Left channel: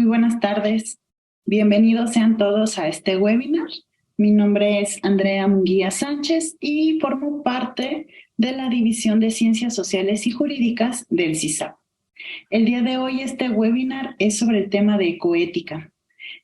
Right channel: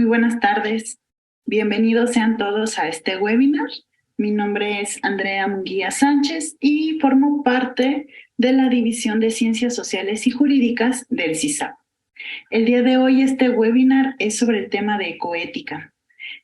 Muy buenas tardes. Bienvenidos sean todos a este webinar. Mi nombre es Andrea Munguía Sánchez y formo parte de la División de Ciencias Sociales y Jurídicas del CISAP. El día de hoy este webinar es sobre el tema de ecoética.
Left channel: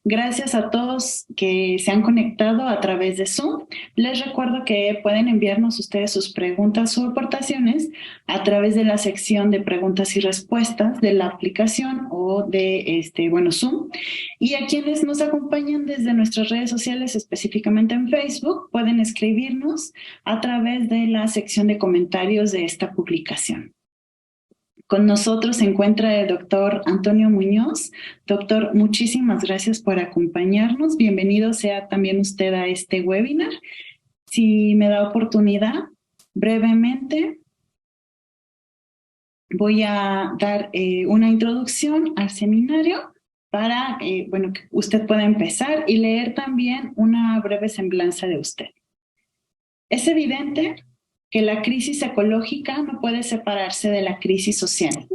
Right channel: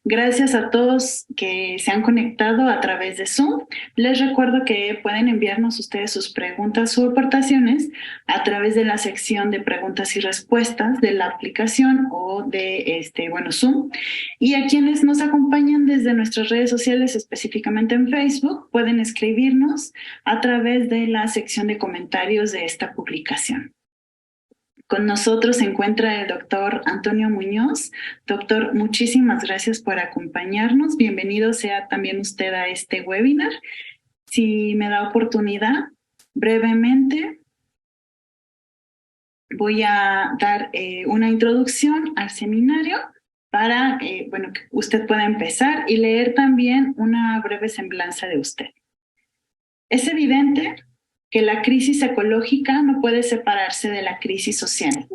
Gracias a todos que se han conectado a través de Zoom. Les recuerdo que pueden enviarnos ustedes sus preguntas o aportaciones a través de la sección de preguntas y respuestas de la aplicación o de Zoom. Y a quienes nos acompañan desde nuestras redes sociales, específicamente en Facebook, pueden escribirnos a través de la sección de comentarios de esta publicación. Con nosotros se encuentra el doctor Antonio Muñoz. Doctor, muchísimas gracias por acompañarnos. Bienvenido sea también usted a este webinar. Si me da oportunidad, brevemente voy a dar una introducción al seminario para que usted pueda empezar y leer también una breve semblanza de usted. Es evidente que la crisis ecológica no puede separarse de la crisis social.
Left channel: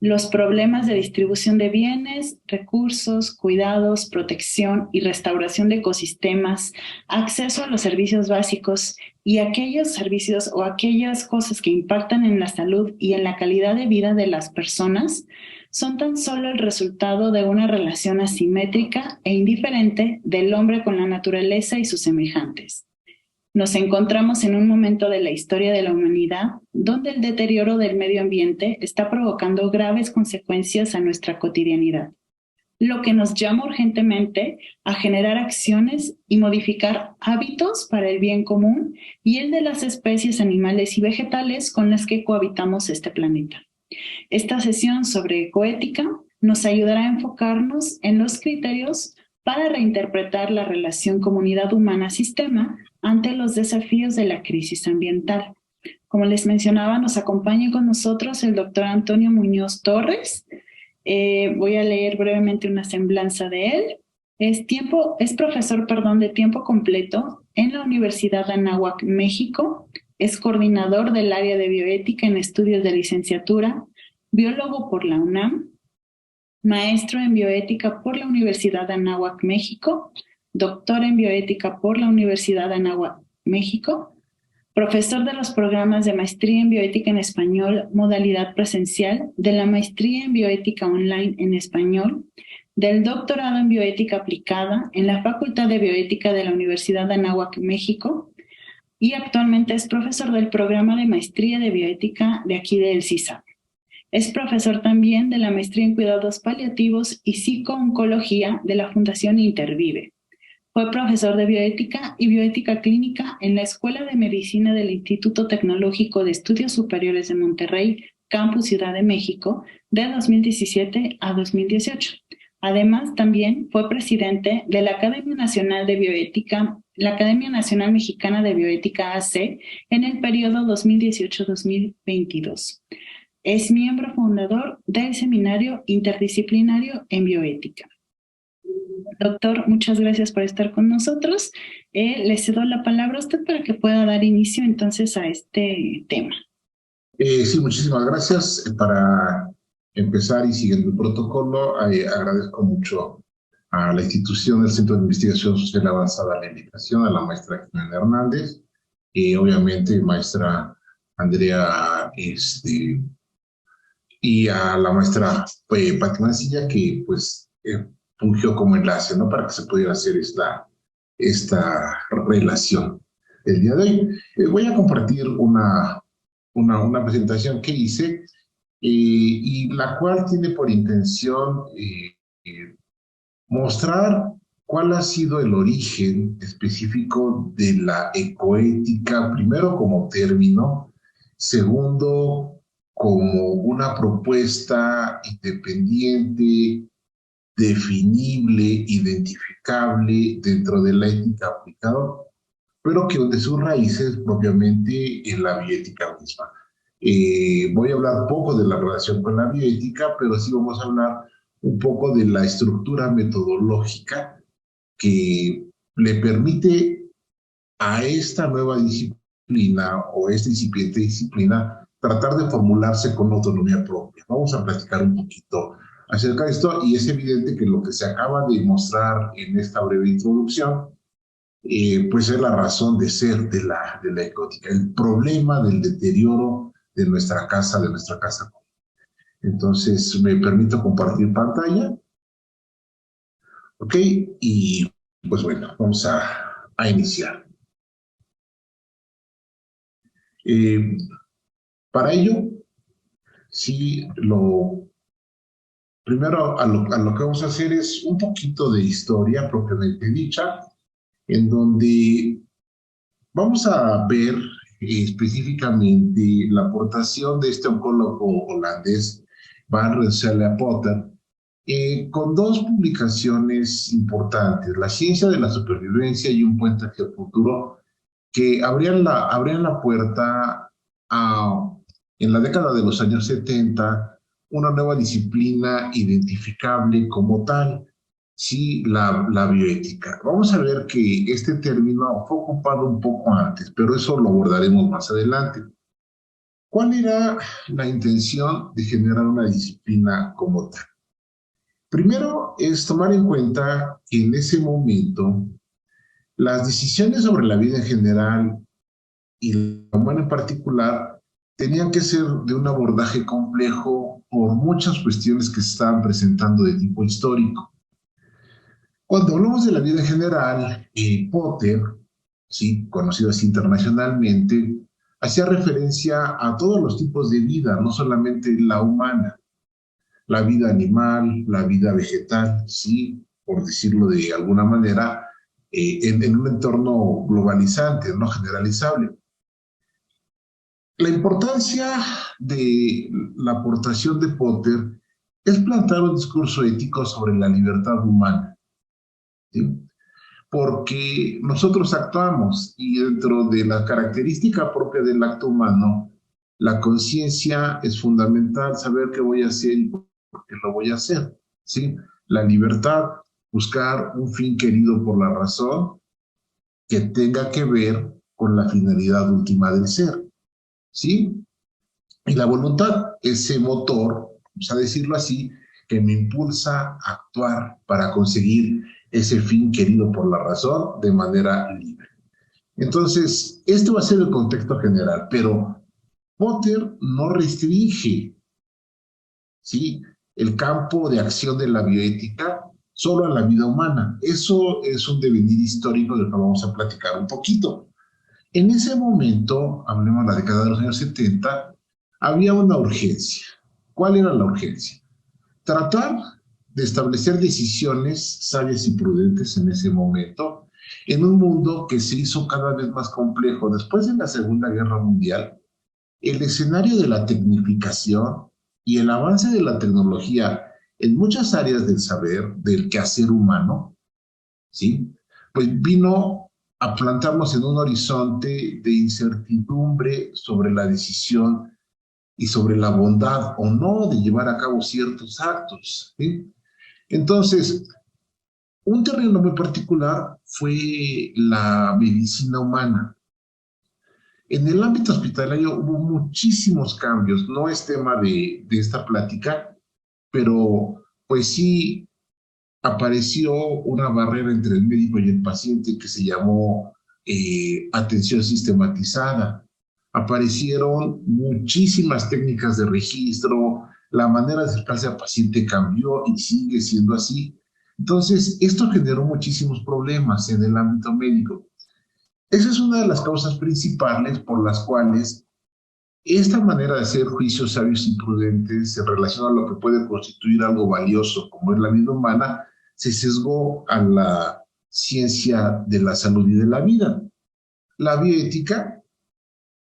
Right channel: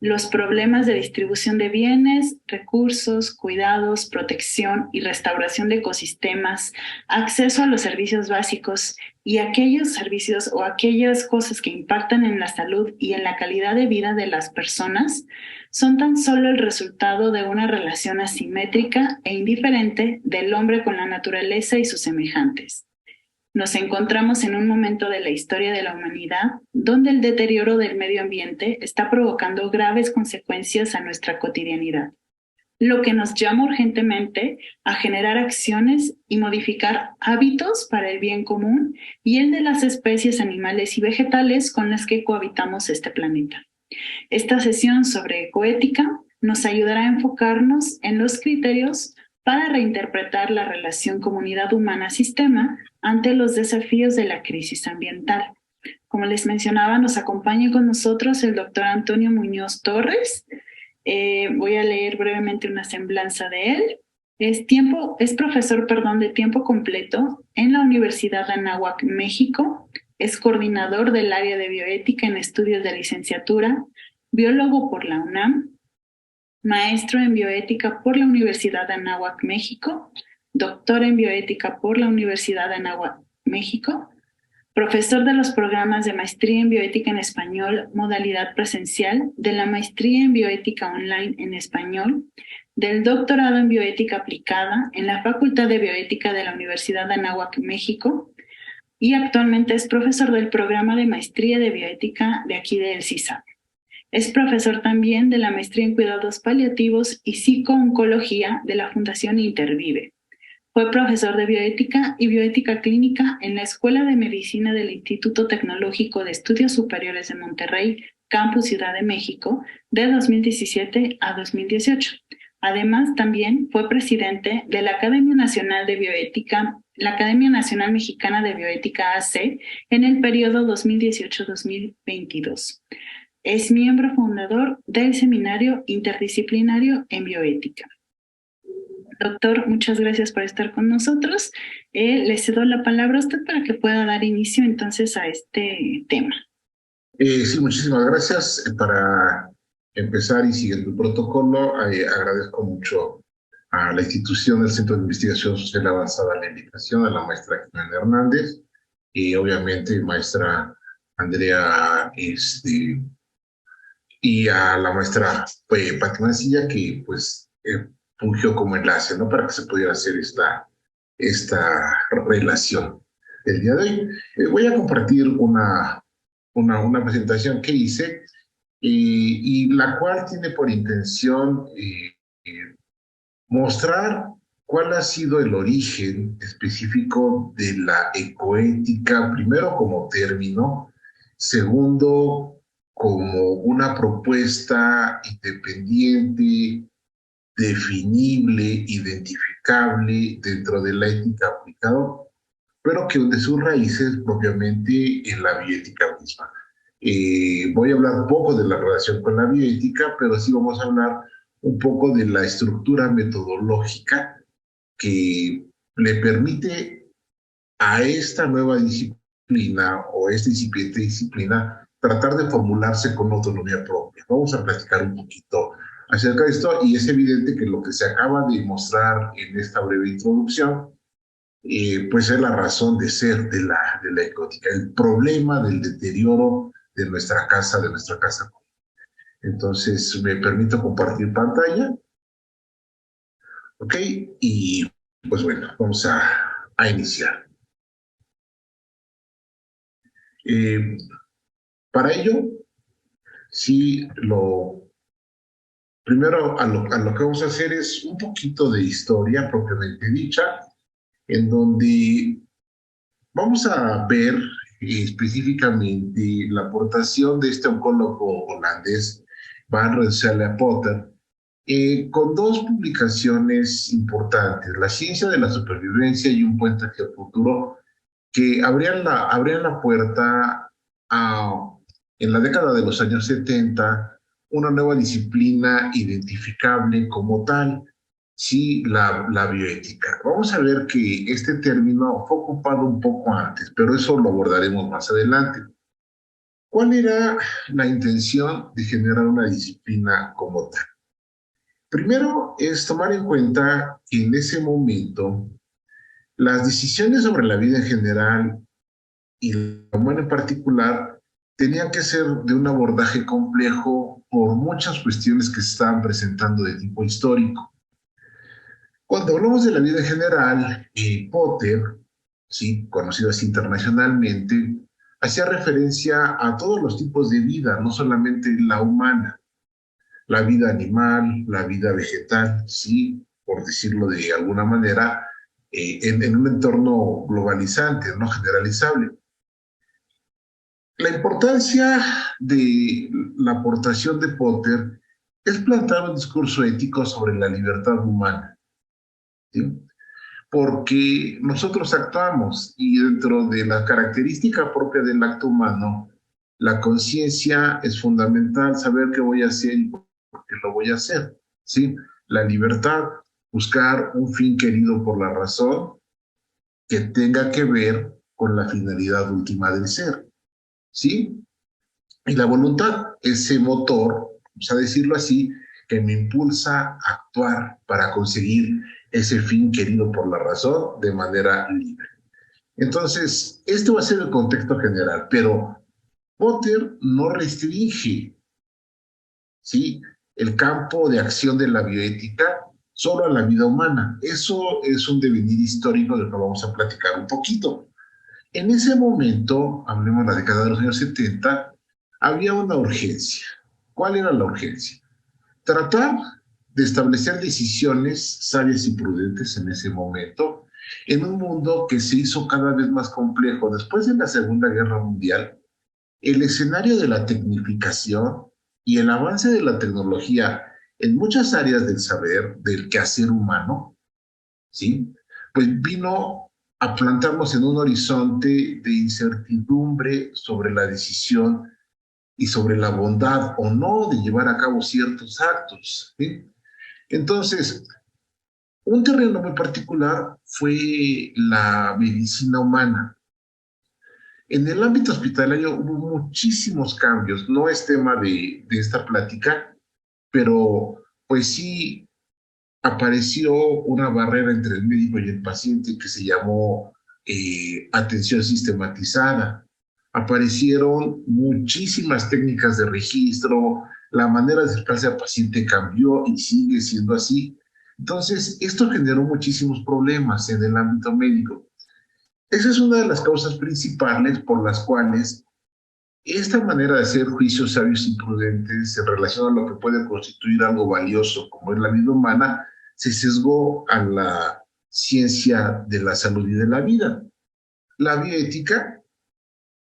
Los problemas de distribución de bienes, recursos, cuidados, protección y restauración de ecosistemas, acceso a los servicios básicos y aquellos servicios o aquellas cosas que impactan en la salud y en la calidad de vida de las personas son tan solo el resultado de una relación asimétrica e indiferente del hombre con la naturaleza y sus semejantes. Nos encontramos en un momento de la historia de la humanidad donde el deterioro del medio ambiente está provocando graves consecuencias a nuestra cotidianidad, lo que nos llama urgentemente a generar acciones y modificar hábitos para el bien común y el de las especies animales y vegetales con las que cohabitamos este planeta. Esta sesión sobre ecoética nos ayudará a enfocarnos en los criterios para reinterpretar la relación comunidad humana-sistema ante los desafíos de la crisis ambiental. Como les mencionaba, nos acompaña con nosotros el doctor Antonio Muñoz Torres. Voy a leer brevemente una semblanza de él. Es profesor de tiempo completo en la Universidad de Anáhuac, México. Es coordinador del área de bioética en estudios de licenciatura, biólogo por la UNAM, maestro en bioética por la Universidad de Anáhuac, México, doctor en bioética por la Universidad de Anáhuac, México, profesor de los programas de maestría en bioética en español, modalidad presencial, de la maestría en bioética online en español, del doctorado en bioética aplicada en la Facultad de Bioética de la Universidad de Anáhuac, México, y actualmente es profesor del programa de maestría de bioética de aquí del CISAP. Es profesor también de la maestría en cuidados paliativos y psicooncología de la Fundación Intervive. Fue profesor de bioética y bioética clínica en la Escuela de Medicina del Instituto Tecnológico de Estudios Superiores de Monterrey, Campus Ciudad de México, de 2017 a 2018. Además, también fue presidente de la Academia Nacional de Bioética, la Academia Nacional Mexicana de Bioética AC, en el periodo 2018-2022. Es miembro fundador del Seminario Interdisciplinario en Bioética. Doctor, muchas gracias por estar con nosotros. Le cedo la palabra a usted para que pueda dar inicio entonces a este tema. Sí, muchísimas gracias. Para empezar y siguiendo el protocolo, agradezco mucho a la institución del Centro de Investigación Social Avanzada la invitación, a la maestra Jimena Hernández y obviamente maestra Andrea y a la maestra Pati Mancilla, que pues fungió como enlace, ¿no? Para que se pudiera hacer esta relación. El día de hoy voy a compartir una presentación que hice y la cual tiene por intención mostrar cuál ha sido el origen específico de la ecoética, primero como término, segundo como una propuesta independiente, definible, identificable dentro de la ética aplicada, pero que de sus raíces propiamente en la bioética misma. Voy a hablar poco de la relación con la bioética, pero sí vamos a hablar un poco de la estructura metodológica que le permite a esta nueva disciplina o esta incipiente disciplina tratar de formularse con autonomía propia. Vamos a platicar un poquito acerca de esto y es evidente que lo que se acaba de mostrar en esta breve introducción, pues es la razón de ser de la ecótica, el problema del deterioro de nuestra casa, de nuestra casa. Entonces, me permito compartir pantalla, ¿ok? Y pues bueno, vamos a iniciar. Para ello, sí, primero a lo que vamos a hacer es un poquito de historia propiamente dicha, en donde vamos a ver específicamente la aportación de este oncólogo holandés, Van Rensselaer Potter, con dos publicaciones importantes, La ciencia de la supervivencia y Un puente hacia el futuro, que abrían la puerta a, en la década de los años 70, una nueva disciplina identificable como tal, sí, la bioética. Vamos a ver que este término fue ocupado un poco antes, pero eso lo abordaremos más adelante. ¿Cuál era la intención de generar una disciplina como tal? Primero es tomar en cuenta que en ese momento las decisiones sobre la vida en general y la humana en particular tenían que ser de un abordaje complejo por muchas cuestiones que se estaban presentando de tipo histórico. Cuando hablamos de la vida en general, Potter, sí, conocido así internacionalmente, hacía referencia a todos los tipos de vida, no solamente la humana, la vida animal, la vida vegetal, sí, por decirlo de alguna manera, en un entorno globalizante, no generalizable. La importancia de la aportación de Potter es plantear un discurso ético sobre la libertad humana, ¿sí? Porque nosotros actuamos y dentro de la característica propia del acto humano, la conciencia es fundamental, saber qué voy a hacer y por qué lo voy a hacer, ¿sí? La libertad, buscar un fin querido por la razón que tenga que ver con la finalidad última del ser, ¿sí? Y la voluntad, ese motor, vamos a decirlo así, que me impulsa a actuar para conseguir ese fin querido por la razón de manera libre. Entonces, este va a ser el contexto general, pero Potter no restringe, ¿sí?, el campo de acción de la bioética solo a la vida humana. Eso es un devenir histórico del que vamos a platicar un poquito. En ese momento, hablemos de la década de los años 70, había una urgencia. ¿Cuál era la urgencia? Tratar de establecer decisiones sabias y prudentes en ese momento, en un mundo que se hizo cada vez más complejo. Después de la Segunda Guerra Mundial, el escenario de la tecnificación y el avance de la tecnología en muchas áreas del saber, del quehacer humano, ¿sí?, pues vino a plantarnos en un horizonte de incertidumbre sobre la decisión y sobre la bondad o no de llevar a cabo ciertos actos, ¿sí? Entonces, un terreno muy particular fue la medicina humana. En el ámbito hospitalario hubo muchísimos cambios, no es tema de esta plática, pero pues sí apareció una barrera entre el médico y el paciente que se llamó atención sistematizada. Aparecieron muchísimas técnicas de registro, la manera de acercarse al paciente cambió y sigue siendo así. Entonces, esto generó muchísimos problemas en el ámbito médico. Esa es una de las causas principales por las cuales esta manera de hacer juicios sabios y prudentes en relación a lo que puede constituir algo valioso como es la vida humana, se sesgó a la ciencia de la salud y de la vida. La bioética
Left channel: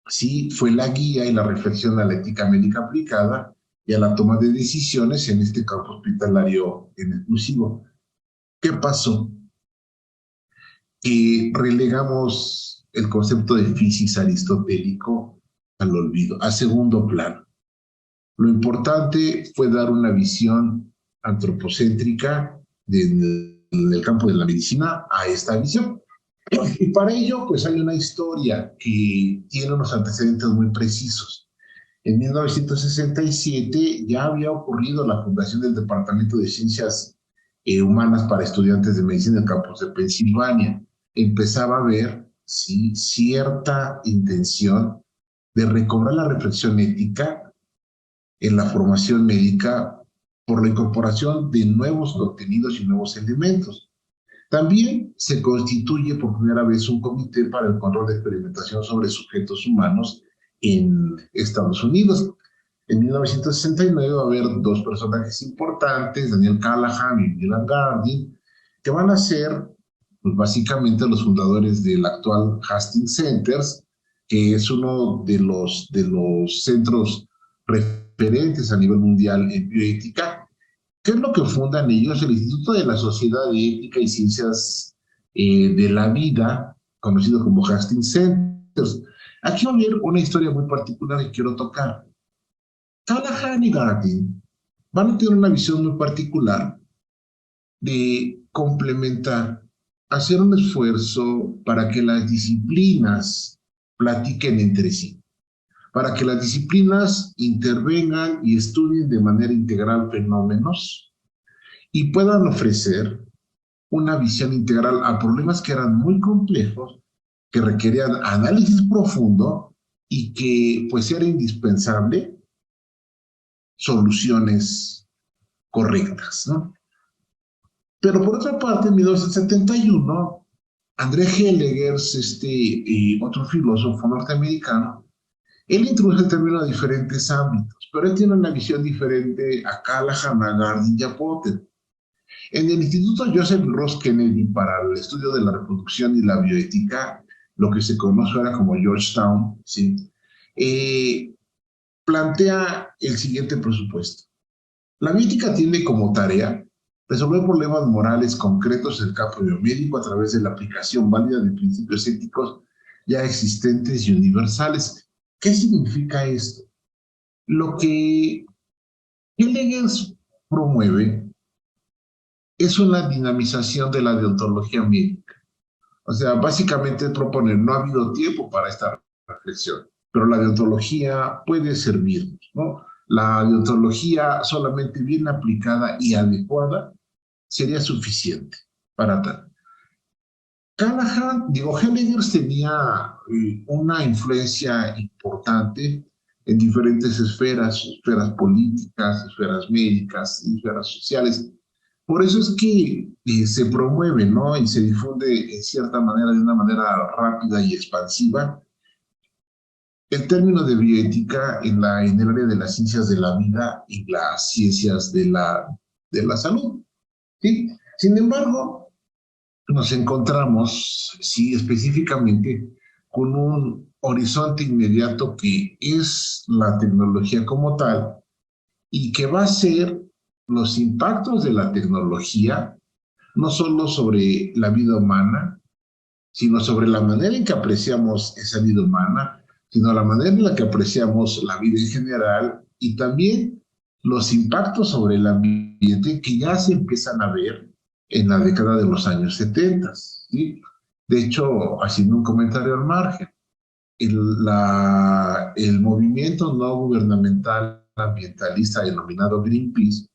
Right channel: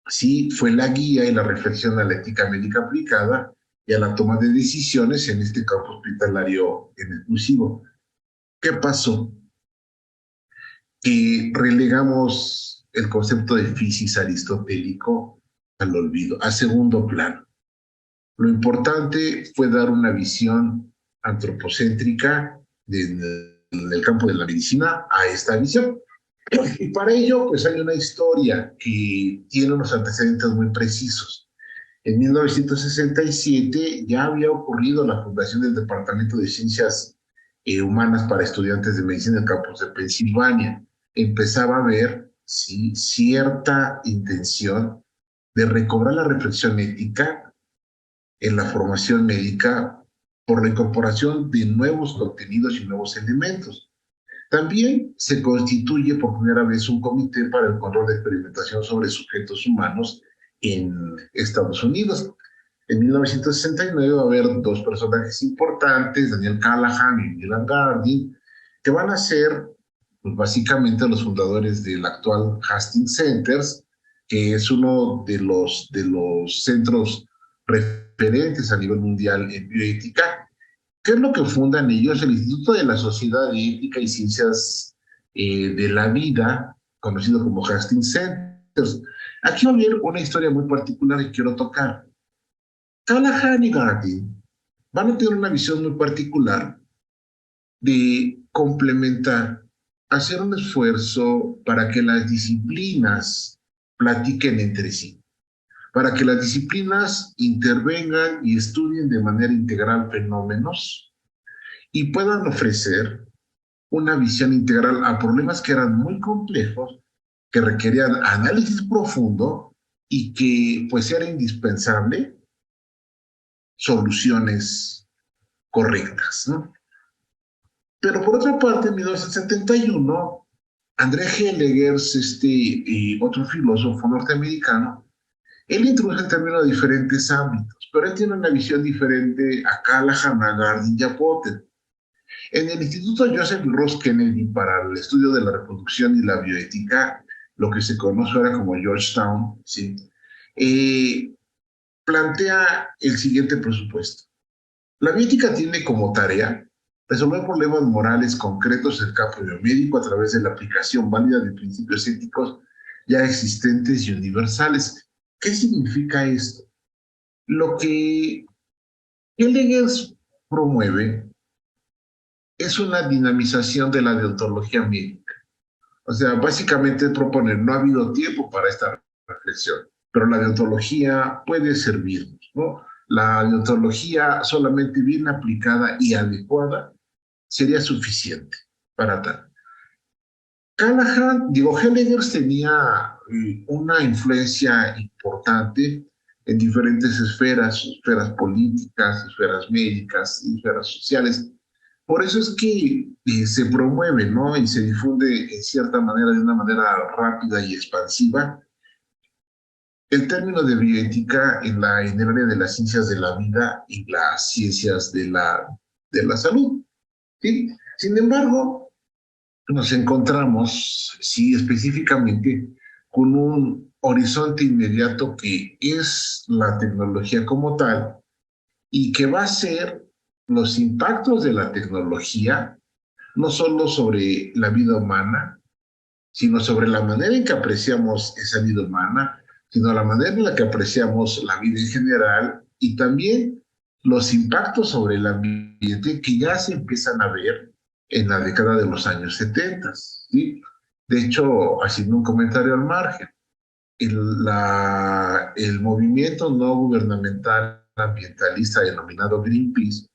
sí fue la guía y la reflexión a la ética médica aplicada y a la toma de decisiones en este campo hospitalario en exclusivo. ¿Qué pasó? Que relegamos el concepto de physis aristotélico al olvido, a segundo plano. Lo importante fue dar una visión antropocéntrica en el campo de la medicina a esta visión. Y para ello, pues hay una historia que tiene unos antecedentes muy precisos. En 1967 ya había ocurrido la fundación del Departamento de Ciencias Humanas para estudiantes de medicina en el campus de Pensilvania. Empezaba a haber, sí, cierta intención de recobrar la reflexión ética en la formación médica por la incorporación de nuevos contenidos y nuevos elementos. También se constituye por primera vez un comité para el control de experimentación sobre sujetos humanos en Estados Unidos. En 1969 va a haber dos personajes importantes, Daniel Callahan y Dylan Gardner, que van a ser pues, básicamente los fundadores del actual Hastings Centers, que es uno de los centros referentes a nivel mundial en bioética. ¿Qué es lo que fundan ellos? El Instituto de la Sociedad de Ética y Ciencias de la Vida, conocido como Hastings Centers. Aquí va a haber una historia muy particular que quiero tocar. Callahan y Gardner van a tener una visión muy particular de complementar, hacer un esfuerzo para que las disciplinas platiquen entre sí, para que las disciplinas intervengan y estudien de manera integral fenómenos y puedan ofrecer una visión integral a problemas que eran muy complejos, que requerían análisis profundo y que pues era indispensable soluciones correctas, ¿no? Pero por otra parte, en 1971, André Heller, otro filósofo norteamericano, él introduce el término a diferentes ámbitos, pero él tiene una visión diferente a Callahan, a Gardner y a Potter. En el Instituto Joseph Ross Kennedy para el estudio de la reproducción y la bioética, lo que se conoce ahora como Georgetown, ¿sí? Plantea el siguiente presupuesto. La bioética tiene como tarea resolver problemas morales concretos en el campo biomédico a través de la aplicación válida de principios éticos ya existentes y universales. ¿Qué significa esto? Lo que Heidegger promueve es una dinamización de la deontología médica. O sea, básicamente proponer, no ha habido tiempo para esta reflexión, pero la deontología puede servirnos, ¿no? La deontología solamente bien aplicada y adecuada sería suficiente para tal. Heidegger tenía una influencia importante en diferentes esferas, esferas políticas, esferas médicas, esferas sociales. Por eso es que se promueve, ¿no? Y se difunde en cierta manera, de una manera rápida y expansiva, el término de bioética en el área de las ciencias de la vida y las ciencias de la salud, ¿sí? Sin embargo, nos encontramos, sí, específicamente con un horizonte inmediato que es la tecnología como tal y que va a ser los impactos de la tecnología, no solo sobre la vida humana, sino sobre la manera en que apreciamos esa vida humana, sino la manera en la que apreciamos la vida en general y también los impactos sobre el ambiente que ya se empiezan a ver en la década de los años 70. ¿Sí? De hecho, haciendo un comentario al margen, el movimiento no gubernamental ambientalista denominado Greenpeace,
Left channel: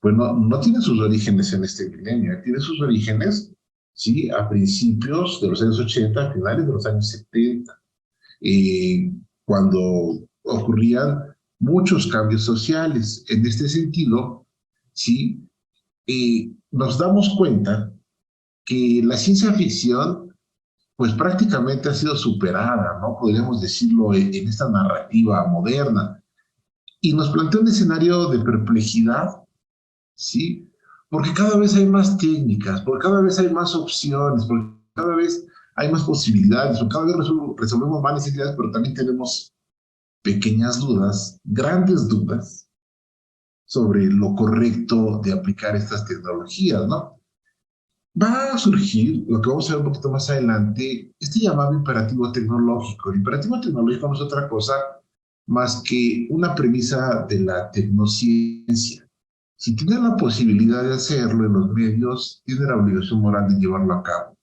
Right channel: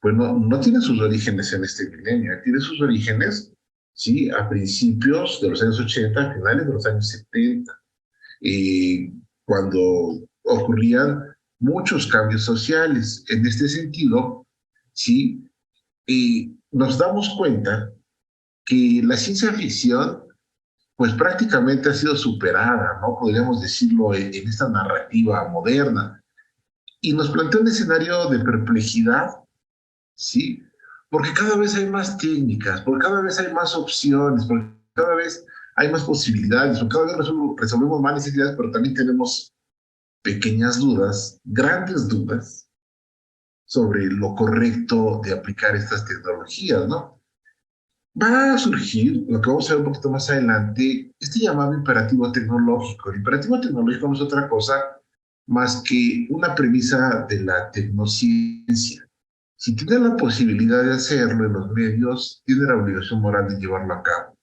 pues no tiene sus orígenes en este milenio, tiene sus orígenes, sí, a principios de los años 80, a finales de los años 70, cuando ocurrían muchos cambios sociales. En este sentido, sí, nos damos cuenta que la ciencia ficción pues prácticamente ha sido superada, ¿no? Podríamos decirlo en esta narrativa moderna. Y nos plantea un escenario de perplejidad, ¿sí? Porque cada vez hay más técnicas, porque cada vez hay más opciones, porque cada vez hay más posibilidades, porque cada vez resolvemos más necesidades, pero también tenemos pequeñas dudas, grandes dudas, sobre lo correcto de aplicar estas tecnologías, ¿no? Va a surgir, lo que vamos a ver un poquito más adelante, este llamado imperativo tecnológico. El imperativo tecnológico no es otra cosa más que una premisa de la tecnociencia. Si tiene la posibilidad de hacerlo en los medios, tiene la obligación moral de llevarlo a cabo.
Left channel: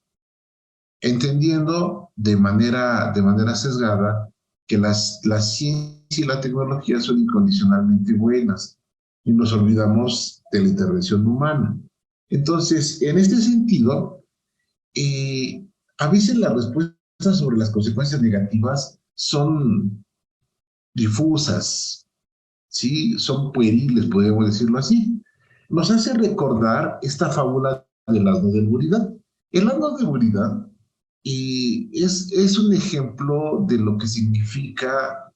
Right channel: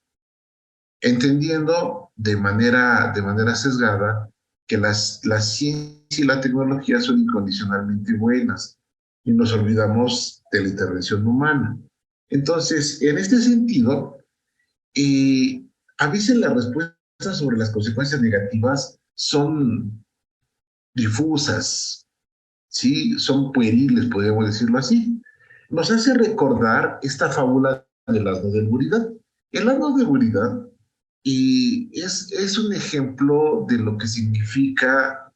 Entendiendo de manera sesgada que la ciencia y la tecnología son incondicionalmente buenas y nos olvidamos de la intervención humana. Entonces, en este sentido, a veces las respuestas sobre las consecuencias negativas son difusas, ¿sí? Son pueriles, podríamos decirlo así. Nos hace recordar esta fábula del asno de Buridán. El asno de Buridán es un ejemplo de lo que significa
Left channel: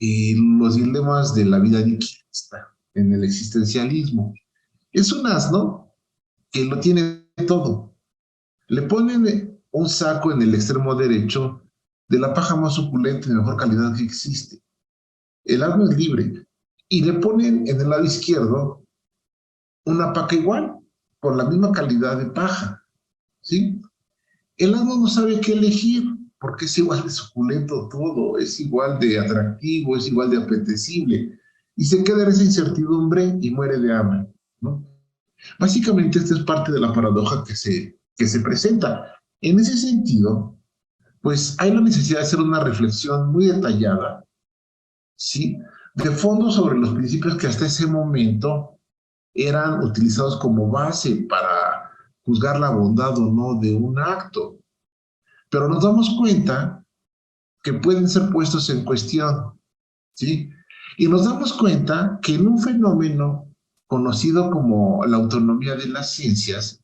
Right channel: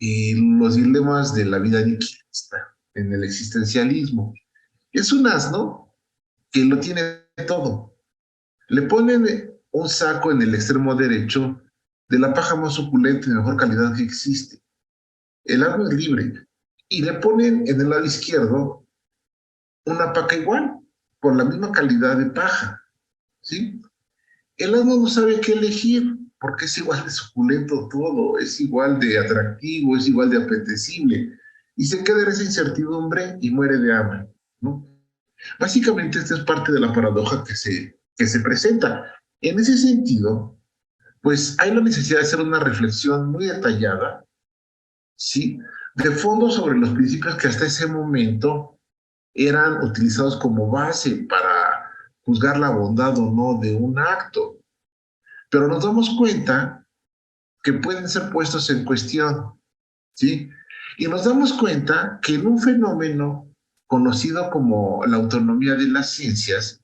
los dilemas de la vida nihilista en el existencialismo. Es un asno que lo tiene todo. Le ponen un saco en el extremo derecho de la paja más suculenta y de mejor calidad que existe. El asno es libre. Y le ponen en el lado izquierdo una paca igual, con la misma calidad de paja, ¿sí? El asno no sabe qué elegir, porque es igual de suculento todo, es igual de atractivo, es igual de apetecible, y se queda en esa incertidumbre y muere de hambre, ¿no? Básicamente esta es parte de la paradoja que se presenta. En ese sentido, pues hay la necesidad de hacer una reflexión muy detallada, ¿sí? De fondo sobre los principios que hasta ese momento eran utilizados como base para juzgar la bondad o no de un acto. Pero nos damos cuenta que pueden ser puestos en cuestión, ¿sí? Y nos damos cuenta que en un fenómeno conocido como la autonomía de las ciencias,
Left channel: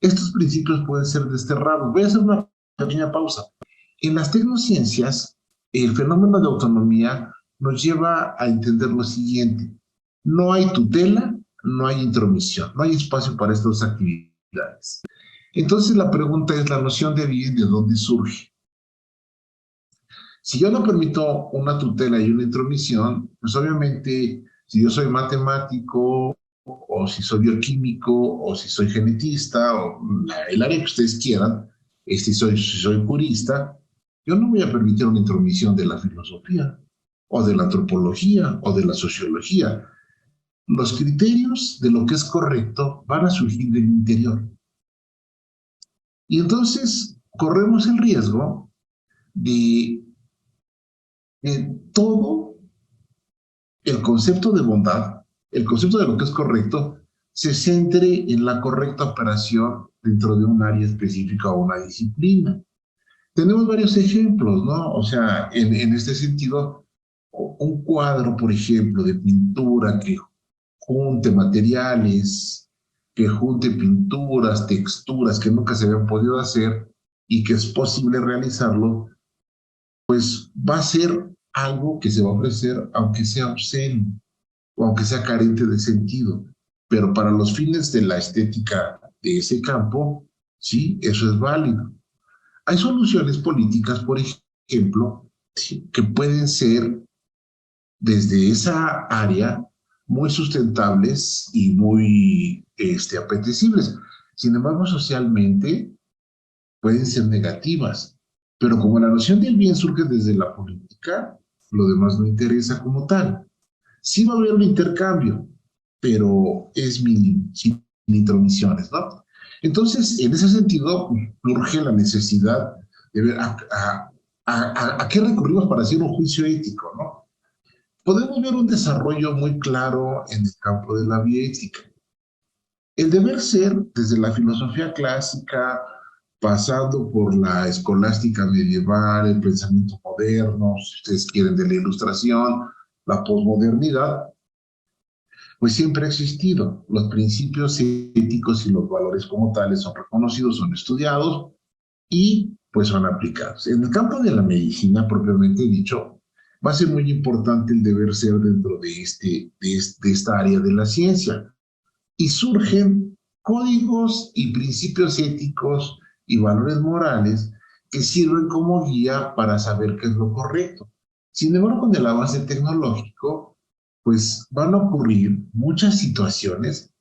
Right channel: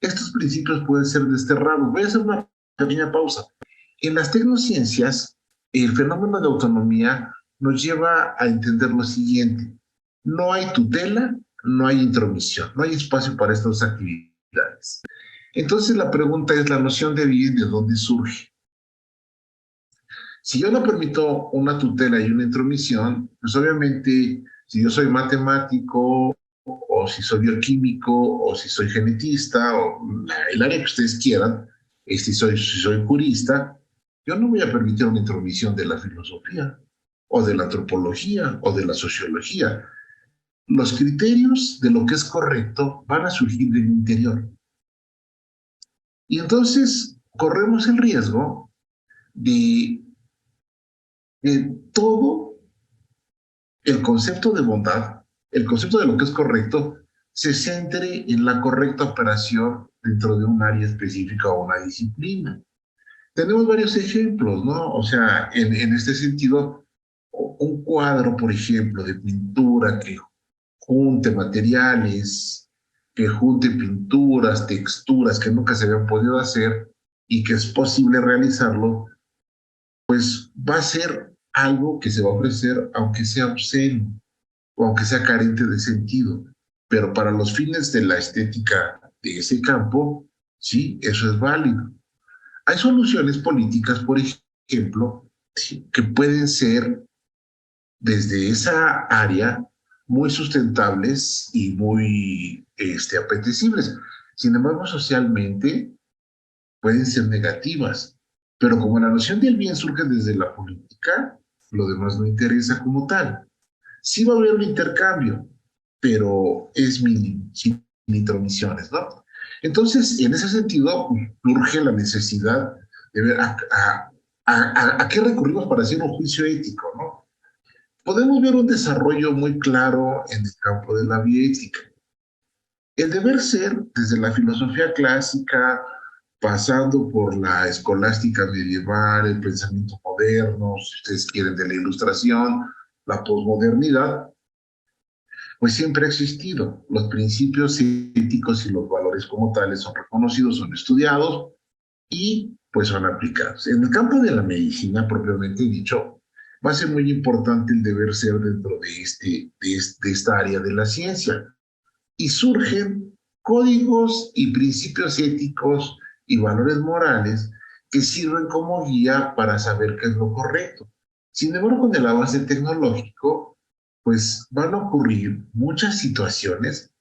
estos principios pueden ser desterrados. Voy a hacer una pequeña pausa. En las tecnociencias, el fenómeno de autonomía nos lleva a entender lo siguiente: no hay tutela, no hay intromisión, no hay espacio para estas actividades. Entonces la pregunta es, ¿la noción de bien de dónde surge? Si yo no permito una tutela y una intromisión, pues obviamente si yo soy matemático o si soy bioquímico o si soy genetista o el área que ustedes quieran, si soy jurista, yo no voy a permitir una intromisión de la filosofía o de la antropología o de la sociología. Los criterios de lo que es correcto van a surgir del interior. Y entonces corremos el riesgo de que todo el concepto de bondad, el concepto de lo que es correcto, se centre en la correcta operación dentro de un área específica o una disciplina. Tenemos varios ejemplos, ¿no? O sea, en este sentido, un cuadro, por ejemplo, de pintura que junte materiales, que junte pinturas, texturas que nunca se habían podido hacer y que es posible realizarlo, pues va a ser algo que se va a ofrecer aunque sea obsceno o aunque sea carente de sentido. Pero para los fines de la estética de ese campo, sí, eso es válido. Hay soluciones políticas, por ejemplo, sí, que pueden ser desde esa área muy sustentables y muy apetecibles. Sin embargo, socialmente pueden ser negativas. Pero como la noción del bien surge desde la política, lo demás no interesa como tal. Sí va a haber un intercambio, pero es mínimo, sin intromisiones, ¿no? Entonces, en ese sentido, surge la necesidad de ver a qué recurrimos para hacer un juicio ético, ¿no? Podemos ver un desarrollo muy claro en el campo de la bioética. El deber ser, desde la filosofía clásica, pasando por la escolástica medieval, el pensamiento moderno, si ustedes quieren, de la ilustración, la posmodernidad, pues siempre ha existido. Los principios éticos y los valores como tales son reconocidos, son estudiados y pues son aplicados. En el campo de la medicina, propiamente dicho, va a ser muy importante el deber ser dentro de esta área de la ciencia. Y surgen códigos y principios éticos y valores morales que sirven como guía para saber qué es lo correcto. Sin embargo, con el avance tecnológico, pues van a ocurrir muchas situaciones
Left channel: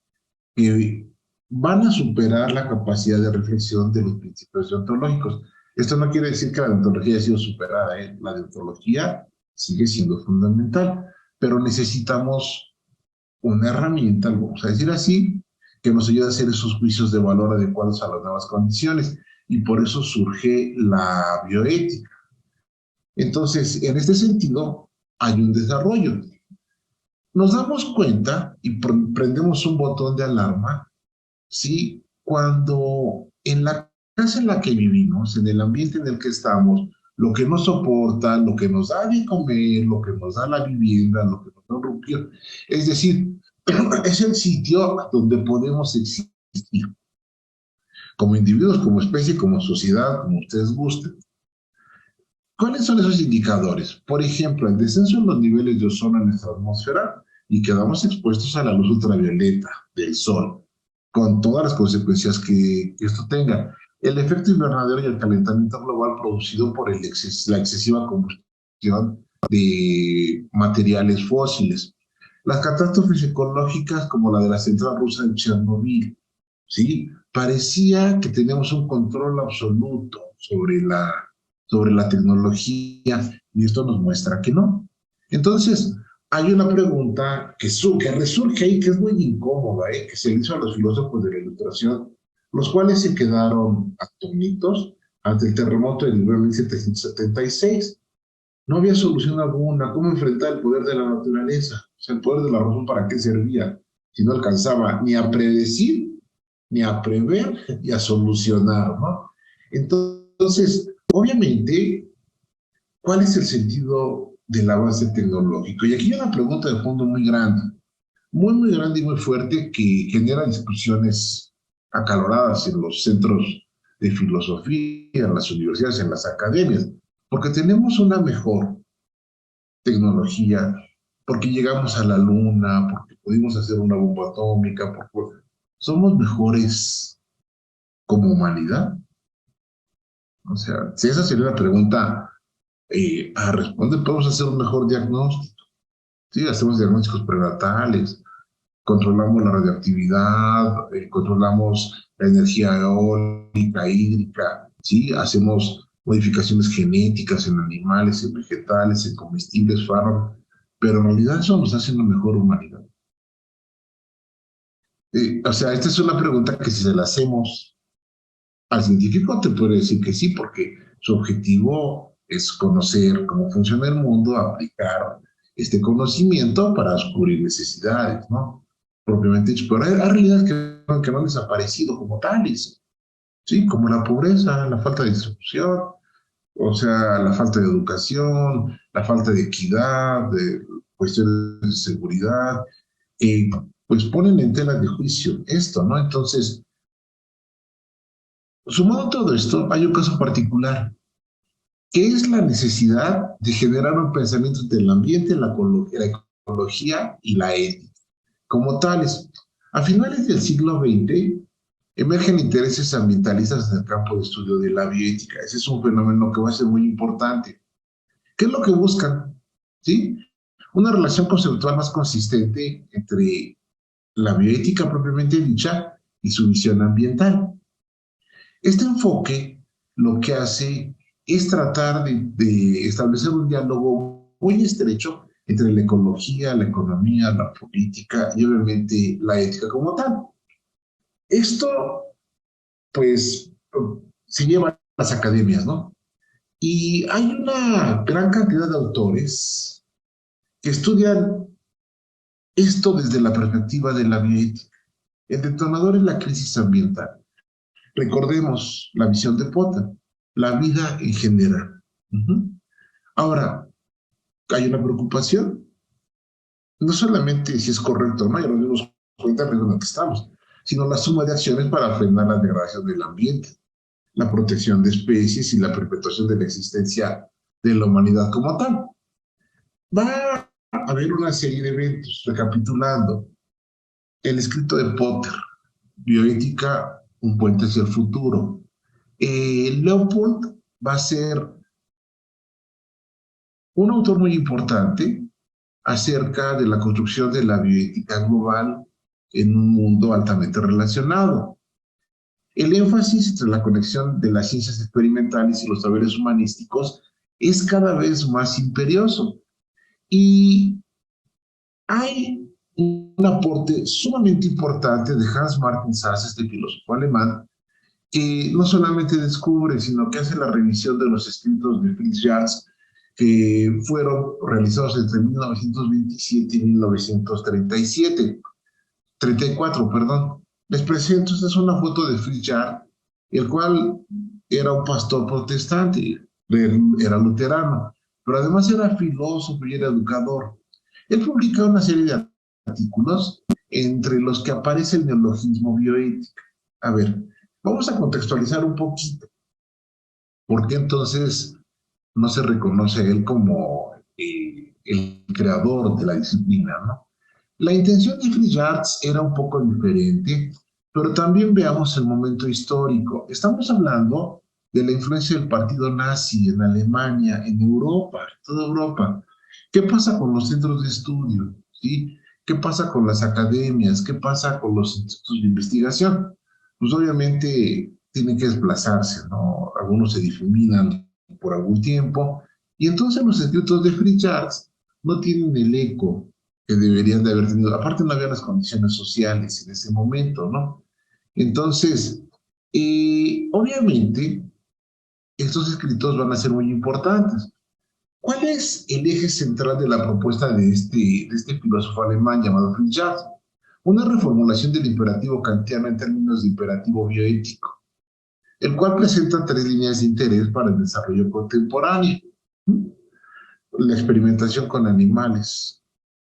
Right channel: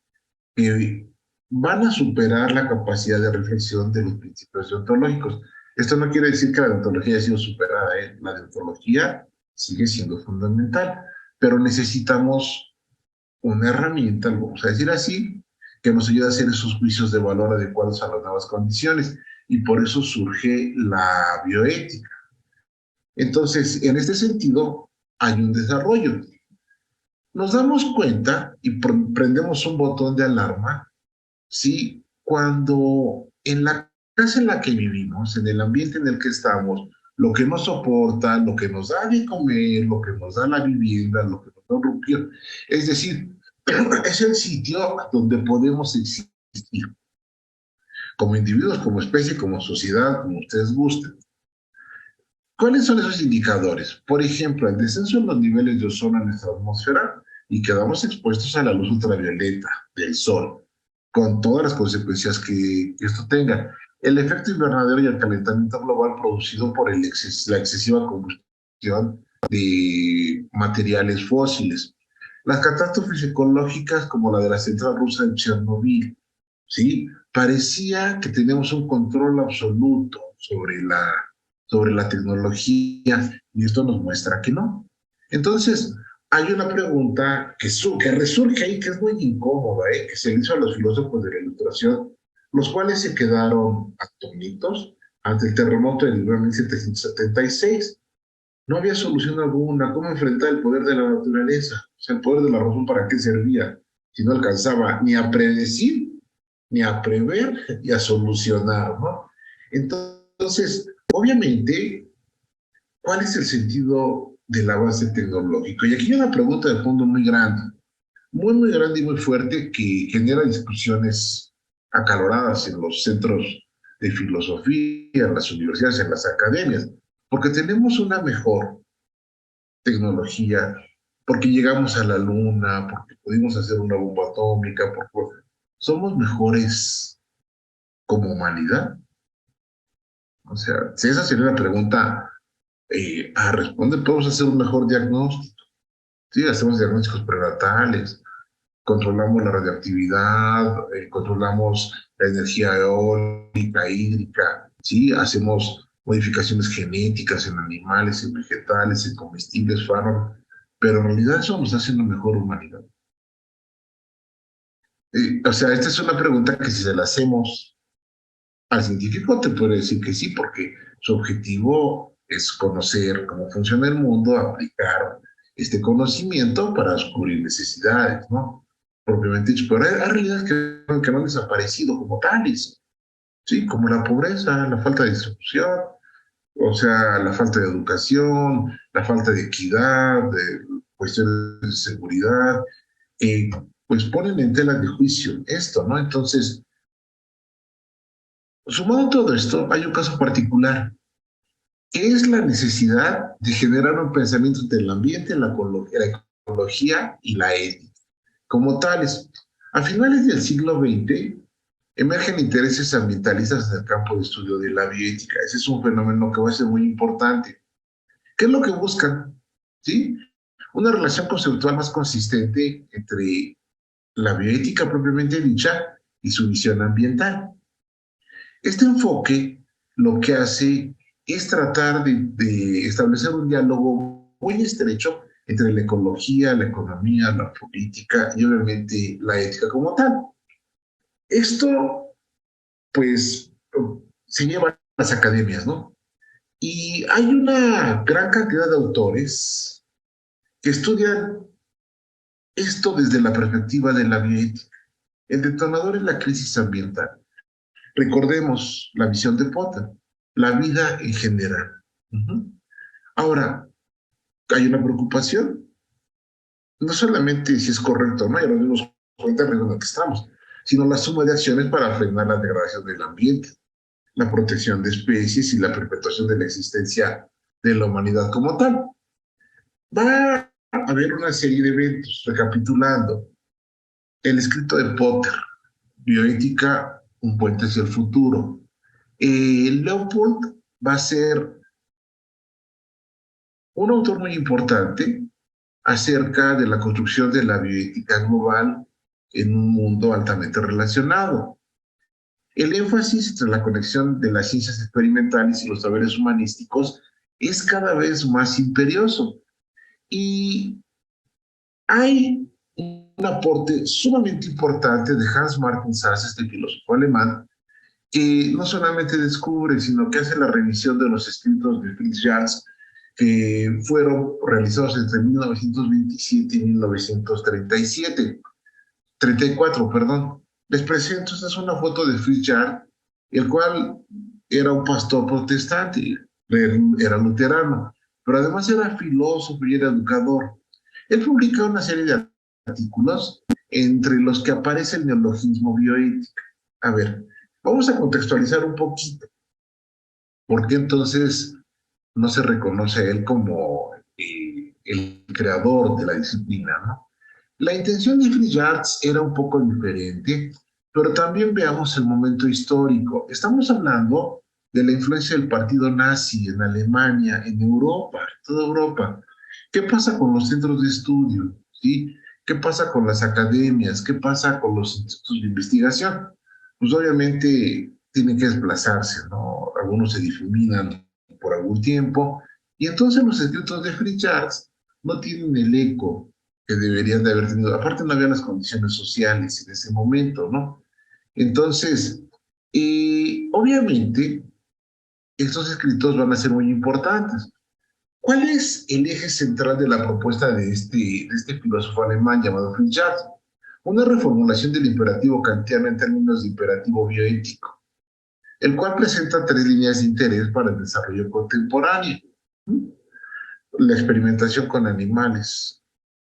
que van a superar la capacidad de reflexión de los principios deontológicos. Esto no quiere decir que la deontología haya sido superada, ¿eh? La deontología sigue siendo fundamental, pero necesitamos una herramienta, lo vamos a decir así, que nos ayude a hacer esos juicios de valor adecuados a las nuevas condiciones. Y por eso surge la bioética. Entonces, en este sentido, hay un desarrollo. Nos damos cuenta y prendemos un botón de alarma, ¿sí? Cuando en la casa en la que vivimos, en el ambiente en el que estamos, lo que nos soporta, lo que nos da de comer, lo que nos da la vivienda, lo que nos da un rupio, es decir, es el sitio donde podemos existir, como individuos, como especie, como sociedad, como ustedes gusten. ¿Cuáles son esos indicadores? Por ejemplo, el descenso en los niveles de ozono en nuestra atmósfera y quedamos expuestos a la luz ultravioleta del sol, con todas las consecuencias que esto tenga. El efecto invernadero y el calentamiento global producido por la excesiva combustión de materiales fósiles. Las catástrofes ecológicas como la de la central rusa de Chernobyl, ¿sí? Parecía que tenemos un control absoluto sobre la tecnología y esto nos muestra que no. Entonces, hay una pregunta que resurge ahí, que es muy incómoda, que se le hizo a los filósofos de la Ilustración, los cuales se quedaron atónitos ante el terremoto del 1776. No había solución alguna. ¿Cómo enfrentar el poder de la naturaleza? O sea, el poder de la razón, ¿para qué servía? Si no alcanzaba ni a predecir, ni a prever, y a solucionar, ¿no? Entonces, obviamente, ¿cuál es el sentido del avance tecnológico? Y aquí hay una pregunta de fondo muy grande y muy fuerte que genera discusiones acaloradas en los centros de filosofía, en las universidades, en las academias, porque tenemos una mejor tecnología, porque llegamos a la luna, porque pudimos hacer una bomba atómica, porque somos mejores como humanidad. O sea, si esa sería la pregunta a responder, podemos hacer un mejor diagnóstico. Sí, hacemos diagnósticos prenatales, controlamos la radioactividad, controlamos la energía eólica, hídrica, ¿sí? Hacemos modificaciones genéticas en animales, en vegetales, en comestibles, fármacos, pero en realidad eso nos hace una mejor humanidad. O sea, esta es una pregunta que si se la hacemos al científico te puede decir que sí, porque su objetivo es conocer cómo funciona el mundo, aplicar este conocimiento para descubrir necesidades, ¿no? Propiamente dicho, pero hay realidades que no han desaparecido como tales, ¿sí? Como la pobreza, la falta de distribución, o sea, la falta de educación, la falta de equidad, de cuestiones de seguridad, pues ponen en tela de juicio esto, ¿no? Entonces, sumado a todo esto, hay un caso particular, que es la necesidad de generar un pensamiento entre el ambiente, la ecología y la ética. Como tales, a finales del siglo XX emergen intereses ambientalistas en el campo de estudio de la bioética. Ese es un fenómeno que va a ser muy importante. ¿Qué es lo que buscan? ¿Sí? Una relación conceptual más consistente entre la bioética propiamente dicha y su visión ambiental. Este enfoque lo que hace es tratar de establecer un diálogo muy estrecho entre la ecología, la economía, la política y obviamente la ética como tal. Esto, pues, se lleva a las academias, ¿no? Y hay una gran cantidad de autores que estudian esto desde la perspectiva de la bioética. El detonador es la crisis ambiental. Recordemos la visión de Potter, la vida en general. Ahora, hay una preocupación, no solamente si es correcto o no, ya nos dimos cuenta del riesgo en el que estamos, sino la suma de acciones para frenar la degradación del ambiente, la protección de especies y la perpetuación de la existencia de la humanidad como tal. Va a haber una serie de eventos, recapitulando, el escrito de Potter, Bioética, un puente hacia el futuro. Leopold va a ser un autor muy importante acerca de la construcción de la bioética global en un mundo altamente relacionado. El énfasis entre la conexión de las ciencias experimentales y los saberes humanísticos es cada vez más imperioso. Y hay un aporte sumamente importante de Hans Martin Sass, este filósofo alemán, que no solamente descubre, sino que hace la revisión de los escritos de Fritz Jans, que fueron realizados entre 1927 y 1937. 34, perdón. Les presento, esta es una foto de Fritz Jardt, el cual era un pastor protestante, era luterano, pero además era filósofo y era educador. Él publica una serie de artículos entre los que aparece el neologismo bioética. A ver, vamos a contextualizar un poquito. ¿Por qué entonces no se reconoce a él como el creador de la disciplina, ¿no? La intención de Fritz Jardt era un poco diferente, pero también veamos el momento histórico. Estamos hablando de la influencia del partido nazi en Alemania, en Europa, en toda Europa. ¿Qué pasa con los centros de estudio? ¿Sí? ¿Qué pasa con las academias? ¿Qué pasa con los institutos de investigación? Pues obviamente tienen que desplazarse, ¿no? Algunos se difuminan por algún tiempo, y entonces los escritos de Fritz Jardt no tienen el eco que deberían de haber tenido. Aparte no había las condiciones sociales en ese momento, ¿no? Entonces, obviamente, estos escritos van a ser muy importantes. ¿Cuál es el eje central de la propuesta de este filósofo alemán llamado Fritz Jardt? Una reformulación del imperativo kantiano en términos de imperativo bioético, el cual presenta tres líneas de interés para el desarrollo contemporáneo. La experimentación con animales,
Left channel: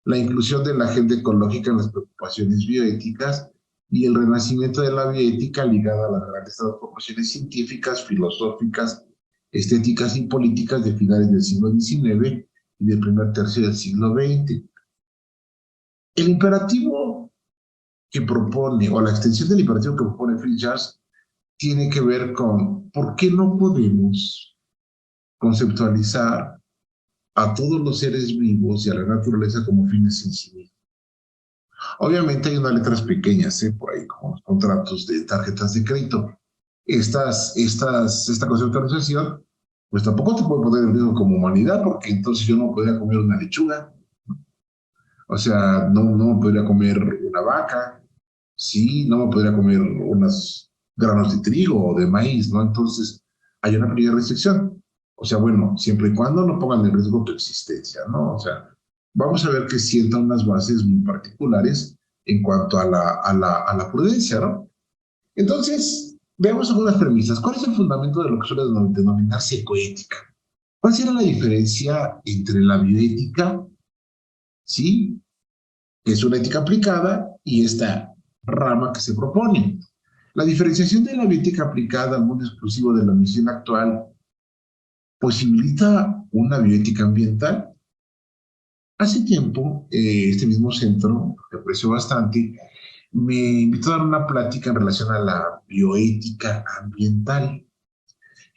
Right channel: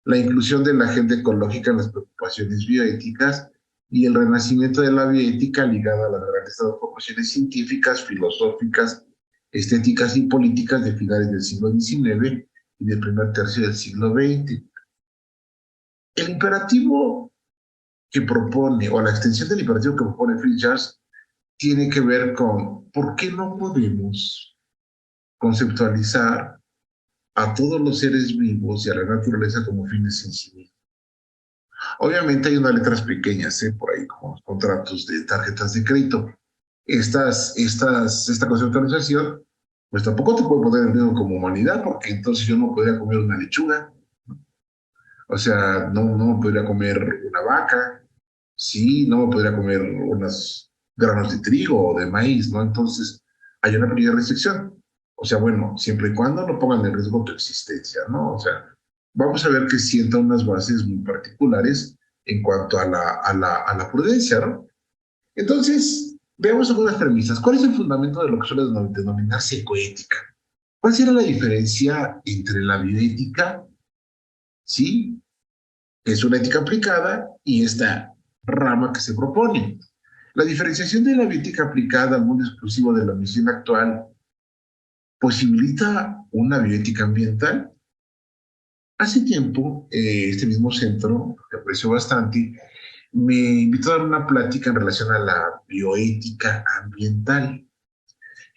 la inclusión de la agenda ecológica en las preocupaciones bioéticas y el renacimiento de la bioética ligada a las grandes transformaciones científicas, filosóficas, estéticas y políticas de finales del siglo XIX y del primer tercio del siglo XX. El imperativo que propone, o la extensión del imperativo que propone Fritz Jardt, tiene que ver con por qué no podemos conceptualizar a todos los seres vivos y a la naturaleza como fines en sí mismos. Obviamente hay unas letras pequeñas, por ahí, como los contratos de tarjetas de crédito. Esta conceptualización, pues tampoco te puede poner en riesgo como humanidad, porque entonces yo no podría comer una lechuga, o sea, no me podría comer una vaca, sí, no me podría comer unos granos de trigo o de maíz, ¿no? Entonces, hay una pequeña restricción. O sea, bueno, siempre y cuando no pongan en riesgo tu existencia, ¿no? O sea, vamos a ver que sienta unas bases muy particulares en cuanto a la prudencia, ¿no? Entonces, veamos algunas premisas. ¿Cuál es el fundamento de lo que suele denominarse ecoética? ¿Cuál sería la diferencia entre la bioética, sí, que es una ética aplicada, y esta rama que se propone? La diferenciación de la bioética aplicada al mundo exclusivo de la misión actual posibilita una bioética ambiental. Hace tiempo, este mismo centro, que aprecio bastante, me invitó a dar una plática en relación a la bioética ambiental.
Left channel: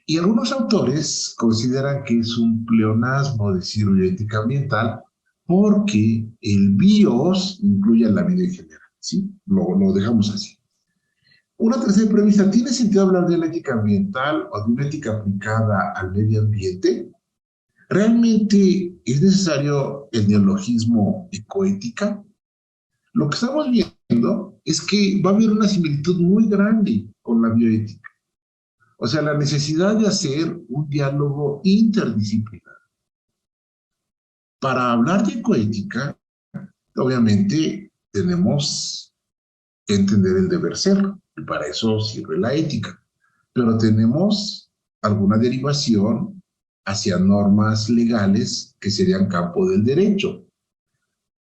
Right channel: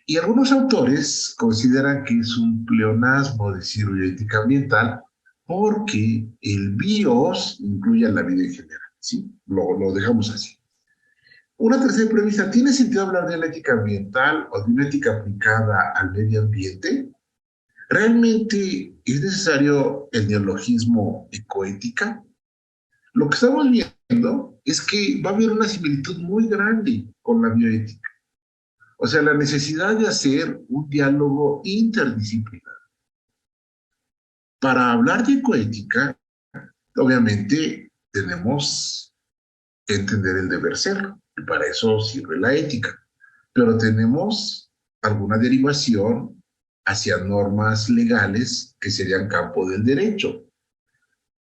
Y algunos autores consideran que es un pleonasmo decir bioética ambiental porque el bios incluye a la vida en general, ¿sí? Lo dejamos así. Una tercera premisa: ¿tiene sentido hablar de la ética ambiental o de una ética aplicada al medio ambiente? ¿Realmente es necesario el neologismo ecoética? Lo que estamos viendo es que va a haber una similitud muy grande con la bioética. O sea, la necesidad de hacer un diálogo interdisciplinar. Para hablar de ecoética, obviamente tenemos que entender el deber ser, y para eso sirve la ética. Pero tenemos alguna derivación hacia normas legales que serían campo del derecho.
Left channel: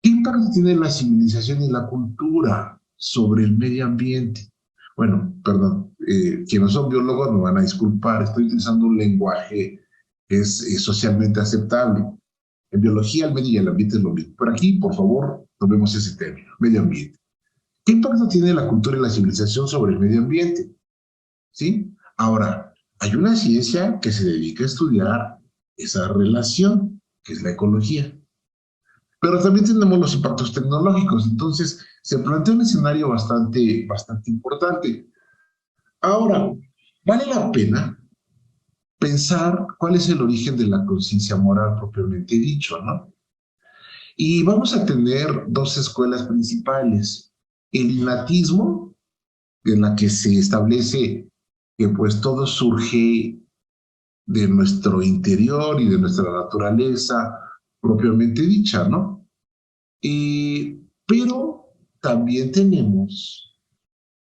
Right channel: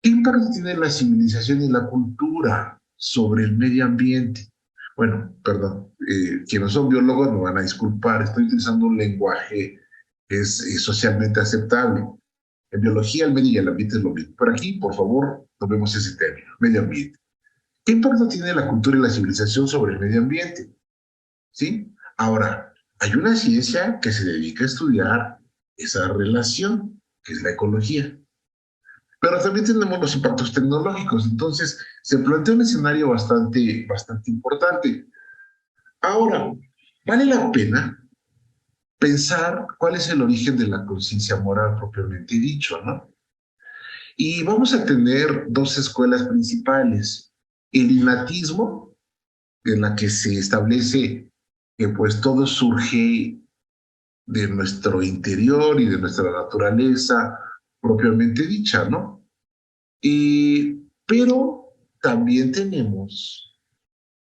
¿Qué impacto tiene la civilización y la cultura sobre el medio ambiente? Bueno, perdón, quienes no son biólogos me van a disculpar, estoy utilizando un lenguaje que es socialmente aceptable. En biología, el medio y el ambiente es lo mismo. Pero aquí, por favor, tomemos ese término, medio ambiente. ¿Qué impacto tiene la cultura y la civilización sobre el medio ambiente? ¿Sí? Ahora, hay una ciencia que se dedica a estudiar esa relación, que es la ecología. Pero también tenemos los impactos tecnológicos. Entonces, se plantea un escenario bastante importante. Ahora, vale la pena pensar cuál es el origen de la conciencia moral propiamente dicho, ¿no? Y vamos a tener dos escuelas principales: el innatismo, en la que se establece que pues todo surge de nuestro interior y de nuestra naturaleza propiamente dicha, ¿no? Pero también tenemos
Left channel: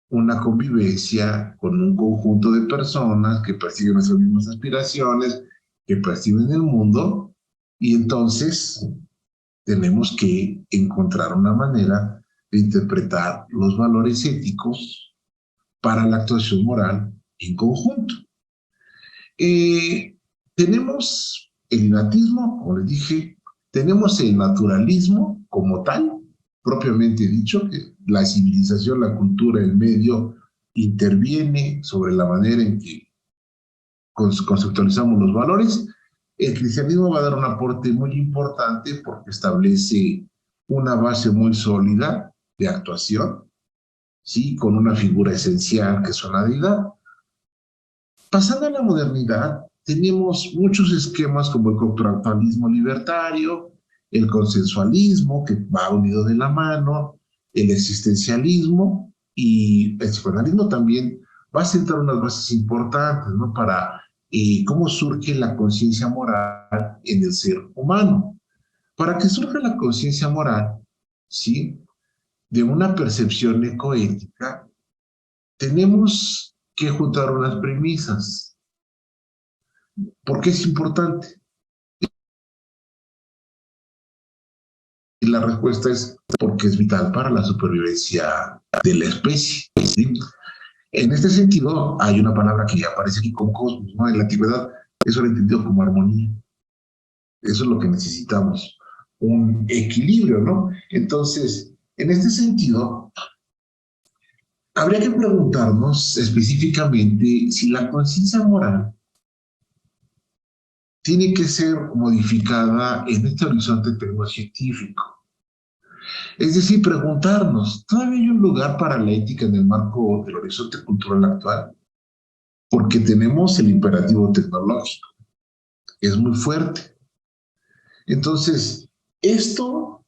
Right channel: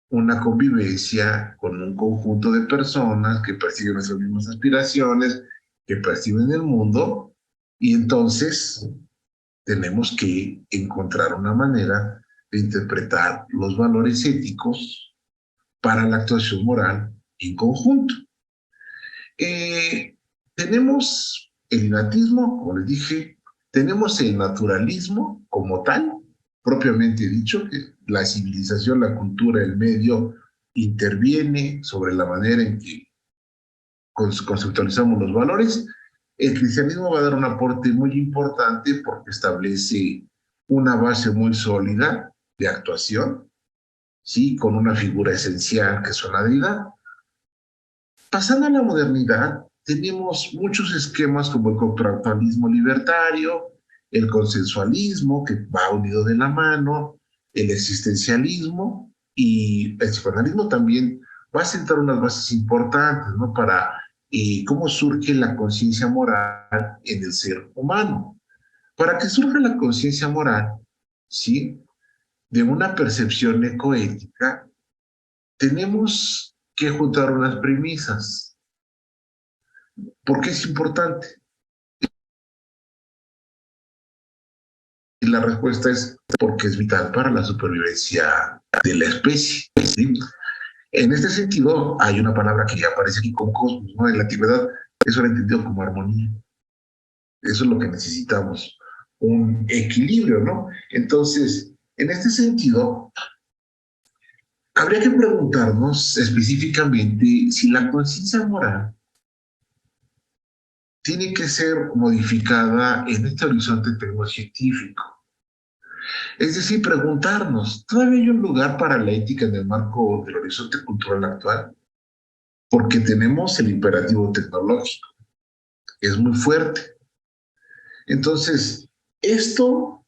una convivencia con un conjunto de personas que persiguen nuestras mismas aspiraciones, que perciben el mundo, y entonces tenemos que encontrar una manera de interpretar los valores éticos para la actuación moral en conjunto. Tenemos el innatismo, como les dije, tenemos el naturalismo como tal, propiamente dicho, que la civilización, la cultura, el medio interviene sobre la manera en que conceptualizamos los valores. El cristianismo va a dar un aporte muy importante porque establece una base muy sólida de actuación, ¿sí? Con una figura esencial que es una deidad. Pasando a la modernidad, tenemos muchos esquemas como el contractualismo libertario, el consensualismo, que va unido de la mano, el existencialismo, y el psicoanalismo también va a sentar unas bases importantes, ¿no? Para cómo surge la conciencia moral en el ser humano. Para que surja la conciencia moral, ¿sí? De una percepción ecoética, tenemos que juntar unas premisas. ¿Por qué es importante? Y la respuesta es porque es vital para la supervivencia de la especie, ¿sí? En este sentido, hay una palabra que ya aparece aquí con cosmos, ¿no? En la antigüedad, eso era entendido como armonía. Eso es lo que necesitamos, un equilibrio, ¿no? Entonces, en este sentido, habría que preguntarnos específicamente si la conciencia moral tiene que ser modificada en este horizonte tecnocientífico. Es decir, preguntarnos, ¿todavía hay un lugar para la ética en el marco del horizonte cultural actual? Porque tenemos el imperativo tecnológico, es muy fuerte. Entonces, esto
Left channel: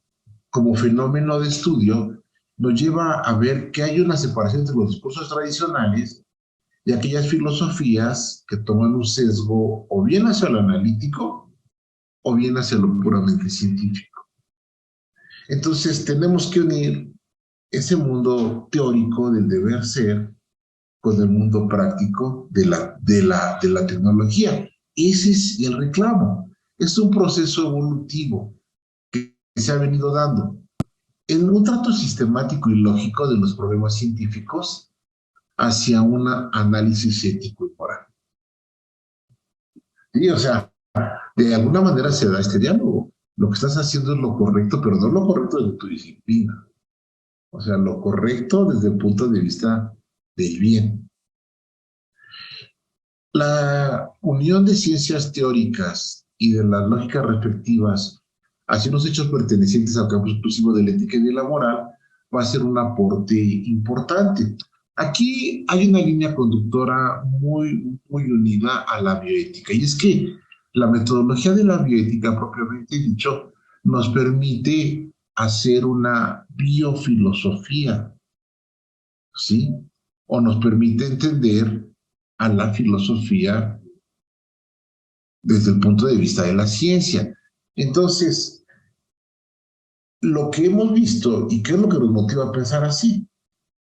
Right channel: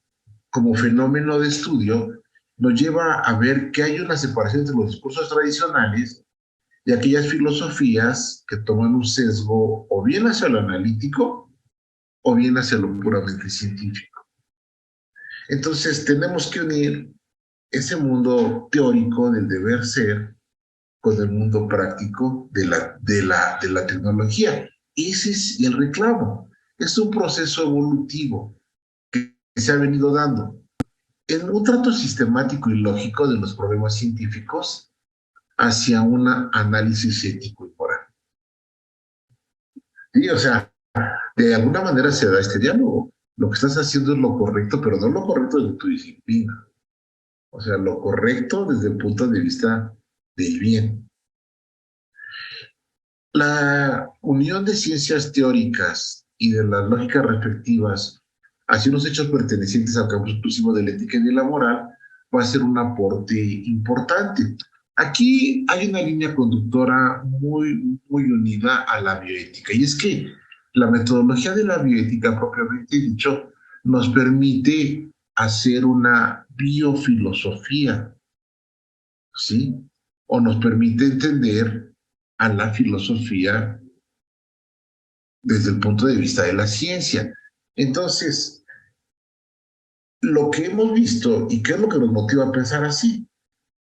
como fenómeno de estudio nos lleva a ver que hay una separación entre los discursos tradicionales y aquellas filosofías que toman un sesgo o bien hacia lo analítico o bien hacia lo puramente científico. Entonces tenemos que unir ese mundo teórico del deber ser con el mundo práctico de la tecnología. Ese es el reclamo. Es un proceso evolutivo que se ha venido dando en un trato sistemático y lógico de los problemas científicos hacia un análisis ético y moral. Sí, o sea, de alguna manera se da este diálogo. Lo que estás haciendo es lo correcto, pero no lo correcto desde tu disciplina. O sea, lo correcto desde el punto de vista del bien. La unión de ciencias teóricas y de las lógicas respectivas hacia unos hechos pertenecientes al campo exclusivo de la ética y de la moral va a ser un aporte importante. Aquí hay una línea conductora muy, muy unida a la bioética, y es que la metodología de la bioética, propiamente dicho, nos permite hacer una biofilosofía, ¿sí? O nos permite entender a la filosofía desde el punto de vista de la ciencia. Entonces, lo que hemos visto y qué es lo que nos motiva a pensar así,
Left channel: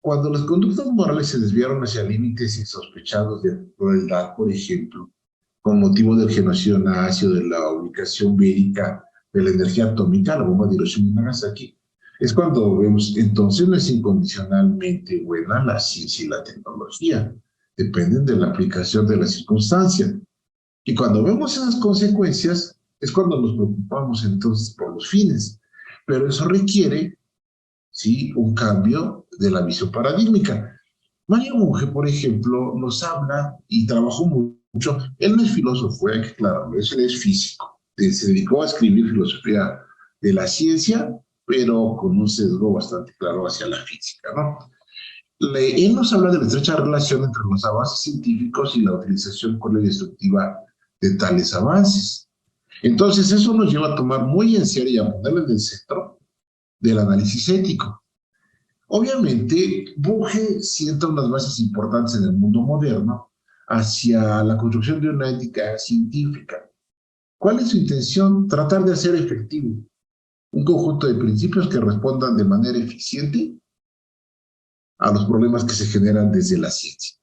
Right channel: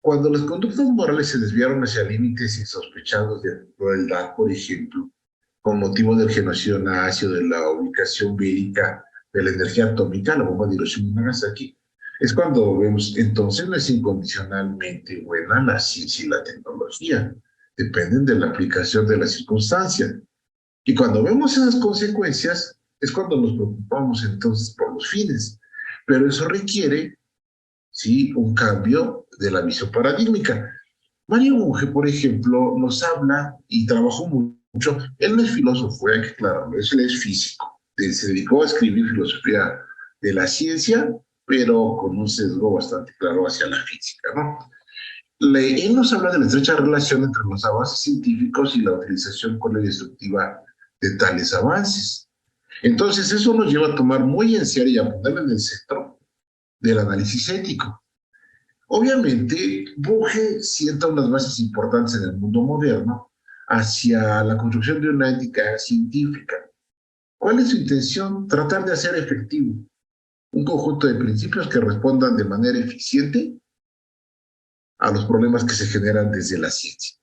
cuando las conductas morales se desviaron hacia límites insospechados de crueldad, por ejemplo, con motivo del genocidio nazi o de la ubicación bélica de la energía atómica, la bomba de Hiroshima y Nagasaki, es cuando vemos, entonces no es incondicionalmente buena la ciencia y la tecnología, dependen de la aplicación de la circunstancia. Y cuando vemos esas consecuencias, es cuando nos preocupamos entonces por los fines. Pero eso requiere, sí, un cambio de la visión paradigmática. Mario Bunge, por ejemplo, nos habla y trabajó mucho. Él no es filósofo, hay que aclararlo, él es físico. Se dedicó a escribir filosofía de la ciencia, pero con un sesgo bastante claro hacia la física, ¿no? Él nos habla de la estrecha relación entre los avances científicos y la utilización con la destructiva de tales avances. Entonces, eso nos lleva a tomar muy en serio y a ponerlo en el centro del análisis ético. Obviamente, Bunge sienta unas bases importantes en el mundo moderno hacia la construcción de una ética científica. ¿Cuál es su intención? Tratar de hacer efectivo un conjunto de principios que respondan de manera eficiente a los problemas que se generan desde la ciencia.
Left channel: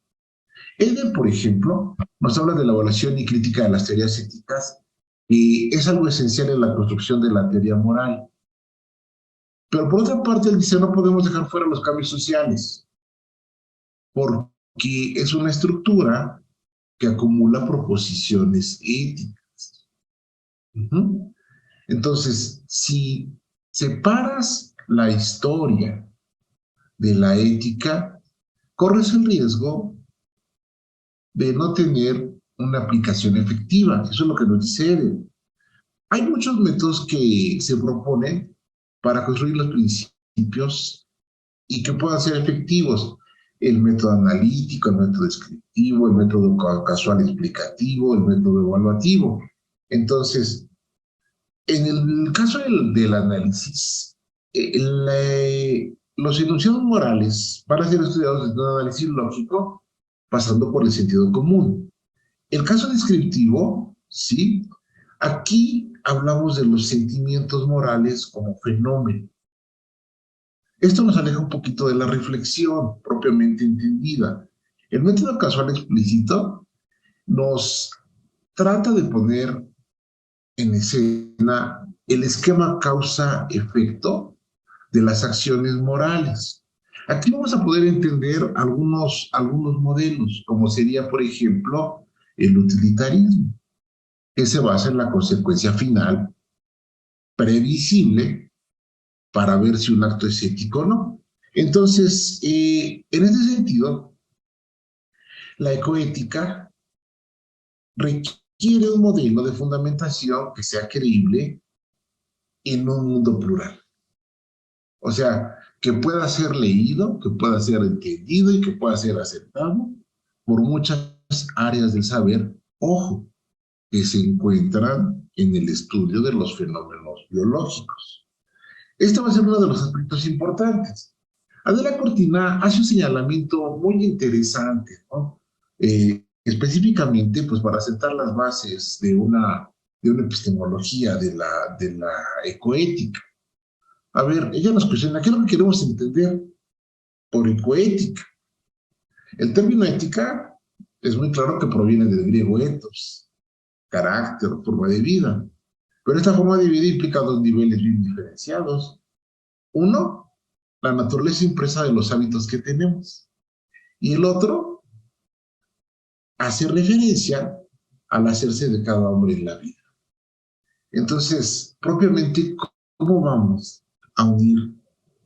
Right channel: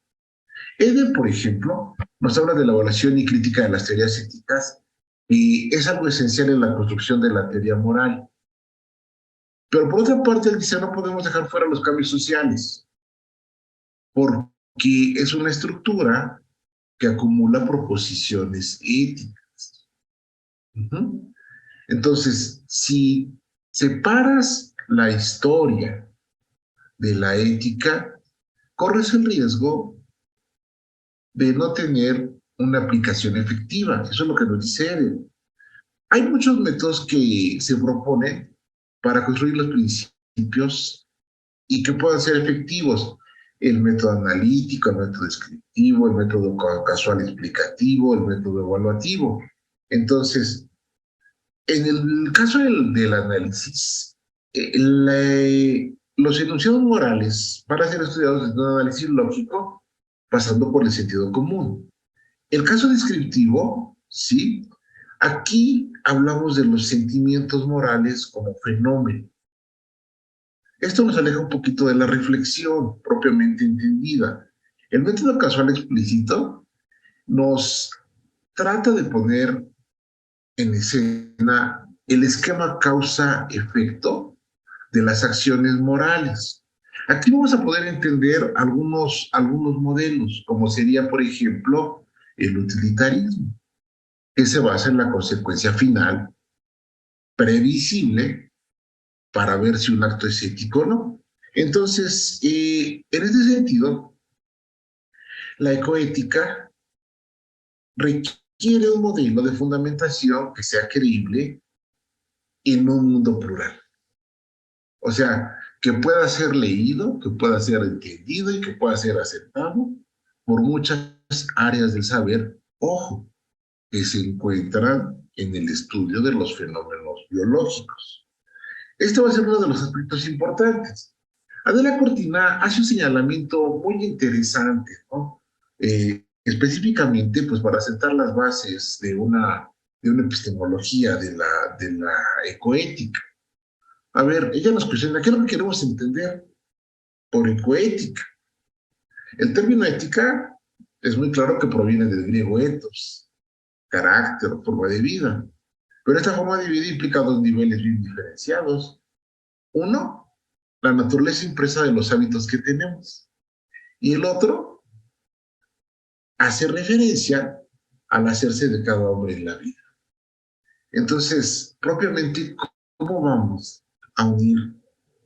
Eder, por ejemplo, nos habla de la evaluación y crítica de las teorías éticas, y es algo esencial en la construcción de la teoría moral. Pero por otra parte, él dice, no podemos dejar fuera los cambios sociales, porque es una estructura que acumula proposiciones éticas. Entonces, si separas la historia de la ética, corres el riesgo de no tener una aplicación efectiva. Eso es lo que nos dice Eder. Hay muchos métodos que se proponen para construir los principios y que puedan ser efectivos. El método analítico, el método descriptivo, el método casual explicativo, el método evaluativo. Entonces, en el caso del análisis, los enunciados morales van a ser estudiados desde un análisis lógico, pasando por el sentido común. El caso descriptivo, ¿sí? Aquí hablamos de los sentimientos morales como fenómeno. Esto nos aleja un poquito de la reflexión propiamente entendida. El método casual explícito nos trata de poner en escena el esquema causa-efecto de las acciones morales. Aquí vamos a poder entender algunos modelos, como sería, por ejemplo, el utilitarismo, que se basa en la consecuencia final previsible para ver si un acto es ético o no. Entonces, en este sentido, la ecoética requiere un modelo de fundamentación que sea creíble en un mundo plural. O sea, que pueda ser leído, que pueda ser entendido y que pueda ser aceptado por muchas áreas del saber, ojo, que se encuentran en el estudio de los fenómenos biológicos. Este va a ser uno de los aspectos importantes. Adela Cortina hace un señalamiento muy interesante, ¿no? Específicamente, pues para sentar las bases de una epistemología de la ecoética. A ver, ella nos cuestiona, ¿qué es lo que queremos entender por ecoética? El término ética es muy claro que proviene del griego ethos, carácter, forma de vida. Pero esta forma de vida implica dos niveles bien diferenciados. Uno, la naturaleza impresa de los hábitos que tenemos. Y el otro, hace referencia al hacerse de cada hombre en la vida. Entonces, propiamente, ¿cómo vamos a unir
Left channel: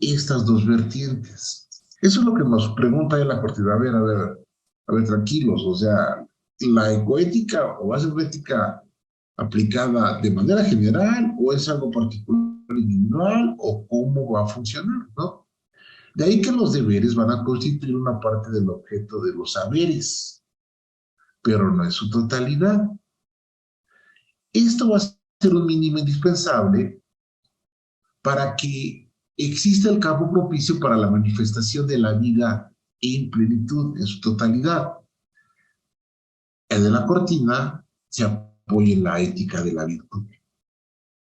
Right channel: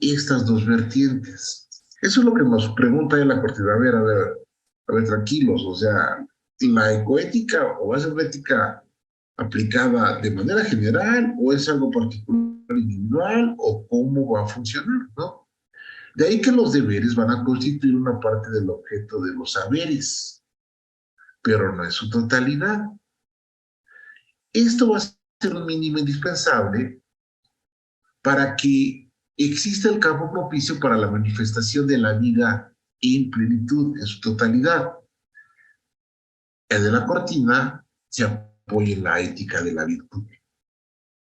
estas dos vertientes? Eso es lo que nos pregunta en la cortina. A ver, tranquilos, o sea, la ecoética o va a ser una ética aplicada de manera general o es algo particular individual o cómo va a funcionar, ¿no? De ahí que los deberes van a constituir una parte del objeto de los saberes, pero no en su totalidad. Esto va a ser un mínimo indispensable para que exista el campo propicio para la manifestación de la vida en plenitud, en su totalidad. El de la cortina se apoya en la ética de la virtud,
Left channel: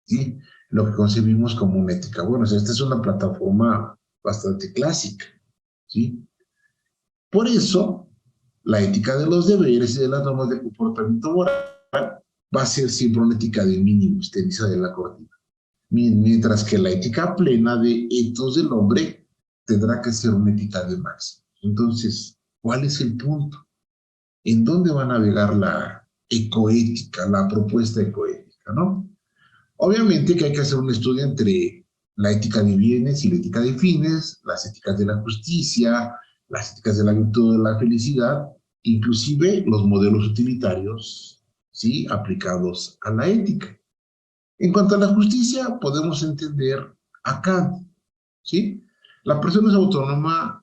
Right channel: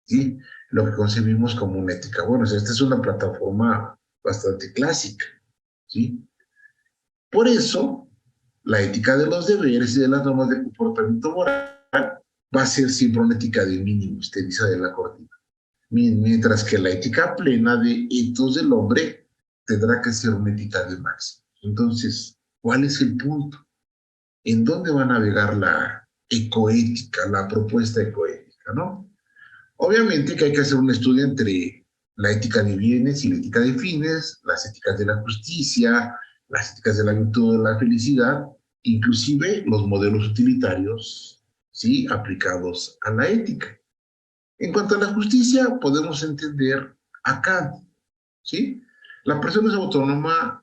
¿sí? Lo que concebimos como una ética. Bueno, o sea, esta es una plataforma bastante clásica, ¿sí? Por eso, la ética de los deberes y de las normas de comportamiento moral va a ser siempre una ética de mínimos, te dice de la cortina. Mientras que la ética plena de etos del hombre tendrá que ser una ética de máximo. Entonces, ¿cuál es el punto? ¿En dónde va a navegar la ecoética, la propuesta ecoética, no? Obviamente que hay que hacer un estudio entre la ética de bienes y la ética de fines, las éticas de la justicia, las éticas de la virtud, de la felicidad, inclusive los modelos utilitarios, ¿sí? Aplicados a la ética. En cuanto a la justicia, podemos entender a Kant, ¿sí? La persona es autónoma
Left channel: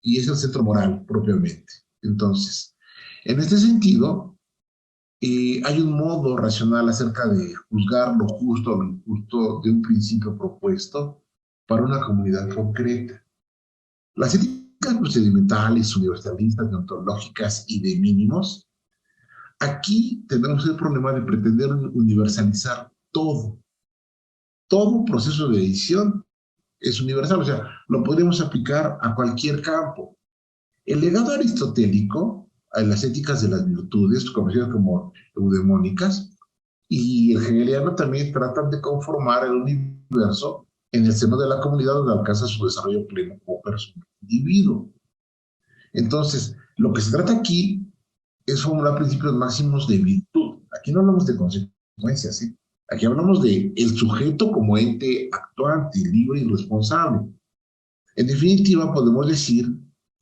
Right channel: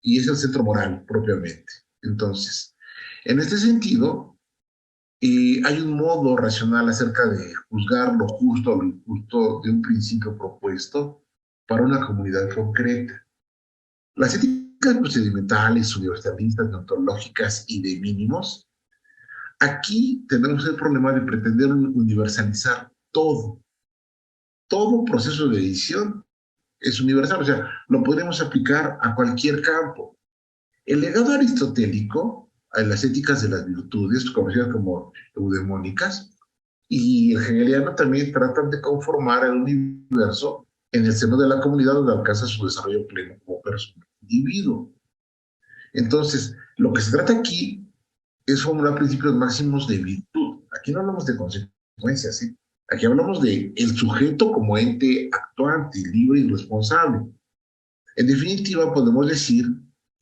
y es el centro moral propiamente. Entonces, en este sentido, hay un modo racional acerca de juzgar lo justo o lo injusto de un principio propuesto para una comunidad concreta. Las éticas procedimentales, universalistas, deontológicas y de mínimos, aquí tenemos el problema de pretender universalizar todo. Todo proceso de edición es universal, o sea, lo podemos aplicar a cualquier campo. El legado aristotélico, a las éticas de las virtudes, conocidas como eudemónicas, y el hegeliano también tratan de conformar el universo en el seno de la comunidad donde alcanza su desarrollo pleno como persona, individuo. Entonces, lo que se trata aquí es formular principios máximos de virtud. Aquí no hablamos de consecuencias, ¿sí? Aquí hablamos de el sujeto como ente actuante, libre y responsable. En definitiva, podemos decir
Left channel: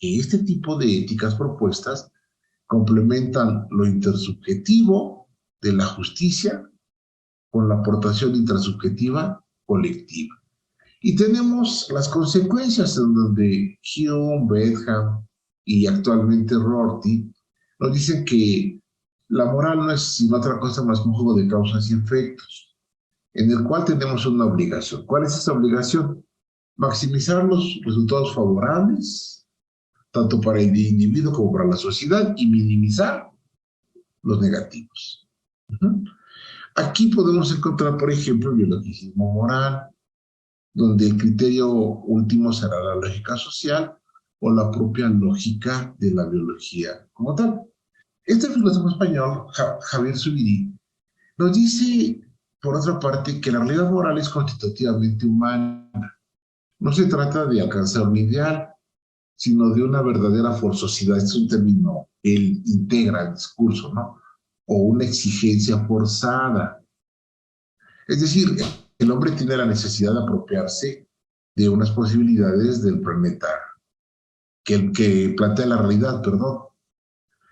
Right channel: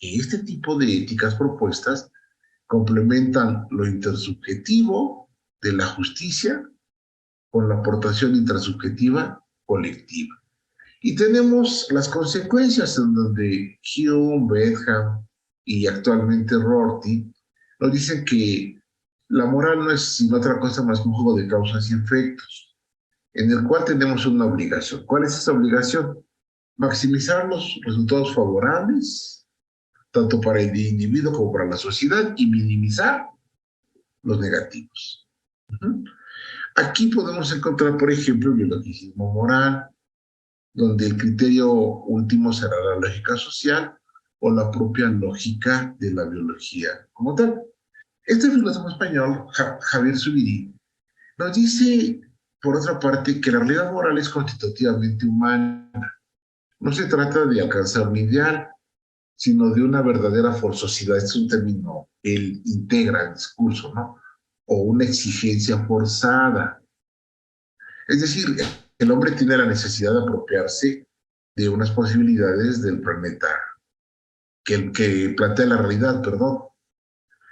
que este tipo de éticas propuestas complementan lo intersubjetivo de la justicia con la aportación intrasubjetiva colectiva. Y tenemos las consecuencias en donde Hume, Bentham y actualmente Rorty nos dicen que la moral no es sino otra cosa más que un juego de causas y efectos, en el cual tenemos una obligación. ¿Cuál es esa obligación? Maximizar los resultados favorables, tanto para el individuo como para la sociedad, y minimizar los negativos. Aquí podemos encontrar, por ejemplo, el biologicismo moral, donde el criterio último será la lógica social o la propia lógica de la biología como tal. Este filósofo español, Javier Zubiri, nos dice, por otra parte, que la realidad moral es constitutivamente humana. No se trata de alcanzar un ideal, sino de una verdadera forzosidad. Este es un término que él integra el discurso, ¿no? O una exigencia forzada. Es decir, el hombre tiene la necesidad de apropiarse de unas posibilidades del planeta que plantea la realidad, perdón.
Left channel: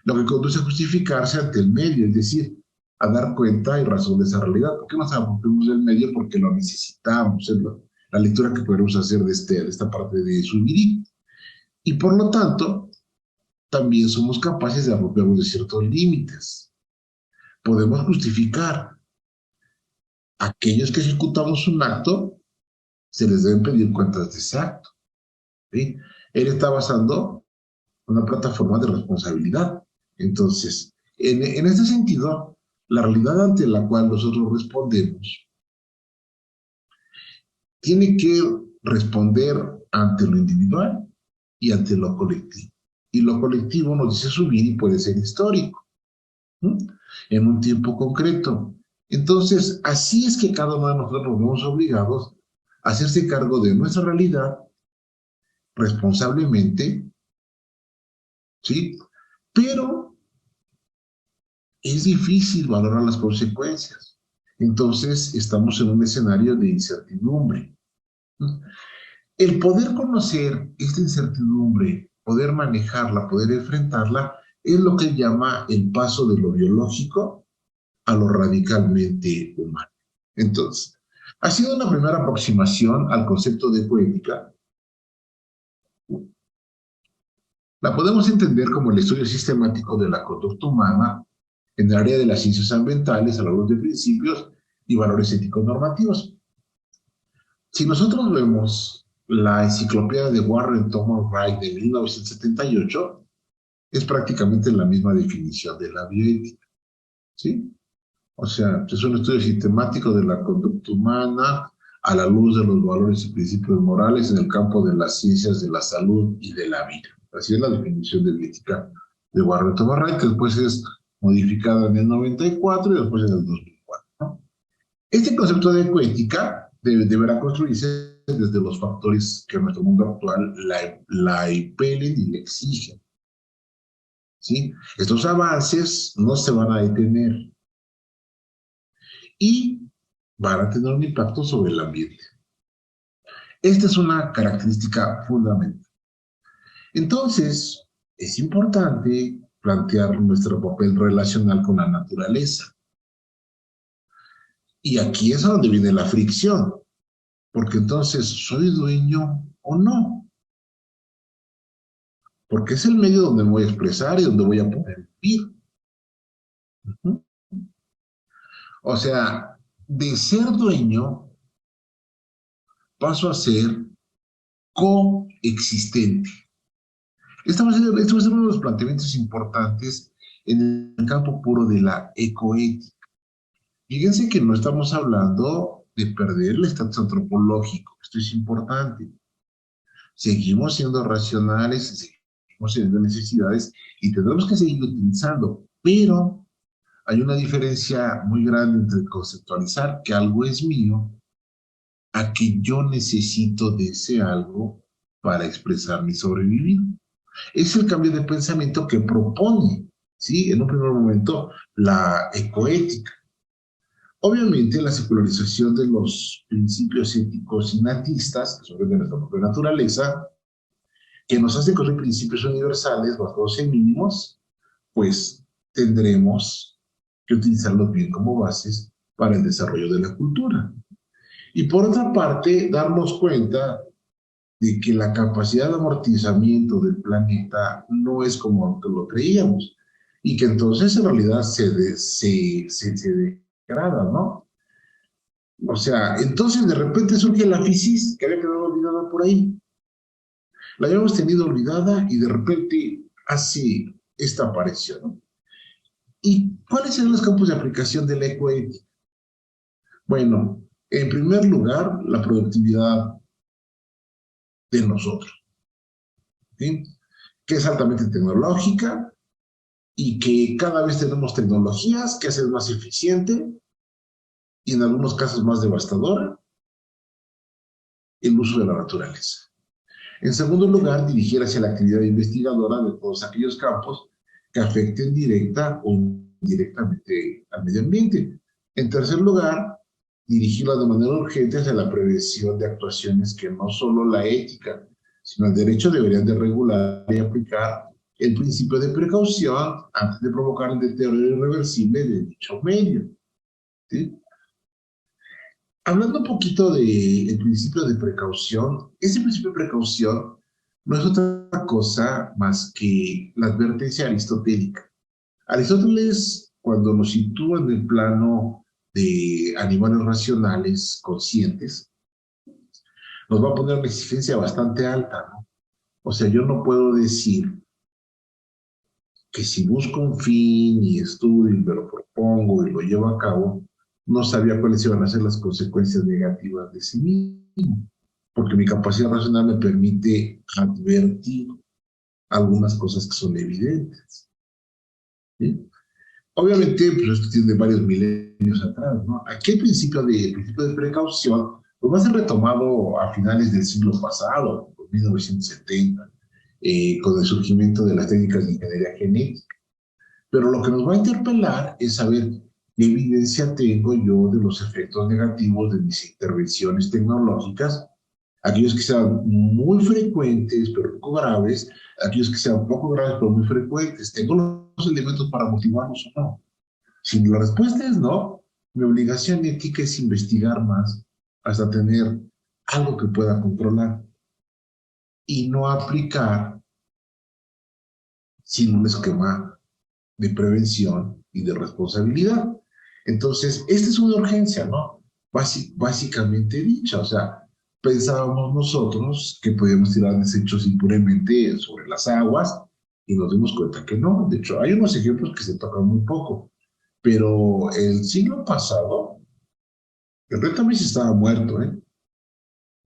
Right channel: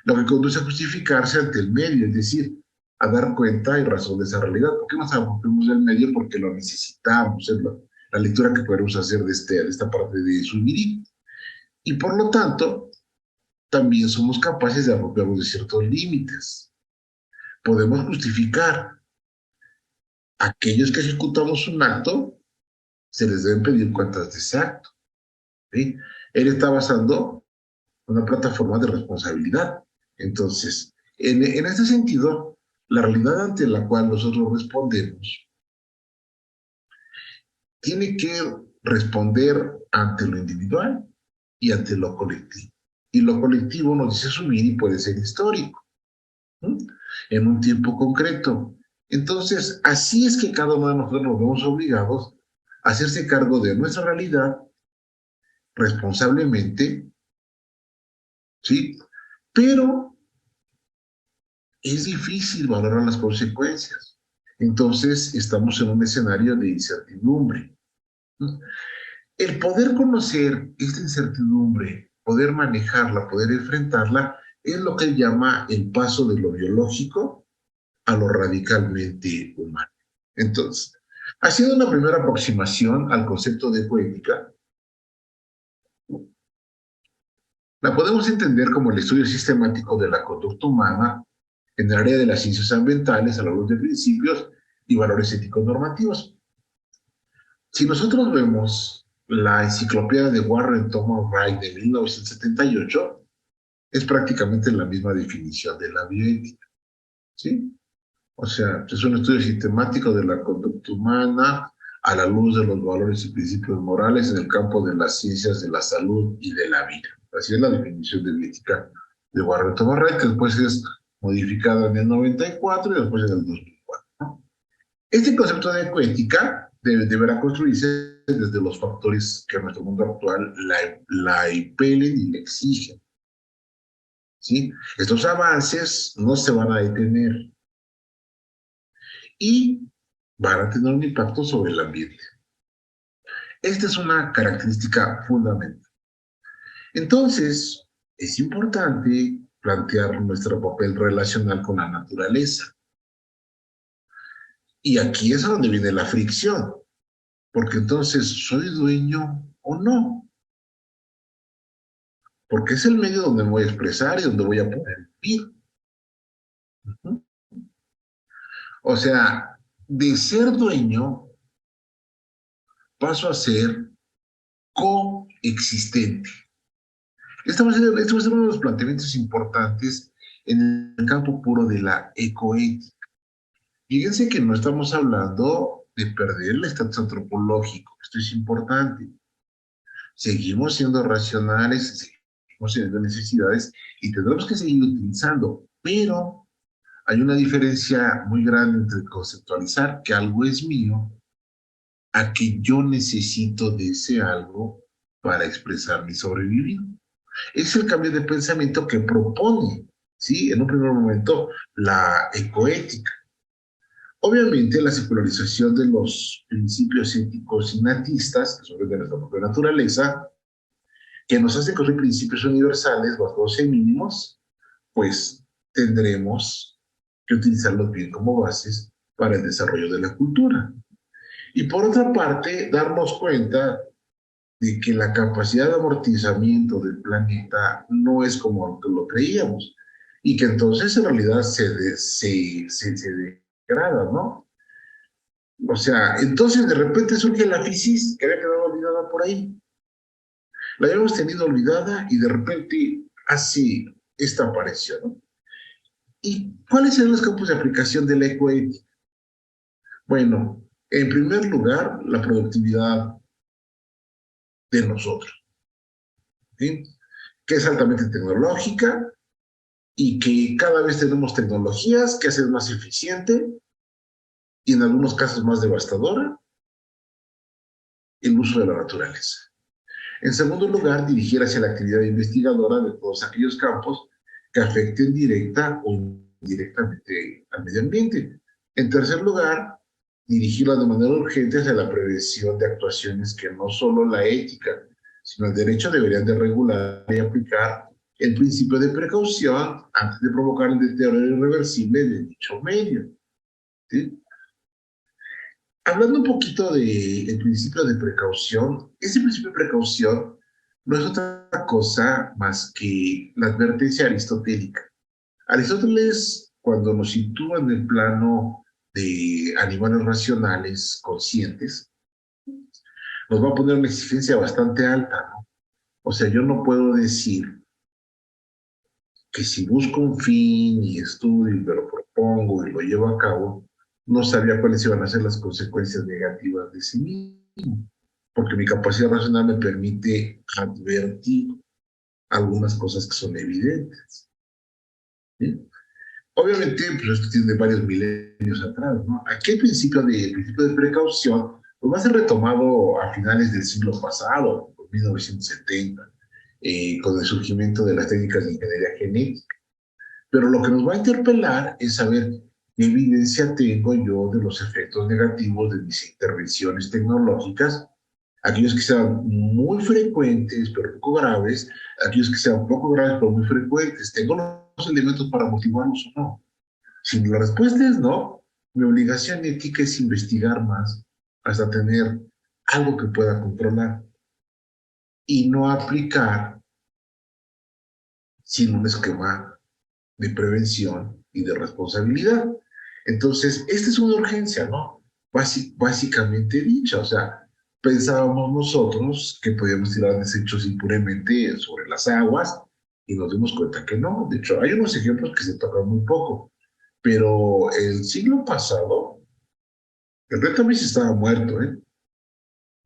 Lo que conduce a justificarse ante el medio, es decir, a dar cuenta y razón de esa realidad. ¿Por qué nos apropiamos del medio? Porque lo necesitamos. Es la lectura que podemos hacer de esta parte de Zubiri. Y por lo tanto, también somos capaces de apropiarnos de ciertos límites. Podemos justificar. Aquellos que ejecutamos un acto, se les deben pedir cuentas de ese acto. ¿Sí? Él está basando una plataforma de responsabilidad. Entonces, en este sentido, la realidad ante la cual nosotros respondemos tiene que responder ante lo individual y ante lo colectivo. Y lo colectivo, nos dice Zubiri, puede ser histórico, ¿sí? En un tiempo concreto. Entonces, así es que cada uno de nosotros nos vemos obligados a hacerse cargo de nuestra realidad responsablemente, ¿sí? Pero es difícil valorar las consecuencias. Entonces, estamos en un escenario de incertidumbre. El poder conocer esta incertidumbre, poder manejarla, poder enfrentarla, es lo que él llama el paso de lo biológico a lo radicalmente humano. Entonces, haciendo una primera aproximación al concepto de poética, la podemos entender como el estudio sistemático de la conducta humana en el área de las ciencias ambientales a la luz de principios y valores éticos normativos. Si nosotros vemos la enciclopedia de Warren Thomas Wright de 1978, es prácticamente la misma definición de la bioética, ¿sí? O sea, es un estudio sistemático de la conducta humana a la luz de los valores y principios morales en el campo de las ciencias de la salud y de la vida. Así es la definición de bioética de Warren Thomas Wright, que después es modificada en el 94 y después en el 2004, ¿no? Este concepto de ecoética deberá construirse desde los factores que en nuestro mundo actual la impelen y la exigen, ¿sí? Estos avances no se van a detener y van a tener un impacto sobre el ambiente. Esta es una característica fundamental. Entonces, es importante plantear nuestro papel relacional con la naturaleza. Y aquí es a donde viene la fricción, porque entonces, ¿soy dueño o no? Porque es el medio donde me voy a expresar y donde voy a poder vivir. O sea, de ser dueño, paso a ser coexistente. Este va a ser uno de los planteamientos importantes en el campo puro de la ecoética. Fíjense que no estamos hablando de perder el estatus antropológico, esto es importante. Seguimos siendo racionales, seguimos teniendo necesidades y tendremos que seguir utilizando, pero hay una diferencia muy grande entre conceptualizar que algo es mío a que yo necesito de ese algo para expresar mi sobrevivir. Es el cambio de pensamiento que propone, ¿sí? En un primer momento, la ecoética. Obviamente, la secularización de los principios éticos innatistas, que son de nuestra propia naturaleza, que nos hace construir principios universales basados en mínimos, pues tendremos que utilizarlos bien como bases para el desarrollo de la cultura. Y por otra parte, darnos cuenta de que la capacidad de amortizamiento del planeta no es como lo creíamos y que entonces en realidad se degrada, ¿no? O sea, entonces de repente surge la fisis que había quedado olvidada por ahí. La habíamos tenido olvidada y de repente hace esta aparición, ¿no? ¿Y cuáles son los campos de aplicación de la ecoética? Bueno, en primer lugar, la productividad de nosotros, ¿sí? Que es altamente tecnológica y que cada vez tenemos tecnologías que hacen más eficiente y en algunos casos más devastadora el uso de la naturaleza. En segundo lugar, dirigir hacia la actividad investigadora de todos aquellos campos que afecten directa o indirectamente al medio ambiente. En tercer lugar, dirigirla de manera urgente hacia la prevención de actuaciones que no solo la ética, sino el derecho deberían de regular y aplicar el principio de precaución antes de provocar el deterioro irreversible de dicho medio, ¿sí? Hablando un poquito del principio de precaución, ese principio de precaución no es otra cosa más que la advertencia aristotélica. Aristóteles, cuando nos sitúa en el plano de animales racionales, conscientes, nos va a poner una exigencia bastante alta, ¿no? O sea, yo no puedo decir que si busco un fin y estudio y me lo propongo y lo llevo a cabo, no sabía cuáles iban a ser las consecuencias negativas de sí mismo, porque mi capacidad racional me permite advertir algunas cosas que son evidentes, ¿sí? Obviamente, pues esto tiene varios milenios atrás, ¿no? Aquí el principio de precaución pues va a ser retomado a finales del siglo pasado, 1970, con el surgimiento de las técnicas de ingeniería genética. Pero lo que nos va a interpelar es saber qué evidencia tengo yo de los efectos negativos de mis intervenciones tecnológicas, aquellos que sean muy frecuentes pero poco graves, aquellos que sean poco graves pero muy frecuentes. ¿Tengo los elementos para motivarlos o no? Si la respuesta es no, mi obligación ética es investigar más hasta tener algo que pueda controlar y no aplicar sin un esquema de prevención y de responsabilidad. Entonces, esta es una urgencia, ¿no? Básicamente dicha, o sea, pensábamos nosotros que podíamos tirar desechos impunemente sobre las aguas y nos dimos cuenta que no. De hecho, hay unos ejemplos que se tocan muy poco, pero el siglo pasado, el río Tamís estaba muerto, ¿eh?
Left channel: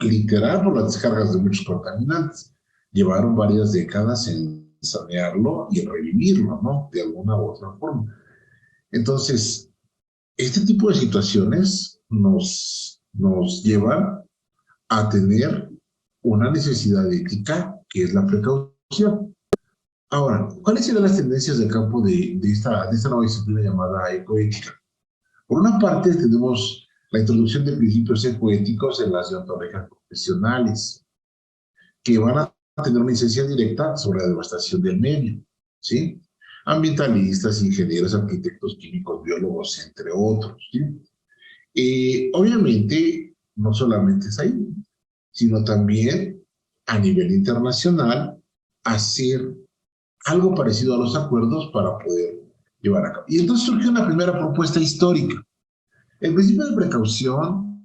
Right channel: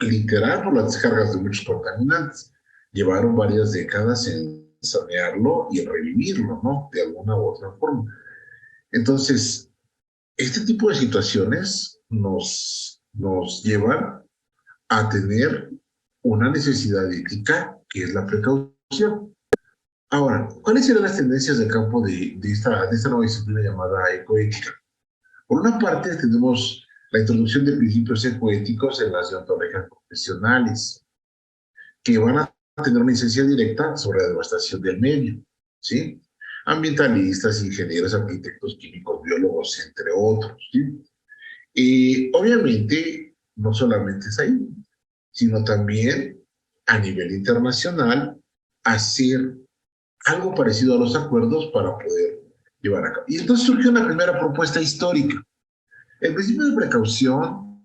Literal por las descargas de muchos contaminantes. Llevaron varias décadas en sanearlo y en revivirlo, ¿no? De alguna u otra forma. Entonces, este tipo de situaciones nos llevan a tener una necesidad ética que es la precaución. Ahora, ¿cuáles serán las tendencias del campo de esta nueva disciplina llamada ecoética? Por una parte, tenemos la introducción de principios ecoéticos en las deontologías profesionales, que van a tener una incidencia directa sobre la devastación del medio, ¿sí? Ambientalistas, ingenieros, arquitectos, químicos, biólogos, entre otros, ¿sí? Obviamente, no solamente es ahí, sino también a nivel internacional, hacer algo parecido a los acuerdos para poder llevar a cabo. Y entonces surgió una primera propuesta histórica. El principio de precaución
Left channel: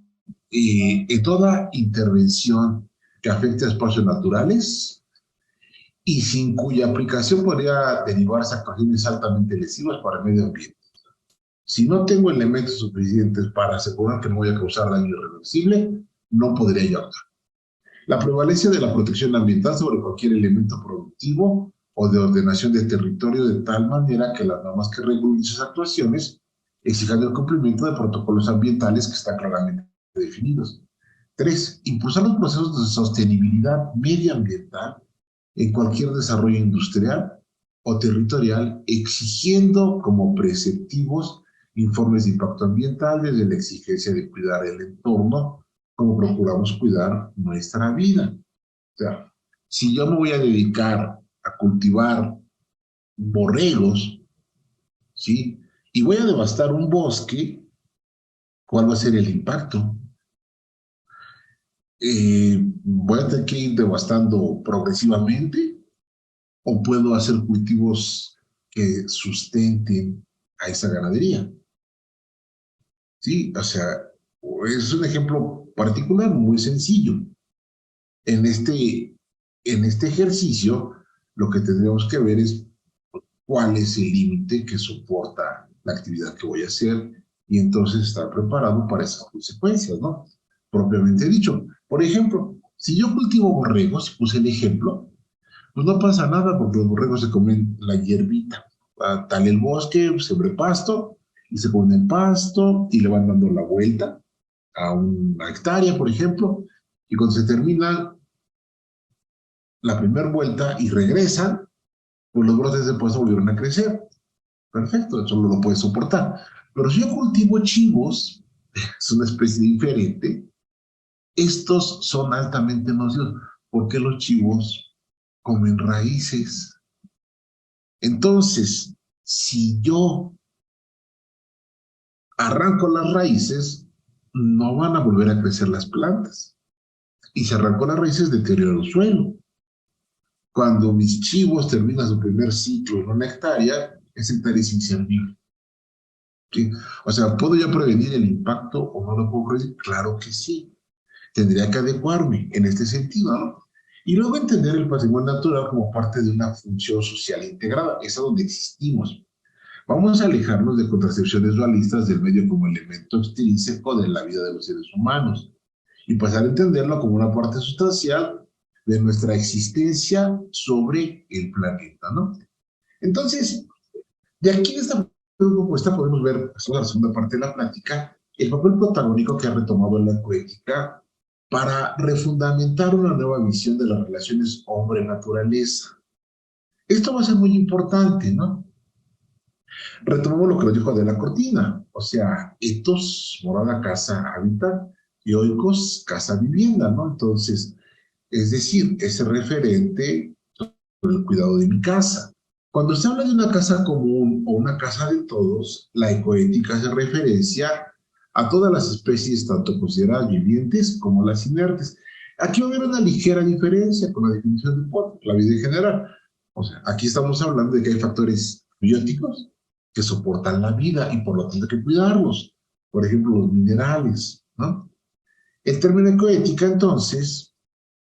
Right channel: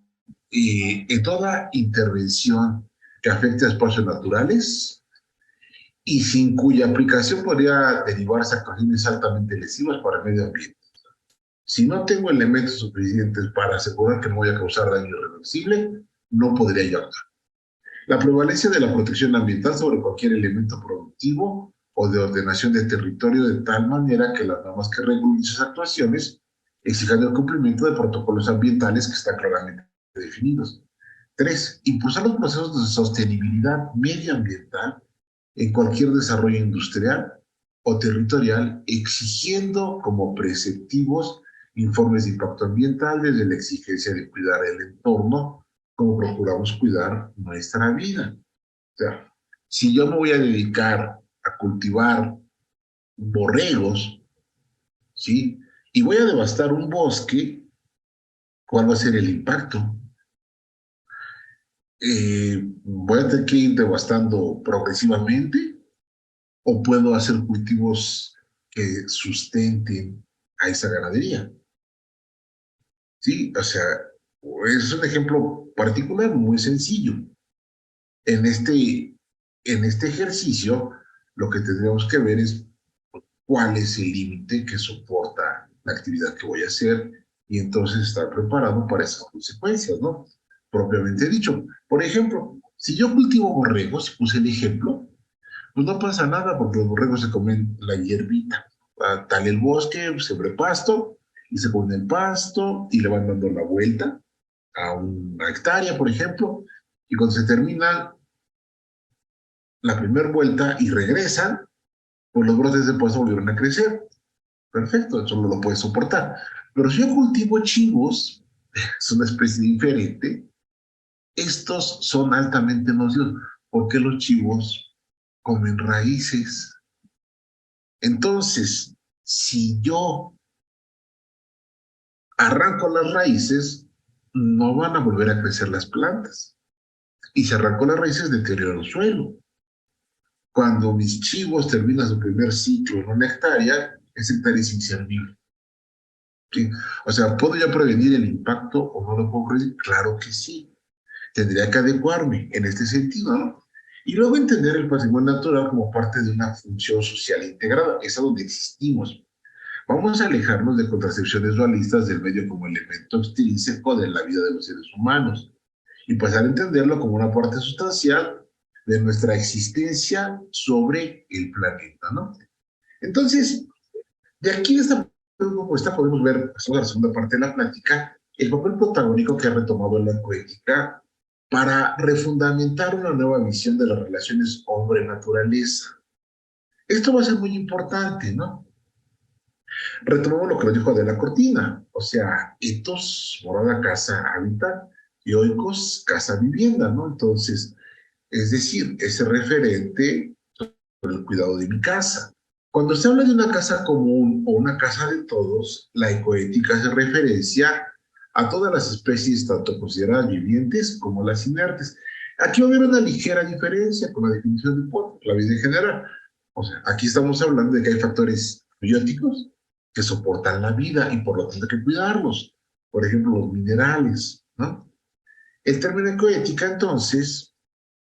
en toda intervención que afecte a espacios naturales y sin cuya aplicación podría derivarse actuaciones altamente lesivas para el medio ambiente. Si no tengo elementos suficientes para asegurar que no voy a causar daño irreversible, no podría yo actuar. La prevalencia de la protección ambiental sobre cualquier elemento productivo o de ordenación de territorio de tal manera que las normas que regulen esas actuaciones exijan el cumplimiento de protocolos ambientales que están claramente definidos. 3. Impulsar los procesos de sostenibilidad medioambiental en cualquier desarrollo industrial o territorial, exigiendo como preceptivos informes de impacto ambiental desde la exigencia de cuidar el entorno como procuramos cuidar nuestra vida. O sea, si yo me voy a dedicar a cultivar borregos, ¿sí? Y voy a devastar un bosque, ¿cuál va a ser el impacto? ¿Voy a tener que ir devastando progresivamente o puedo hacer cultivos que sustenten a esa ganadería? Sí, o sea, es un ejemplo particular muy sencillo. En este ejercicio, lo que tendríamos que ver es cuál es el límite que soporta la actividad que voy a hacer y entonces estar preparado para esas consecuencias, ¿no? Propiamente dicho. Por ejemplo, si yo cultivo borregos, puse el ejemplo, pues no pasa nada porque los borregos se comen la hierbita. Tal el bosque, sembré pasto y se comen el pasto y le van dando la vuelta a una hectárea, por ejemplo, y cuando se termina la primera vuelta y regresan, pues los brotes de pasto volvieron a crecer. Perfecto, eso no lo puede soportar. Pero si yo cultivo chivos, es una especie diferente, estos son altamente nocivos, porque los chivos comen raíces. Entonces, si yo arranco las raíces, no van a volver a crecer las plantas. Y si arranco las raíces, deterioro el suelo. Cuando mis chivos terminan su primer ciclo en una hectárea, esa hectárea es inservible. ¿Sí? O sea, ¿puedo yo prevenir el impacto o no lo puedo prevenir? Claro que sí. Tendría que adecuarme en este sentido, ¿no? Y luego entender el patrimonio natural como parte de una función social integrada. Es a donde existimos. Vamos a alejarnos de contracepciones dualistas del medio como elemento extrínseco de la vida de los seres humanos y pasar a entenderlo como una parte sustancial de nuestra existencia sobre el planeta, ¿no? Entonces, de aquí de esta propuesta podemos ver, pues, la segunda parte de la plática, el papel protagónico que ha retomado la poética para refundamentar una nueva visión de las relaciones hombre-naturaleza. Esto va a ser muy importante, ¿no? Retomamos lo que nos dijo Adela Cortina, o sea, etos, morada, casa, hábitat, y oikos, casa, vivienda, ¿no? Entonces, es decir, ese referente sobre el cuidado de mi casa. Cuando se habla de una casa común o una casa de todos, la ecoética hace referencia a todas las especies, tanto consideradas vivientes como las inertes. Aquí va a haber una ligera diferencia con la definición de Potter, la vida en general. O sea, aquí estamos hablando de que hay factores bióticos que soportan la vida y por lo tanto hay que cuidarlos. Por ejemplo, los minerales, ¿no? El término ecoética, entonces,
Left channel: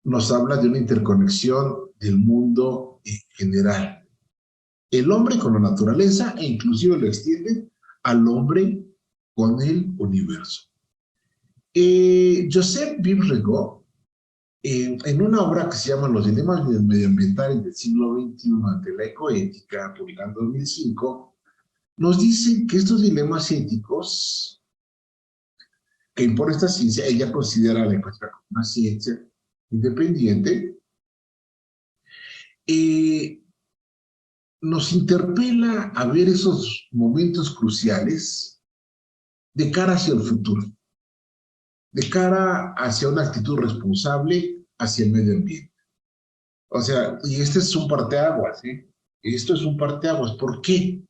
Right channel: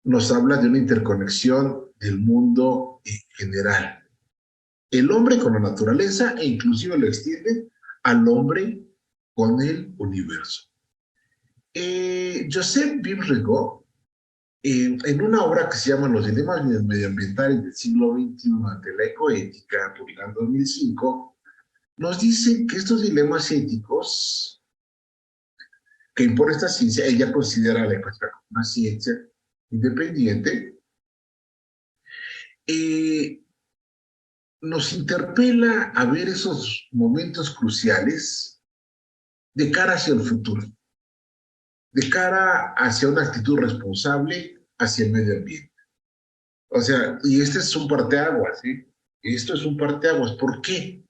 nos habla de una interconexión del mundo en general. El hombre con la naturaleza e inclusive lo extiende al hombre con el universo. Joseph Bibrego, en una obra que se llama Los dilemas medioambientales del siglo XXI ante la ecoética, publicada en 2005, nos dice que estos dilemas éticos que impone esta ciencia, ella considera la ecoética como una ciencia independiente, nos interpela a ver esos momentos cruciales de cara hacia el futuro, de cara hacia una actitud responsable hacia el medio ambiente. O sea, y este es un parteaguas, ¿sí? Esto es un parteaguas. ¿Por qué?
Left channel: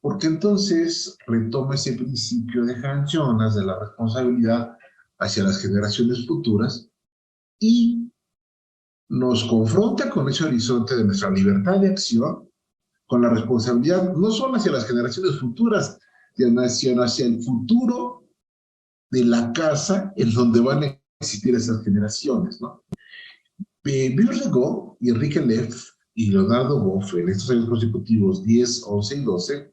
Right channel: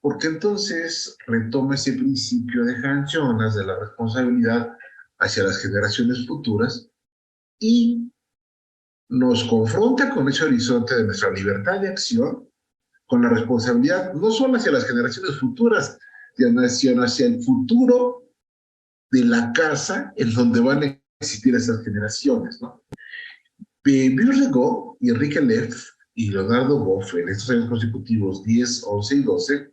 Porque entonces retoma ese principio de Hans Jonas de la responsabilidad hacia las generaciones futuras y nos confronta con ese horizonte de nuestra libertad de acción, con la responsabilidad no solo hacia las generaciones futuras, sino hacia el futuro de la casa en donde van a existir esas generaciones, ¿no? Bill Regaud y Enrique Leff y Leonardo Boff en estos años consecutivos 10, 11 y 12,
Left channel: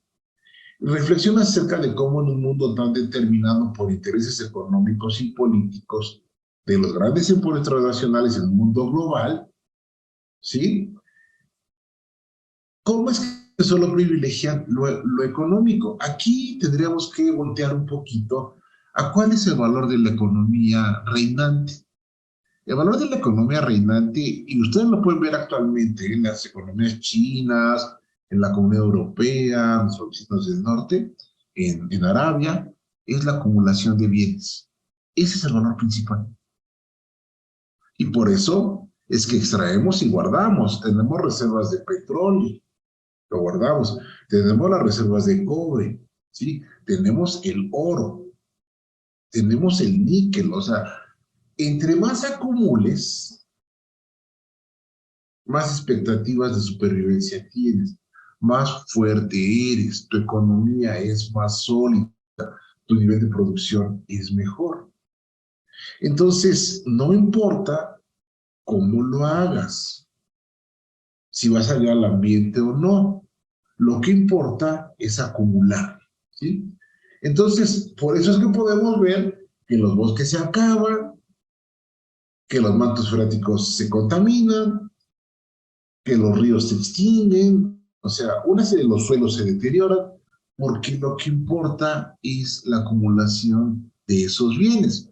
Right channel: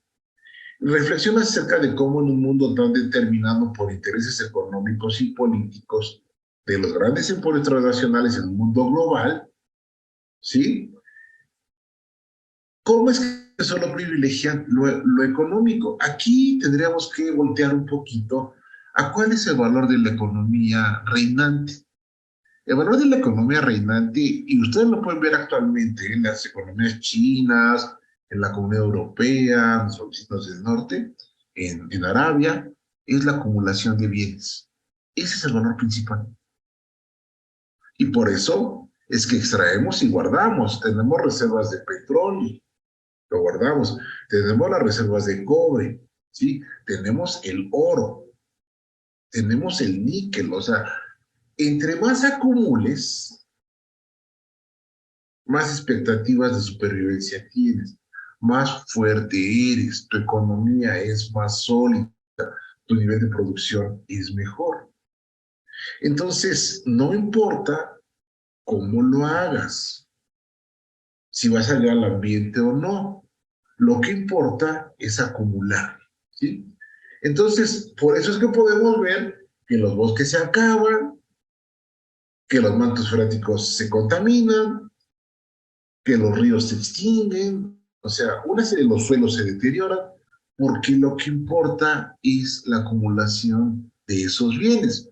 reflexiona acerca de cómo en un mundo tan determinado por intereses económicos y políticos de los grandes emporios transnacionales en el mundo global, ¿sí? ¿Cómo es que solo privilegian lo económico? Aquí tendríamos que voltear un poquito a cuál es el valor de la economía reinante. El valor de la economía reinante, y ustedes lo pueden ver actualmente en las economías chinas, en la Comunidad Europea, en los vecinos del norte, en Arabia, es la acumulación de bienes. Ese es el valor principal. Y por eso es que extraemos y guardamos. Tenemos reservas de petróleo, lo guardamos. Tenemos las reservas de cobre, ¿sí? Tenemos el oro, tenemos el níquel. O sea, entre más acumules, más expectativas de supervivencia tienes, más fuerte eres, tu economía es más sólida, tu nivel de producción es mejor. Entonces, no importa cómo lo hagas, si vas a llegar al ambiente o no, lo que importa es acumular, ¿sí? Entonces, por eso es que podemos ver que los bosques se acaban, que los mantos freáticos se contaminan, que los ríos se extinguen, o sea, una serie de los suelos se deterioran, porque lo que importa es la acumulación de esos bienes.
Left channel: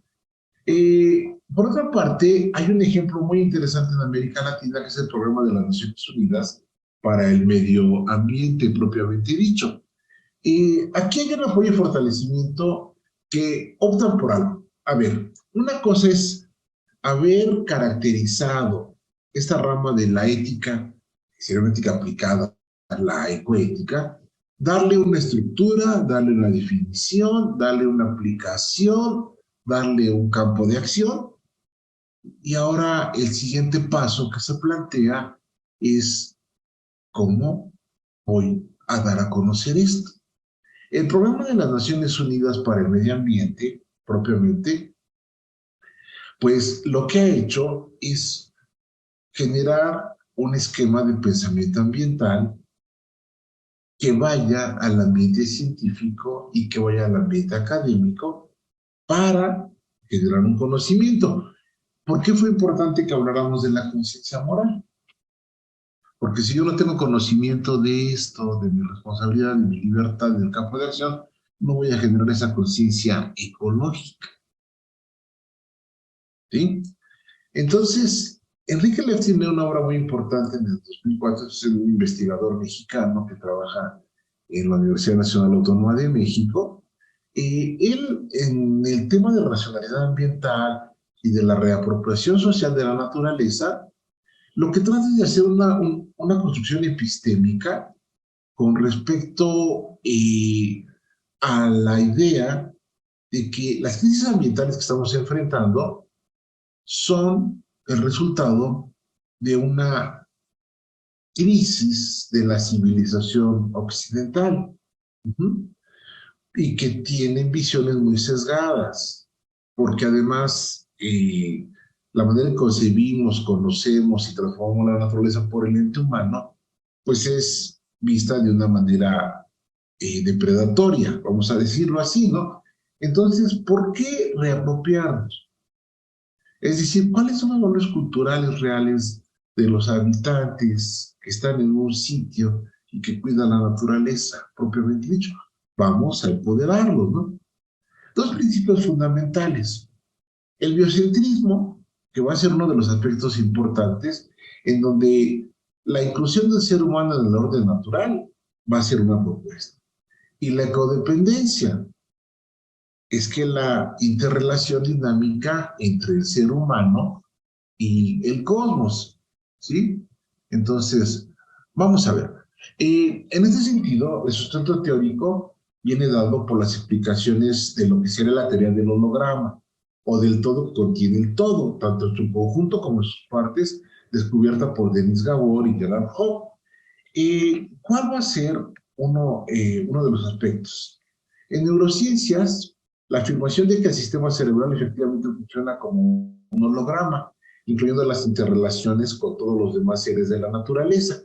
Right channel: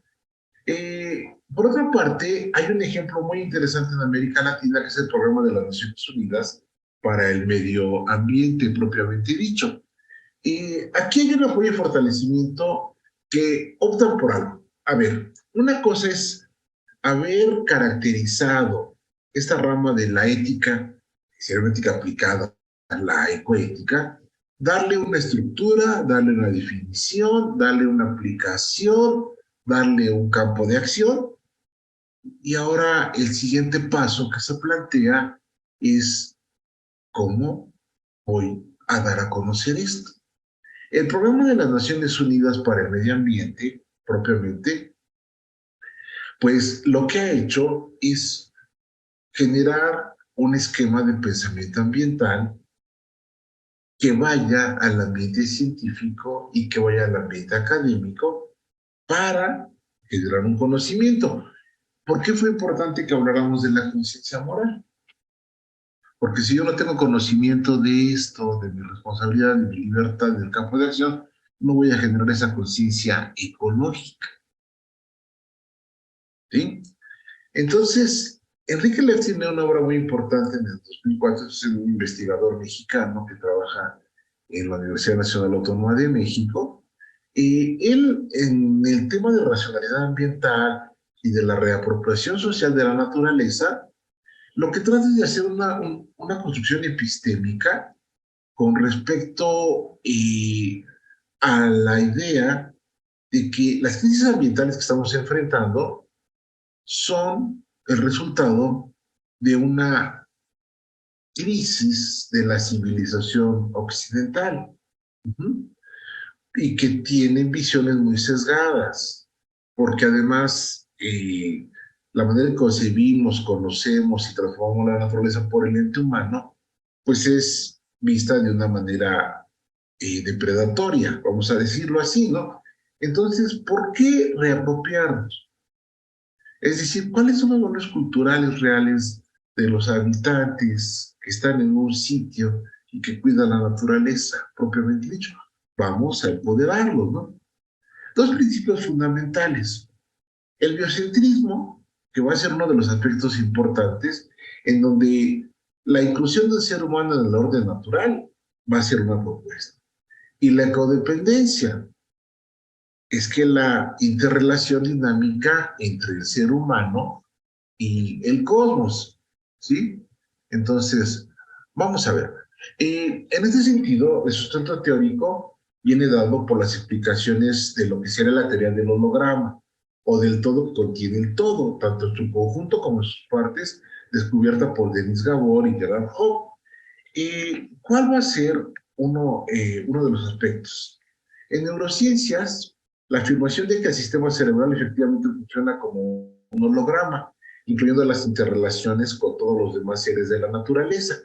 Por otra parte, hay un ejemplo muy interesante en América Latina, que es el programa de las Naciones Unidas para el medio ambiente propiamente dicho. Aquí hay un apoyo y fortalecimiento que optan por algo. A ver, una cosa es haber caracterizado esta rama de la ética, ética aplicada a la ecoética, darle una estructura, darle una definición, darle una aplicación, darle un campo de acción. Y ahora el siguiente paso que se plantea es cómo voy a dar a conocer esto. El programa de las Naciones Unidas para el Medio Ambiente, propiamente, pues lo que ha hecho es generar un esquema de pensamiento ambiental que vaya al ambiente científico y que vaya al ambiente académico para generar un conocimiento. ¿Por qué fue importante que habláramos de la conciencia moral? Porque si yo no tengo conocimiento de esto, de mi responsabilidad, de mi libertad, del campo de acción, no voy a generar esa conciencia ecológica, ¿sí? Entonces, Enrique Leff tiene una obra muy importante en el 2004, es un investigador mexicano que trabaja en la Universidad Nacional Autónoma de México. Él, en el tema de racionalidad ambiental y de la reapropiación social de la naturaleza, lo que trata es de hacer una construcción epistémica con respecto a la idea de que las crisis ambientales que estamos enfrentando son el resultado de una crisis de la civilización occidental. Uh-huh. Y que tienen visiones muy sesgadas, porque además la manera en que concebimos, conocemos y transformamos la naturaleza por el ente humano, pues es vista de una manera depredatoria, vamos a decirlo así, ¿no? Entonces, ¿por qué reapropiarnos? Es decir, ¿cuáles son los valores culturales reales de los habitantes que están en un sitio y que cuidan la naturaleza, propiamente dicho? Vamos a empoderarlos, ¿no? Dos principios fundamentales. El biocentrismo, que va a ser uno de los aspectos importantes, en donde la inclusión del ser humano en el orden natural va a ser una propuesta. Y la ecodependencia, es que la interrelación dinámica entre el ser humano y el cosmos, ¿sí? Entonces, vamos a ver. En este sentido, el sustento teórico viene dado por las explicaciones de lo que sería la teoría del holograma o del todo que contiene el todo, tanto en su conjunto como en sus partes, descubierta por Denis Gabor y Gerard Hoppe. ¿Cuál va a ser uno de los aspectos? En neurociencias, la afirmación de que el sistema cerebral efectivamente funciona como un holograma incluyendo las interrelaciones con todos los demás seres de la naturaleza.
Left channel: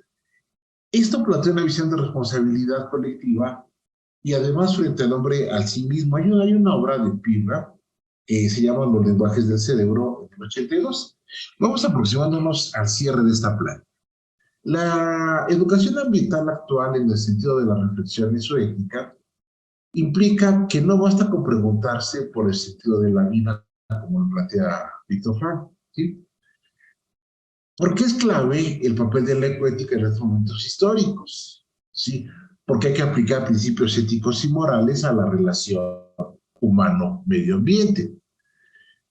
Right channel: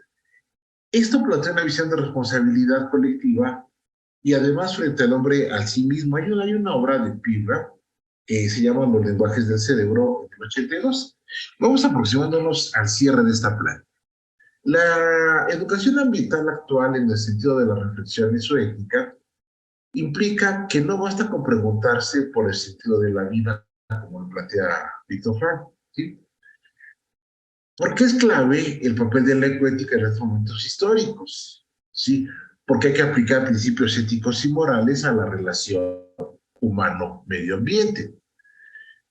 Esto plantea una visión de responsabilidad colectiva y además frente al hombre al sí mismo. Hay una obra de Pirra que se llama Los lenguajes del cerebro en el 82. Vamos aproximándonos al cierre de esta plática. La educación ambiental actual en el sentido de la reflexión y su ética implica que no basta con preguntarse por el sentido de la vida, como lo plantea Víctor Frank, ¿sí? Porque es clave el papel de la ecoética en estos momentos históricos, ¿sí? Porque hay que aplicar principios éticos y morales a la relación humano-medio ambiente.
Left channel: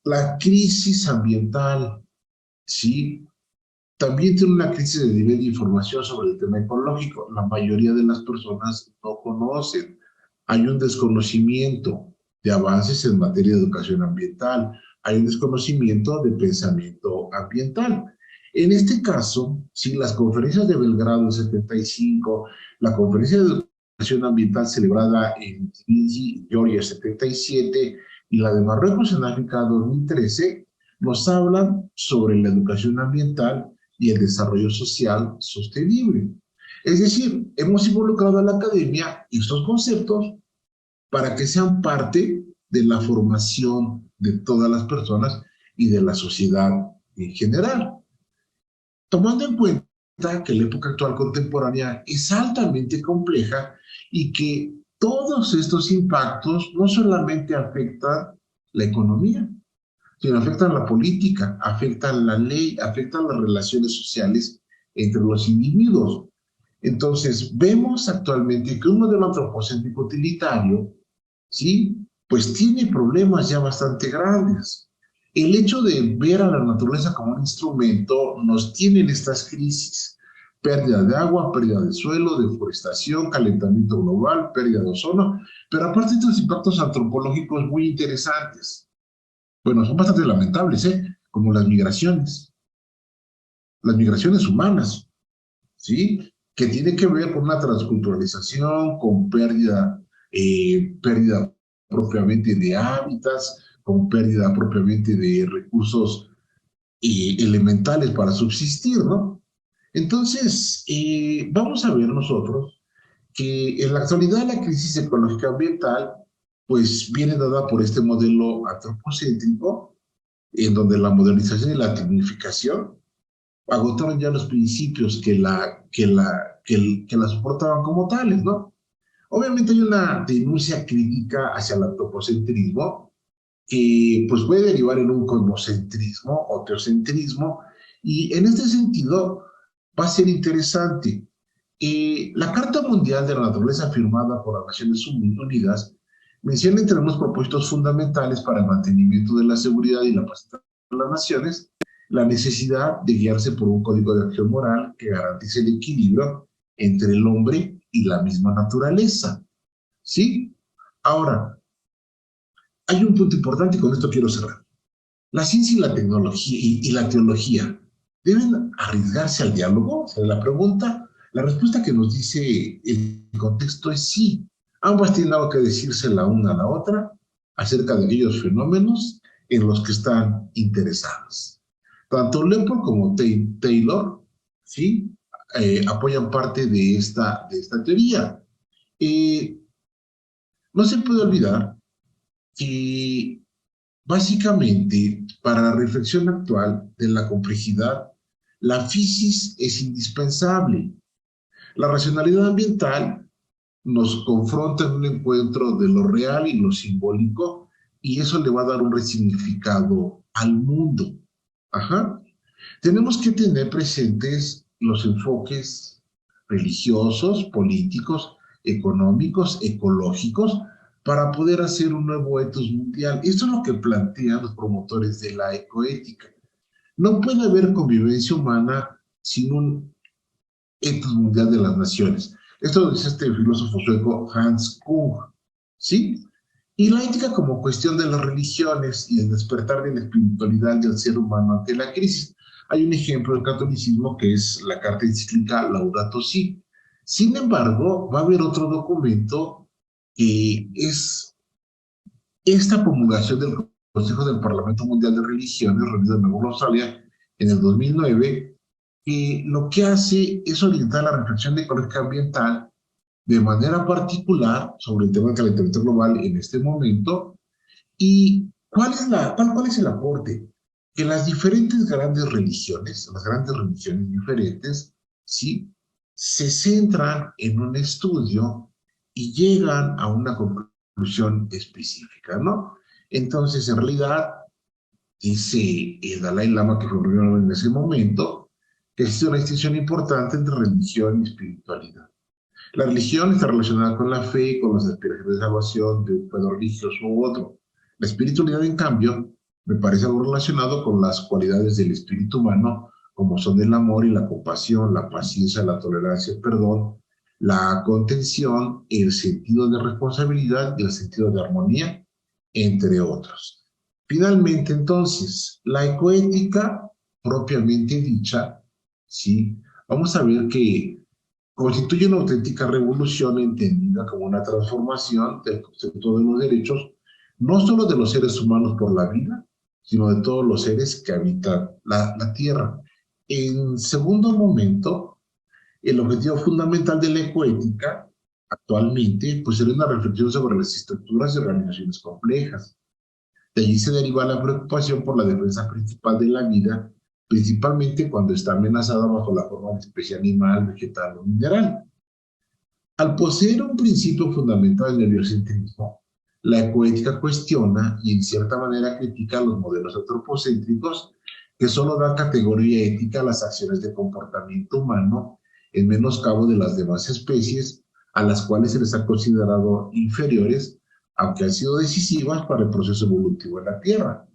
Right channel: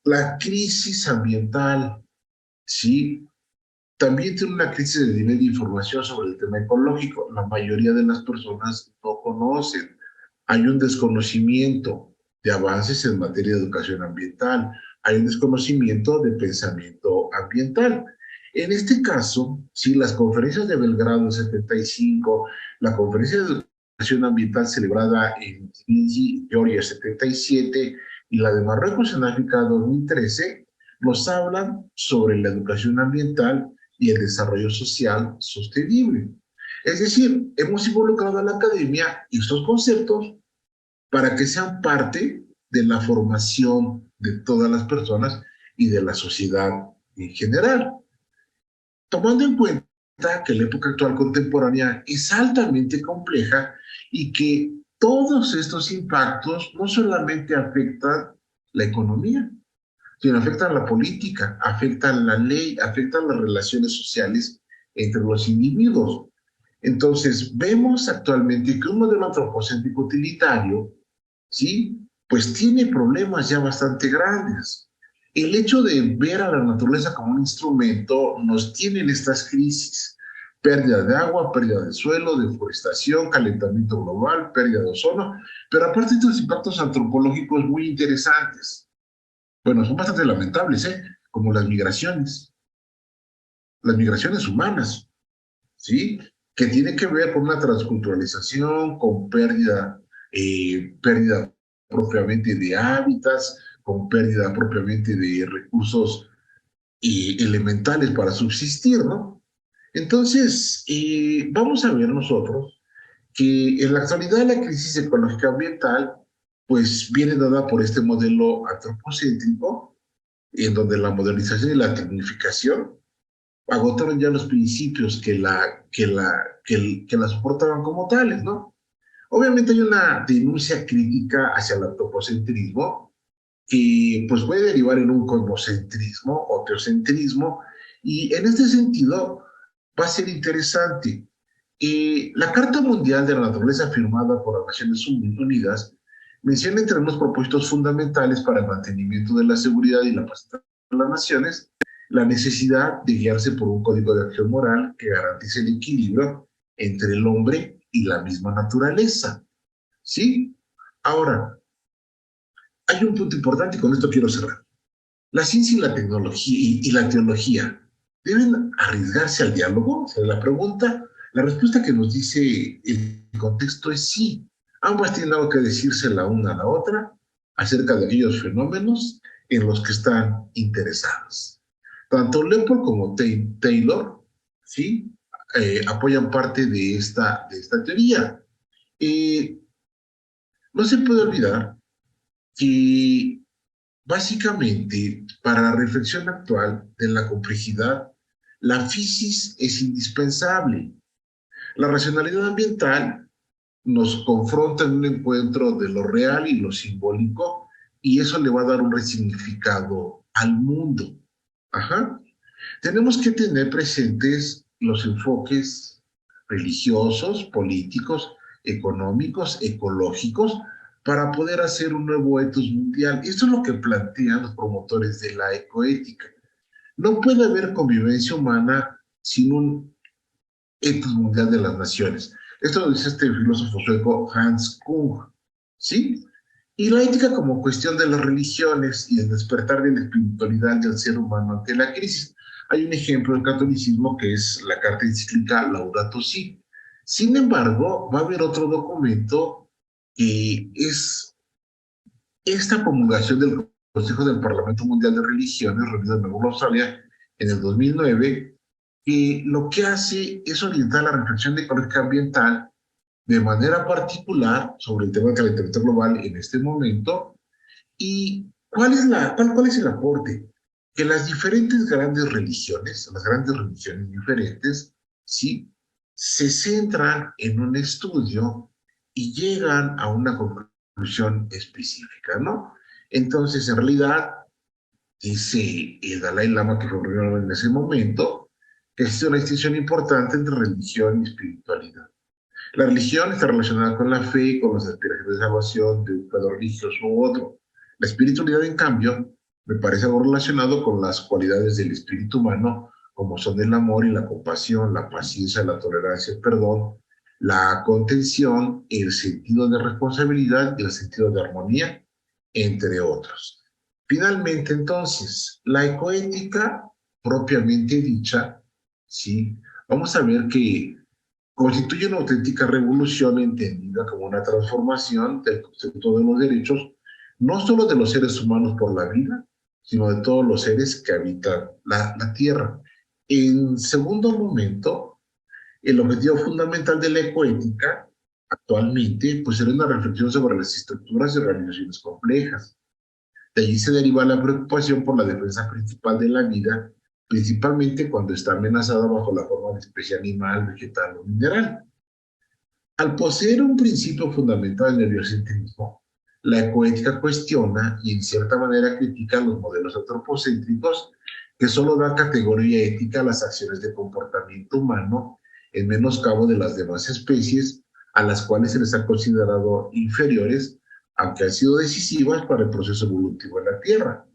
La crisis ambiental, ¿sí? También tiene una crisis de nivel de información sobre el tema ecológico. La mayoría de las personas no conocen. Hay un desconocimiento de avances en materia de educación ambiental. Hay un desconocimiento de pensamiento ambiental. En este caso, sí, las conferencias de Belgrado en 75, la conferencia de educación ambiental celebrada en Tbilisi, Georgia, 77, y la de Marruecos en África 2013, nos hablan sobre la educación ambiental y el desarrollo social sostenible. Es decir, hemos involucrado a la academia y estos conceptos para que sean parte de la formación de todas las personas y de la sociedad en general. Tomando en cuenta que la época actual contemporánea es altamente compleja y que todos estos impactos no solamente afectan la economía, sino afectan la política, afectan la ley, afectan las relaciones sociales entre los individuos. Entonces, vemos actualmente que un modelo antropocéntrico utilitario, ¿sí? Pues tiene problemas ya bastante grandes. El hecho de ver a la naturaleza como un instrumento nos tiene en estas crisis. Pérdida de agua, pérdida de suelo, deforestación, calentamiento global, pérdida de ozono, pero aparte de estos impactos antropológicos muy interesantes. Bueno, son bastante lamentables, ¿eh? Como las migraciones humanas, ¿sí? Que tiene que ver con una transculturalización, con pérdida propiamente de hábitats, con pérdida propiamente de recursos elementales para subsistir, ¿no? Entonces, vamos a ver nosotros que en la actualidad la crisis ecológica ambiental pues viene dada por este modelo antropocéntrico, en donde la modernización y la tecnificación agotaron ya los principios que la soportaban como tales, ¿no? Obviamente hay una denuncia crítica hacia el antropocentrismo que pues puede derivar en un cosmocentrismo o teocentrismo, y en este sentido va a ser interesante. La Carta Mundial de la Naturaleza firmada por las Naciones Unidas menciona entre unos propósitos fundamentales para el mantenimiento de la seguridad y la paz de las naciones la necesidad de guiarse por un código de acción moral que garantice el equilibrio entre el hombre y la misma naturaleza. ¿Sí? Ahora, hay un punto importante y con esto quiero cerrar. La ciencia y la tecnología y la teología deben arriesgarse al diálogo. O sea, la respuesta que nos dice el contexto es sí. Ambas tienen algo que decirse la una a la otra acerca de aquellos fenómenos en los que están interesadas. Tanto Leopold como Taylor, ¿sí? Apoyan parte de esta teoría. No se puede olvidar que básicamente para la reflexión actual de la complejidad, la física es indispensable. La racionalidad ambiental nos confronta en un encuentro de lo real y lo simbólico, y eso le va a dar un resignificado al mundo. Ajá. Tenemos que tener presentes los enfoques religiosos, políticos, económicos, ecológicos, para poder hacer un nuevo etos mundial. Esto es lo que plantean los promotores de la ecoética. No puede haber convivencia humana sin un etos mundial de las naciones. Esto lo dice este filósofo sueco Hans Kung, ¿sí? Y la ética como cuestión de las religiones y el despertar de la espiritualidad del ser humano ante la crisis. Hay un ejemplo del catolicismo que es la carta encíclica Laudato Si. Sin embargo, va a haber otro documento que es esta promulgación del Consejo del Parlamento Mundial de Religiones, reunido en Nueva Australia, en el 2009, que lo que hace es orientar la reflexión ecológica ambiental de manera particular sobre el tema del calentamiento global en este momento. ¿Y cuál es el aporte? Que las diferentes grandes religiones, las grandes religiones diferentes, ¿sí? Se centran en un estudio y llegan a una conclusión específica, ¿no? Entonces, en realidad, dice el Dalai Lama, que fue primero en ese momento, que existe una distinción importante entre religión y espiritualidad. La religión está relacionada con la fe, con las aspiraciones de salvación de un pedo religioso u otro. La espiritualidad, en cambio, me parece algo relacionado con las cualidades del espíritu humano, como son el amor y la compasión, la paciencia, la tolerancia, el perdón, la contención, el sentido de responsabilidad y el sentido de armonía, entre otros. Finalmente, entonces, la ecoética propiamente dicha, ¿sí? Vamos a ver que constituye una auténtica revolución entendida como una transformación del concepto de los derechos, no solo de los seres humanos por la vida, sino de todos los seres que habitan la Tierra. En segundo momento, el objetivo fundamental de la ecoética actualmente pues era una reflexión sobre las estructuras y organizaciones complejas. De allí se deriva la preocupación por la defensa principal de la vida, principalmente cuando está amenazada bajo la forma de especie animal, vegetal o mineral. Al poseer un principio fundamental en el biocentrismo, la ecoética cuestiona y en cierta manera critica los modelos antropocéntricos que solo dan categoría ética a las acciones de comportamiento humano en menoscabo de las demás especies a las cuales se les ha considerado inferiores, aunque han sido decisivas para el proceso evolutivo de la Tierra.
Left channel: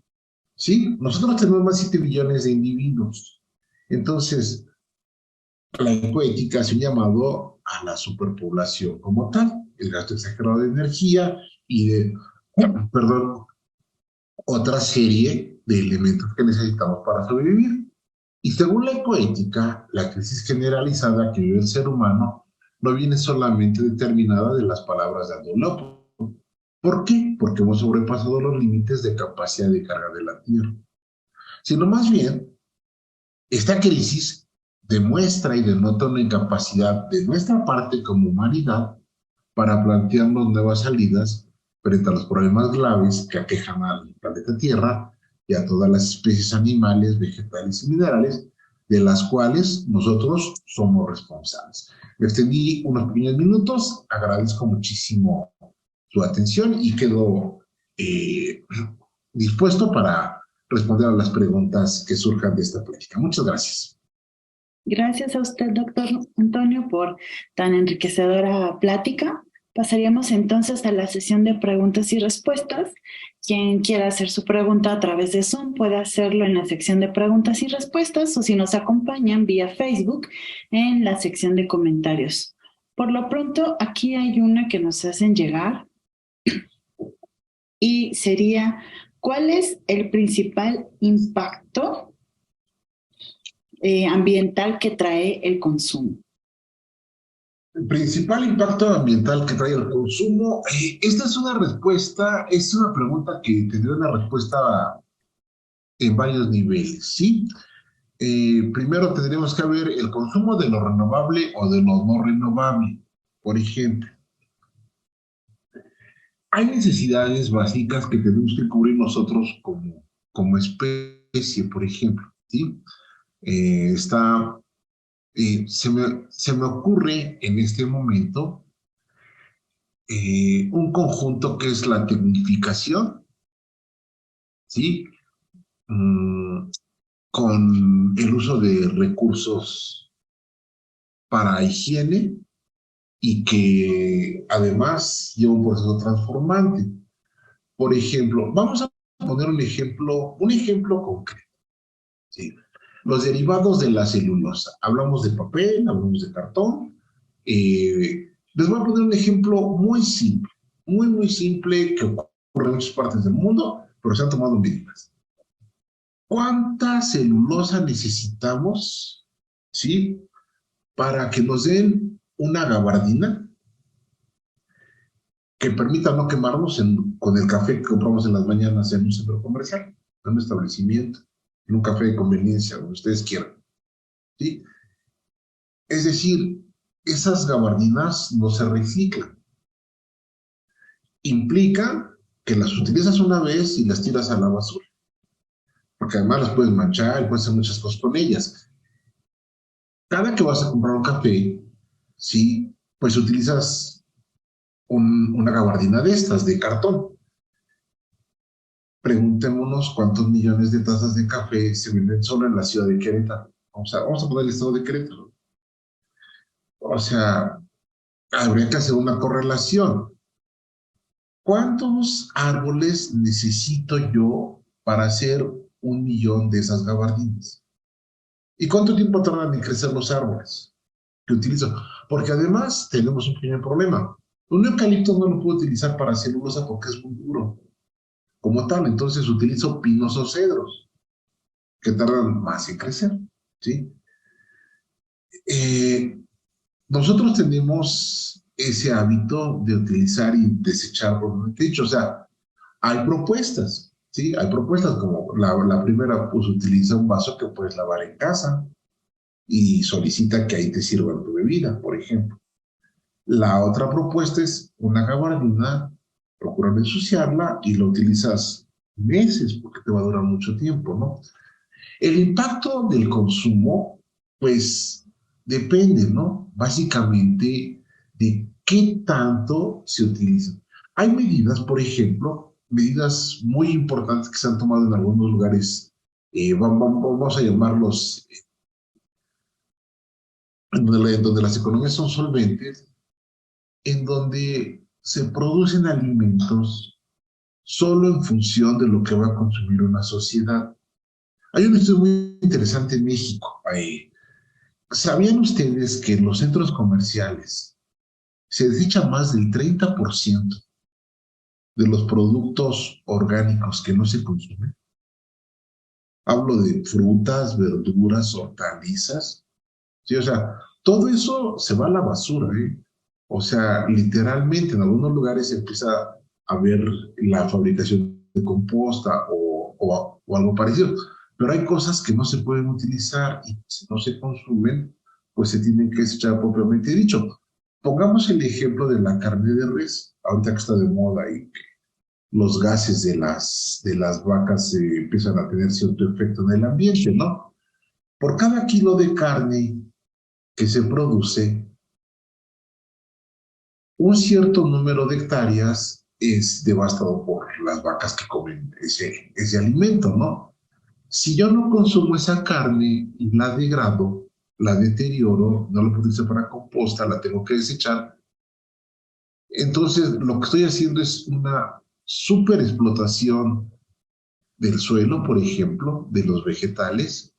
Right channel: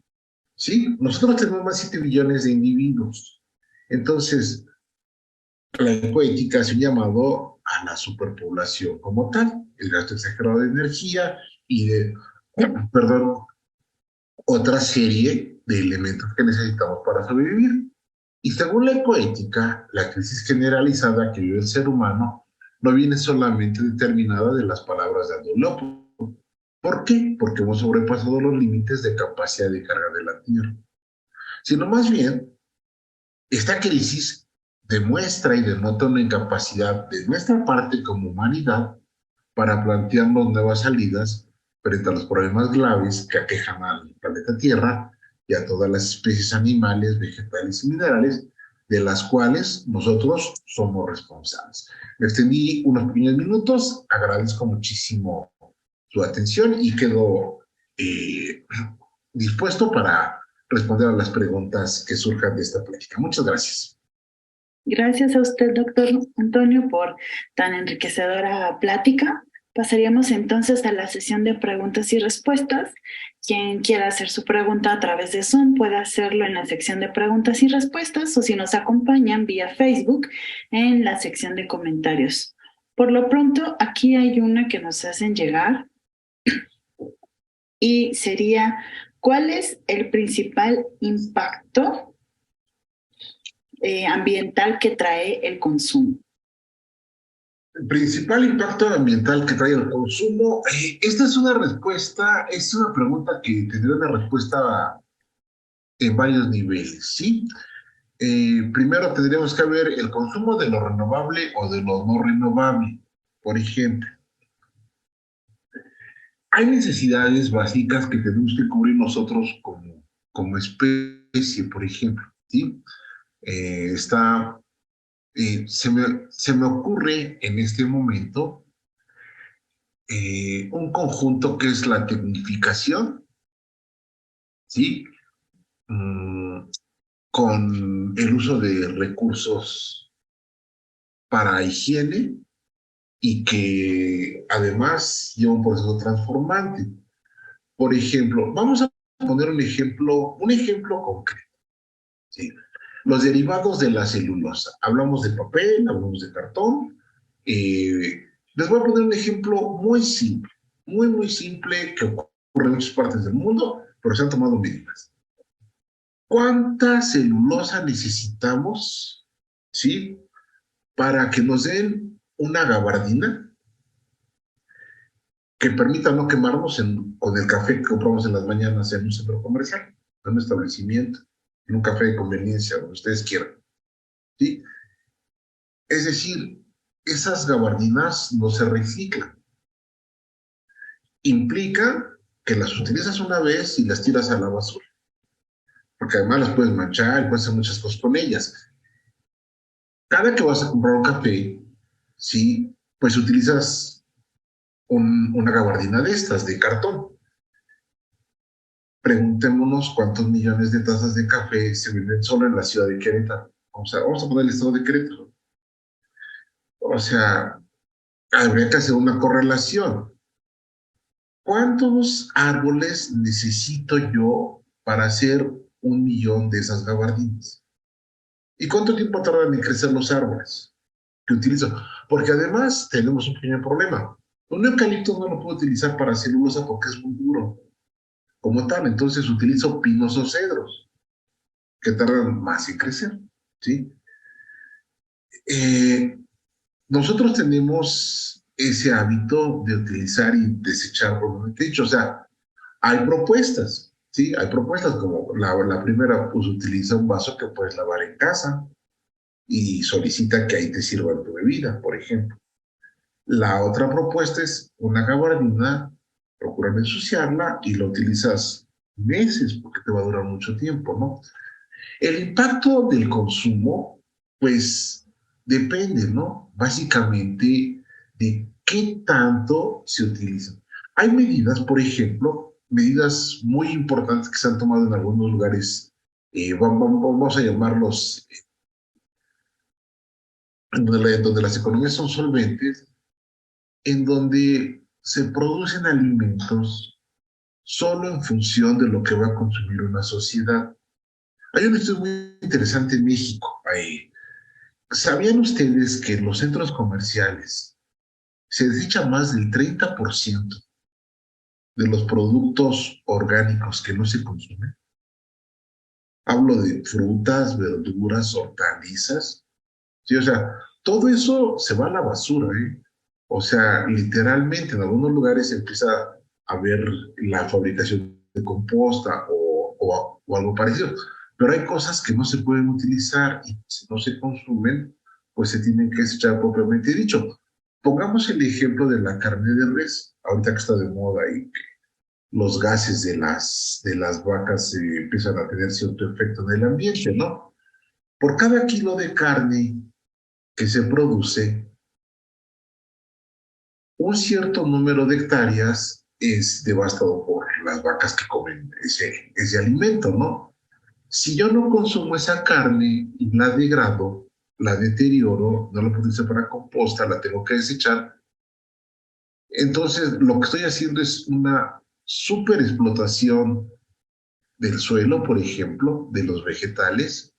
¿Sí? Nosotros tenemos más de 7 billones de individuos. Entonces, la ecoética hace un llamado a la superpoblación como tal, el gasto exagerado de energía y de, perdón, otra serie de elementos que necesitamos para sobrevivir. Y según la ecoética, la crisis generalizada que vive el ser humano no viene solamente determinada de las palabras de Aldo Leopold. ¿Por qué? Porque hemos sobrepasado los límites de capacidad de carga de la Tierra. Sino más bien, esta crisis demuestra y denota una incapacidad de nuestra parte como humanidad para plantearnos nuevas salidas frente a los problemas graves que aquejan al planeta Tierra y a todas las especies animales, vegetales y minerales de las cuales nosotros somos responsables. Me extendí unos pequeños minutos, agradezco muchísimo su atención y quedo dispuesto para responder a las preguntas que surjan de esta plática. Muchas gracias. Gracias a usted, doctor Antonio, por tan enriquecedora plática. Pasaríamos entonces a la sesión de preguntas y respuestas. Quien quiera hacer su pregunta a través de Zoom puede hacerlo en la sección de preguntas y respuestas o si nos acompañan vía Facebook en la sección de comentarios. Por lo pronto, aquí hay una que nos hacen llegar y sería, ¿cuál es el principal impacto ambiental que trae el consumo? El principal impacto ambiental que trae el consumo, esta es una respuesta, es una pregunta que tendría una respuesta en varios niveles, ¿sí? Primero tendríamos que ver el consumo de lo renovable o de lo no renovable. Por ejemplo, hay necesidades básicas que tenemos que cubrir nosotros como especie, por ejemplo, ¿sí? Se me ocurre en este momento un conjunto que es la tecnificación, ¿sí? Con el uso de recursos para higiene y que además lleva un proceso transformante. Por ejemplo, vamos a poner un ejemplo concreto, ¿sí? Los derivados de la celulosa. Hablamos de papel, hablamos de cartón. Les voy a poner un ejemplo muy simple, muy simple que ocurre en muchas partes del mundo, pero se han tomado medidas. ¿Cuánta celulosa necesitamos, sí, para que nos den una gabardina que permita no quemarnos con el café que compramos en las mañanas en un centro comercial, en un establecimiento? en un café de conveniencia, donde ustedes quieran, ¿sí? Es decir, esas gabardinas no se reciclan. Implica que las utilizas una vez y las tiras a la basura, porque además las puedes manchar y puedes hacer muchas cosas con ellas. Cada que vas a comprar un café, ¿sí? Pues utilizas una gabardina de estas, de cartón. Preguntémonos cuántos millones de tazas de café se venden solo en la ciudad de Querétaro. Vamos a poner el estado de Querétaro. O sea, habría que hacer una correlación. ¿Cuántos árboles necesito yo para hacer 1 millón de esas gabardinas? ¿Y cuánto tiempo tardan en crecer los árboles que utilizo? Porque además tenemos un pequeño problema. Un eucalipto no lo puedo utilizar para celulosa porque es muy duro como tal. Entonces utilizo pinos o cedros que tardan más en crecer, ¿sí? Eh, Nosotros tenemos ese hábito de utilizar y desechar, por lo que he dicho. O sea, hay propuestas, ¿sí? Hay propuestas como la primera, pues utiliza un vaso que puedes lavar en casa y solicita que ahí te sirvan tu bebida, por ejemplo. La otra propuesta es una gabardina, procura no ensuciarla y la utilizas meses porque te va a durar mucho tiempo, ¿no? El impacto del consumo, pues depende, ¿no? Básicamente de qué tanto se utiliza. Hay medidas, por ejemplo, medidas muy importantes que se han tomado en algunos lugares, vamos a llamarlos, donde las economías son solventes, en donde se producen alimentos solo en función de lo que va a consumir una sociedad. Hay un estudio muy interesante en México. ¿Sabían ustedes que en los centros comerciales se desecha más del 30% de los productos orgánicos que no se consumen? Hablo de frutas, verduras, hortalizas. Sí, o sea, todo eso se va a la basura, ¿eh? O sea, literalmente en algunos lugares se empieza a ver la fabricación de composta o algo parecido. Pero hay cosas que no se pueden utilizar y si no se consumen, pues se tienen que desechar propiamente dicho. Pongamos el ejemplo de la carne de res, ahorita que está de moda y los gases de las vacas empiezan a tener cierto efecto en el ambiente, ¿no? Por cada kilo de carne que se produce, un cierto número de hectáreas es devastado por las vacas que comen ese alimento, ¿no? Si yo no consumo esa carne y la degrado, la deterioro, no la puedo usar para composta, la tengo que desechar, entonces lo que estoy haciendo es una super explotación del suelo, por ejemplo, de los vegetales,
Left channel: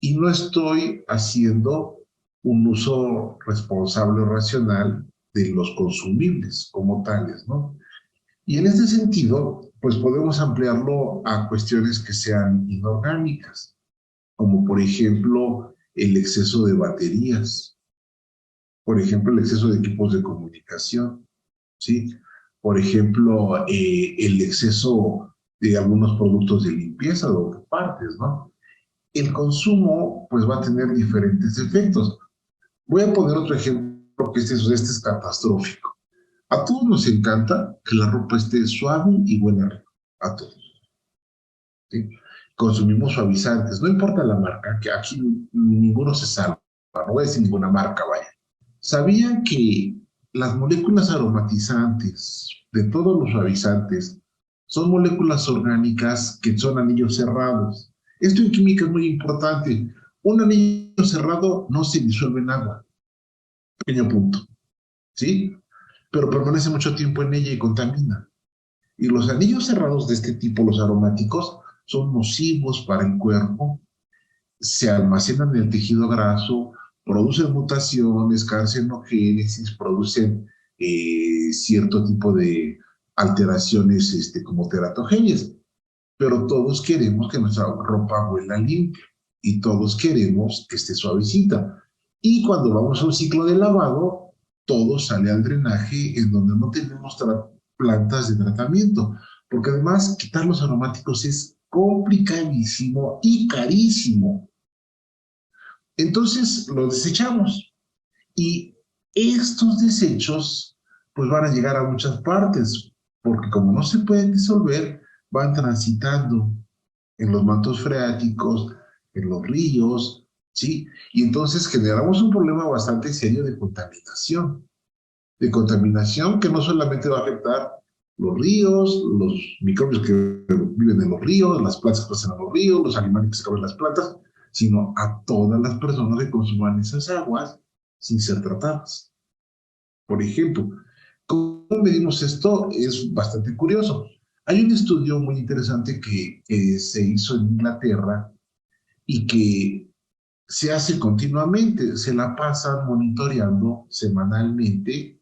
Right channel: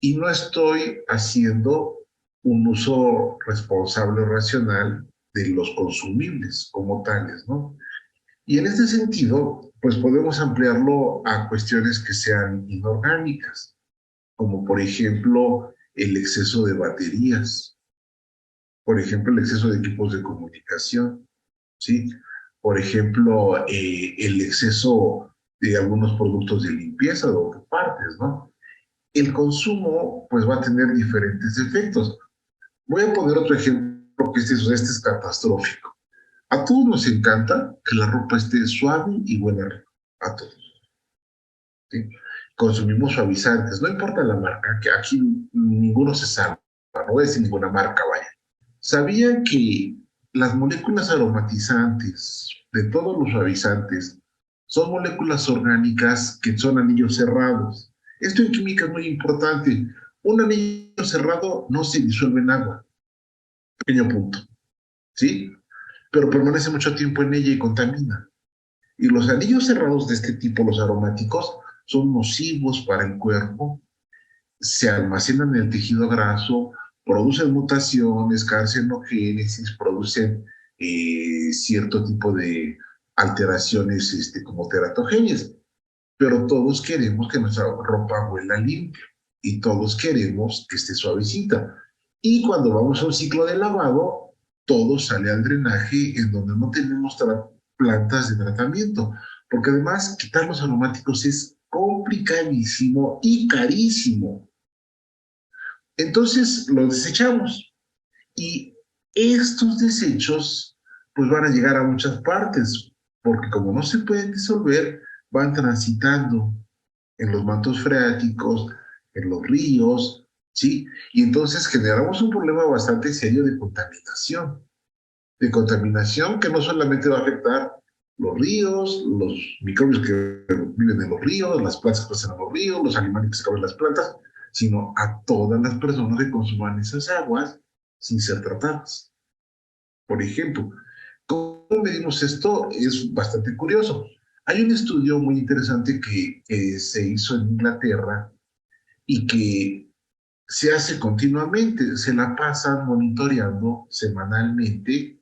y no estoy haciendo un uso responsable o racional de los consumibles como tales, ¿no? Y en este sentido, pues podemos ampliarlo a cuestiones que sean inorgánicas, como por ejemplo el exceso de baterías, por ejemplo el exceso de equipos de comunicación, ¿sí? Por ejemplo, el exceso de algunos productos de limpieza de autopartes, ¿no? El consumo pues va a tener diferentes efectos. Voy a poner otro ejemplo que este es catastrófico. A todos nos encanta que la ropa esté suave y buena rico, a todos, ¿sí? Consumimos suavizantes, no importa la marca, que aquí ninguno se salva, no voy a decir ninguna marca, vaya. ¿Sabían que las moléculas aromatizantes de todos los suavizantes son moléculas orgánicas que son anillos cerrados? Esto en química es muy importante. Un anillo cerrado no se disuelve en agua. Pequeño punto, ¿sí? Pero permanece mucho tiempo en ella y contamina. Y los anillos cerrados de este tipo, los aromáticos, son nocivos para el cuerpo, se almacenan en el tejido graso, producen mutaciones, carcinogénesis, producen cierto tipo de alteraciones como teratogenias. Pero todos queremos que nuestra ropa huela limpio y todos queremos que esté suavecita. Y cuando vamos a un ciclo de lavado, todo sale al drenaje en donde no tenemos plantas de tratamiento, porque además quitar los aromáticos es complicadísimo y carísimo. Entonces lo desechamos y estos desechos pues van a llegar a muchas partes, porque como no se pueden disolver, van transitando en los mantos freáticos, en los ríos, ¿sí? Y entonces generamos un problema bastante serio de contaminación que no solamente va a afectar los ríos, los microbios que viven en los ríos, las plantas que crecen en los ríos, los animales que se comen las plantas, sino a todas las personas que consuman esas aguas sin ser tratadas. Por ejemplo, ¿cómo medimos esto? Es bastante curioso. Hay un estudio muy interesante que se hizo en Inglaterra y que se hace continuamente, se la pasan monitoreando semanalmente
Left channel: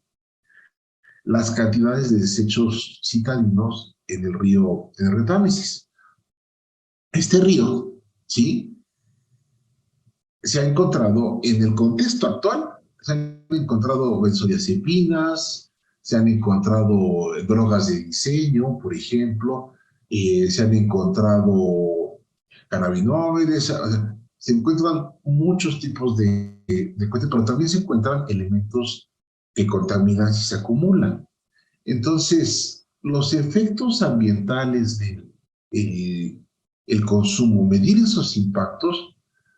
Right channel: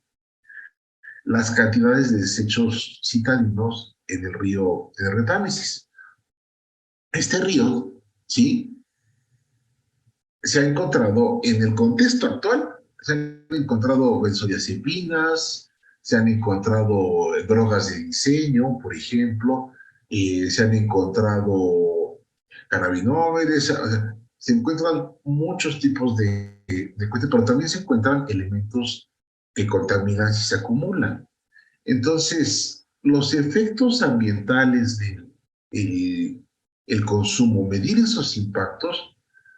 las cantidades de desechos citadinos en el río Támesis. Este río, ¿sí? Se ha encontrado en el contexto actual, se han encontrado benzodiazepinas, se han encontrado drogas de diseño, por ejemplo, se han encontrado cannabinoides, o sea, se encuentran muchos tipos de cuestiones, pero también se encuentran elementos que contaminan si se acumulan. Entonces, los efectos ambientales del el consumo, medir esos impactos,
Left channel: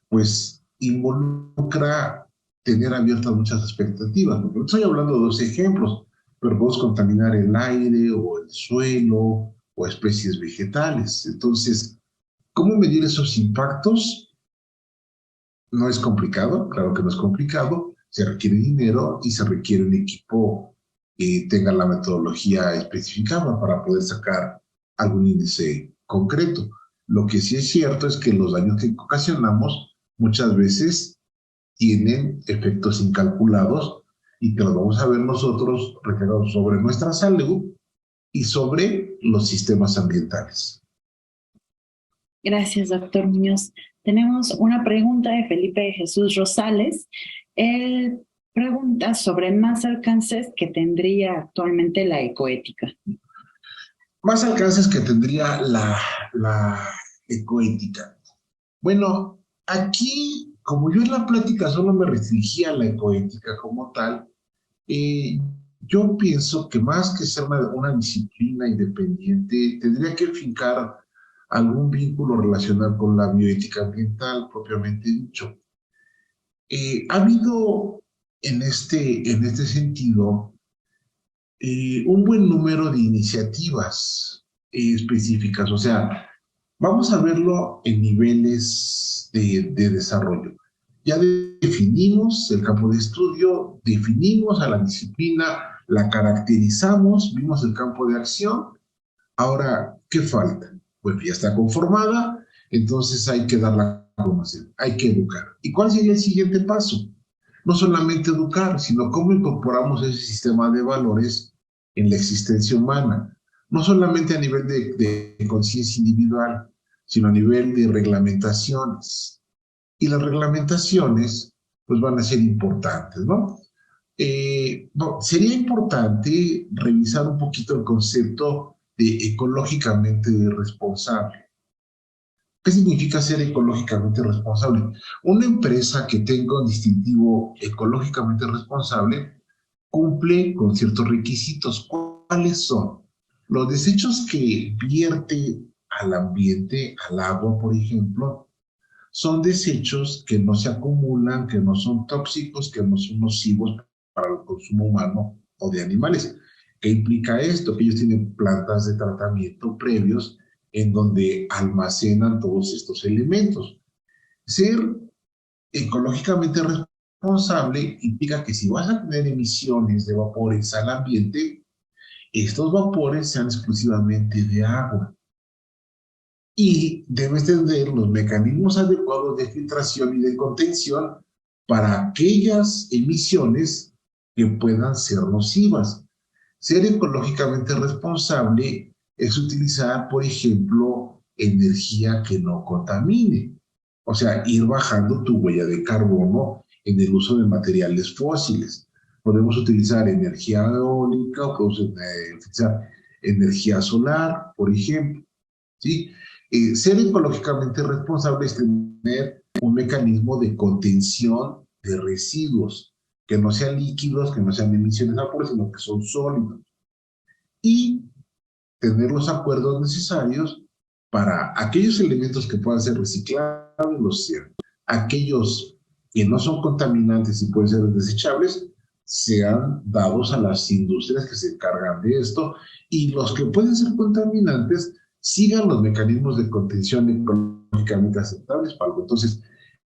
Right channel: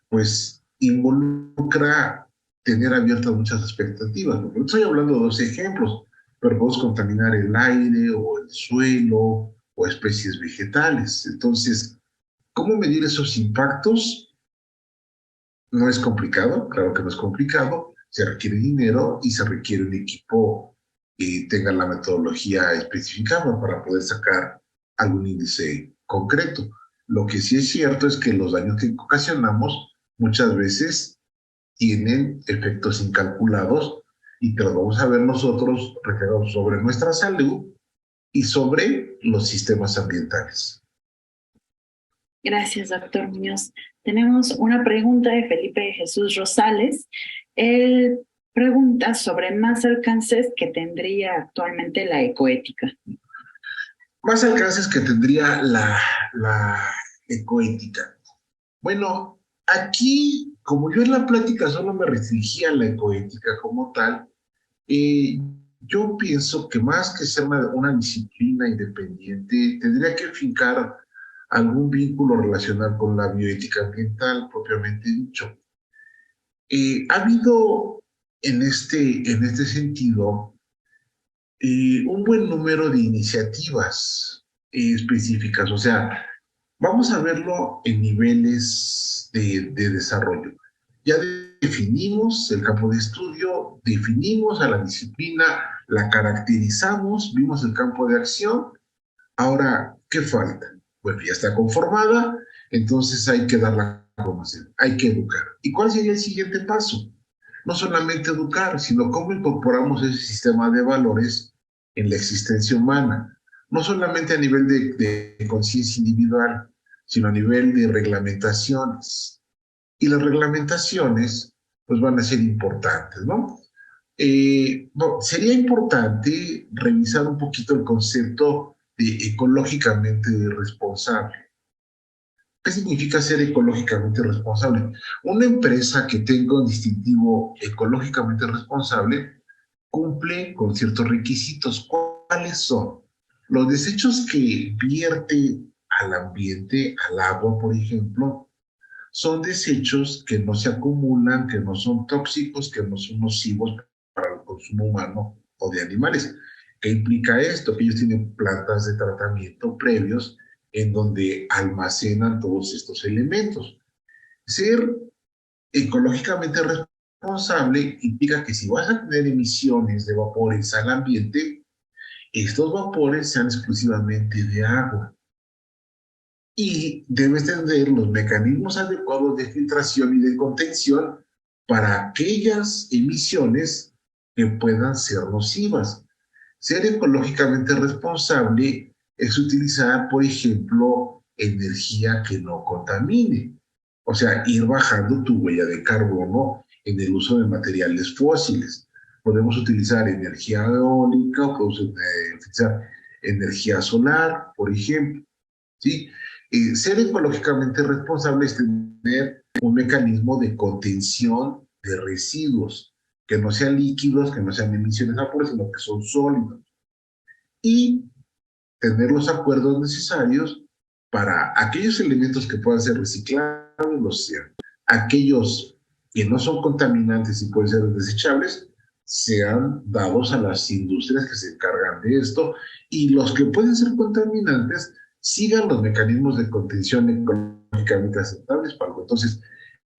pues involucra tener abiertas muchas expectativas. ¿No? Estoy hablando de dos ejemplos, pero podemos contaminar el aire o el suelo o especies vegetales. Entonces, ¿cómo medir esos impactos? No es complicado, claro que no es complicado, se requiere dinero y se requiere un equipo que tenga la metodología especificada para poder sacar algún índice concreto. Lo que sí es cierto es que los daños que ocasionamos muchas veces tienen efectos incalculados y que los vamos a ver nosotros reflejados sobre nuestra salud y sobre los sistemas ambientales. Gracias, doctor Muñoz. Tenemos una pregunta de Felipe Jesús Rosales. Él pregunta sobre más alcances que tendría actualmente la ecoética. Más alcances que tendría la ecoética. Bueno, aquí, como yo en la plática solo me restringía a la ecoética como tal, eh, yo pienso que más que ser una disciplina independiente, tendría que fincar algún vínculo relacionado con la bioética ambiental propiamente dicho. Ha habido en este sentido un buen número de iniciativas específicas, o sea, vamos a verlo en niveles de desarrollo. Ya definimos el campo de estudio, definimos a la disciplina, la caracterizamos, vimos el campo de acción. Ahora, ¿qué falta? Bueno, ya está conformada, entonces hay que darla a conocer, hay que educar. ¿Y cuál sería el siguiente paso? No solamente educar, sino cómo incorporamos ese sistema de valores en la existencia humana, no solamente a nivel de conciencia individual, sino a nivel de reglamentaciones. Y las reglamentaciones, pues van a ser importantes, ¿no? Bueno, sería importante revisar un poquito el concepto de ecológicamente responsable. ¿Qué significa ser ecológicamente responsable? Una empresa que tenga un distintivo ecológicamente responsable cumple con ciertos requisitos. ¿Cuáles son? Los desechos que vierte al ambiente, al agua, por ejemplo, son desechos que no se acumulan, que no son tóxicos, que no son nocivos para el consumo humano o de animales. ¿Qué implica esto? Que ellos tienen plantas de tratamiento previos en donde almacenan todos estos elementos. Ser ecológicamente responsable implica que si vas a tener emisiones de vapores al ambiente, estos vapores sean exclusivamente de agua. Y debes tener los mecanismos adecuados de filtración y de contención para aquellas emisiones que puedan ser nocivas. Ser ecológicamente responsable es utilizar, por ejemplo, energía que no contamine. O sea, ir bajando tu huella de carbono en el uso de materiales fósiles. Podemos utilizar energía eólica o podemos utilizar energía solar, por ejemplo. ¿Sí? Ser ecológicamente responsable es tener un mecanismo de contención de residuos, que no sean líquidos, que no sean emisiones a vapor, sino que son sólidos. Y tener los acuerdos necesarios para aquellos elementos que puedan ser reciclables, los sean. Aquellos que no son contaminantes y pueden ser desechables, sean dados a las industrias que se encargan de esto, y los que pueden ser contaminantes sigan los mecanismos de contención ecológicamente aceptables para algo. Entonces,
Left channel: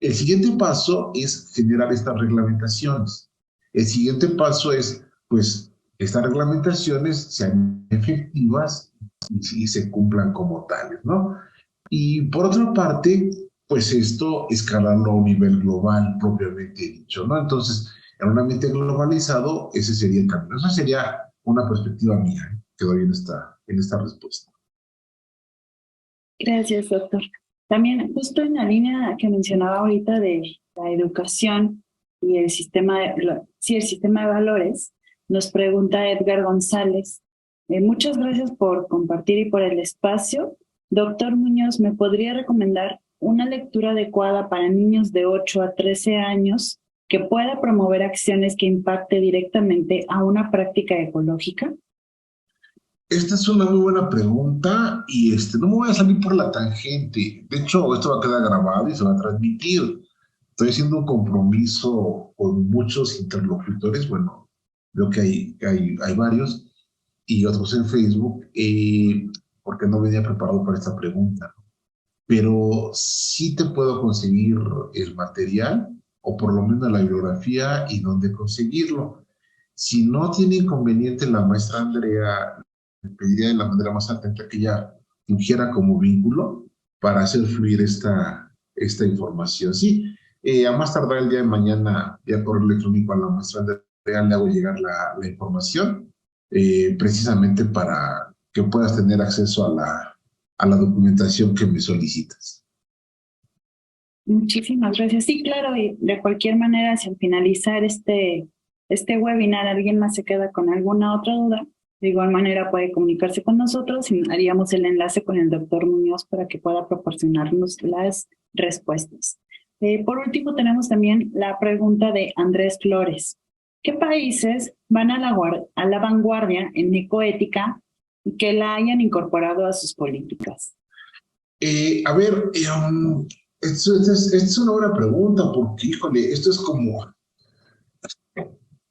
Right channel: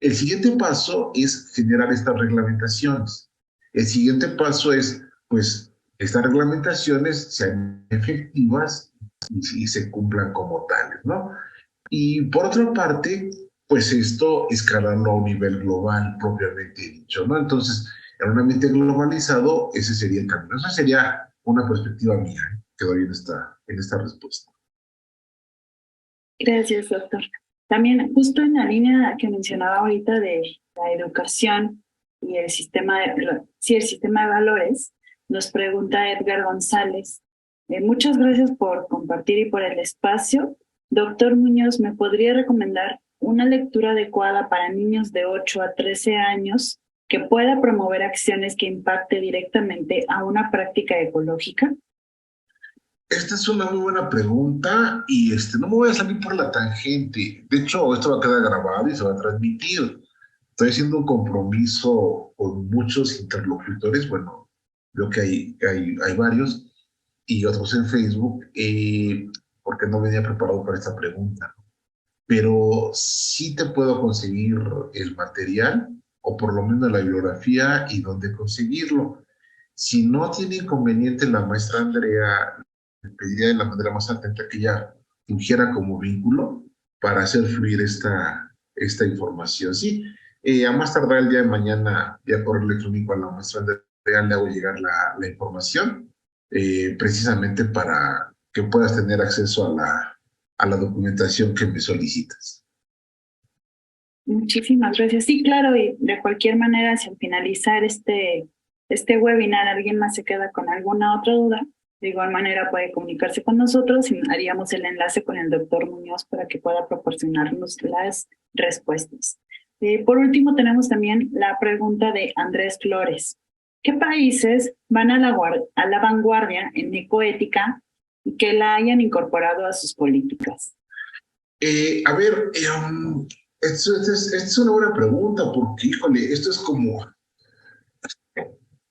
el siguiente paso es generar estas reglamentaciones. El siguiente paso es, pues, estas reglamentaciones sean efectivas y se cumplan como tales, ¿no? Y por otra parte, pues esto escalarlo a un nivel global propiamente dicho, ¿no? Entonces, en un ambiente globalizado, ese sería el camino. Esa sería una perspectiva mía, que doy en esta respuesta. Gracias, doctor. También, justo en la línea que mencionaba ahorita de la educación y el sistema el sistema de valores, nos pregunta Edgar González. Muchas gracias por compartir y por el espacio. Doctor Muñoz, ¿me podría recomendar una lectura adecuada para niños de 8 a 13 años que pueda promover acciones que impacte directamente a una práctica ecológica? Esta es una muy buena pregunta y no me voy a salir por la tangente. De hecho, esto va a quedar grabado y se va a transmitir. Estoy haciendo un compromiso con muchos interlocutores. Bueno, veo que hay varios y otros en Facebook, porque no venía preparado para esta pregunta. Pero sí te puedo conseguir el material, o por lo menos la bibliografía y dónde conseguirlo. Si no tiene inconveniente la maestra Andrea, le pediría de la manera más atenta que ella fungiera como vínculo para hacer fluir esta información. Sí, a más tardar el día de mañana, vía correo electrónico a la maestra Andrea, le hago llegar la información, precisamente para que puedas tener acceso a la documentación que me solicitas. Muchísimas gracias. Sí, claro, y de cualquier manera, si al finalizar este webinar alguien más se queda con alguna otra duda, de igual manera puede comunicarse con nosotros y haríamos el enlace con el doctor Muñoz para que pueda proporcionarnos las respuestas. Por último, tenemos también la pregunta de Andrés Flores. ¿Qué países van a la vanguardia en ecoética y que la hayan incorporado a sus políticas? A ver, esta es una buena pregunta porque, híjole, esto es como,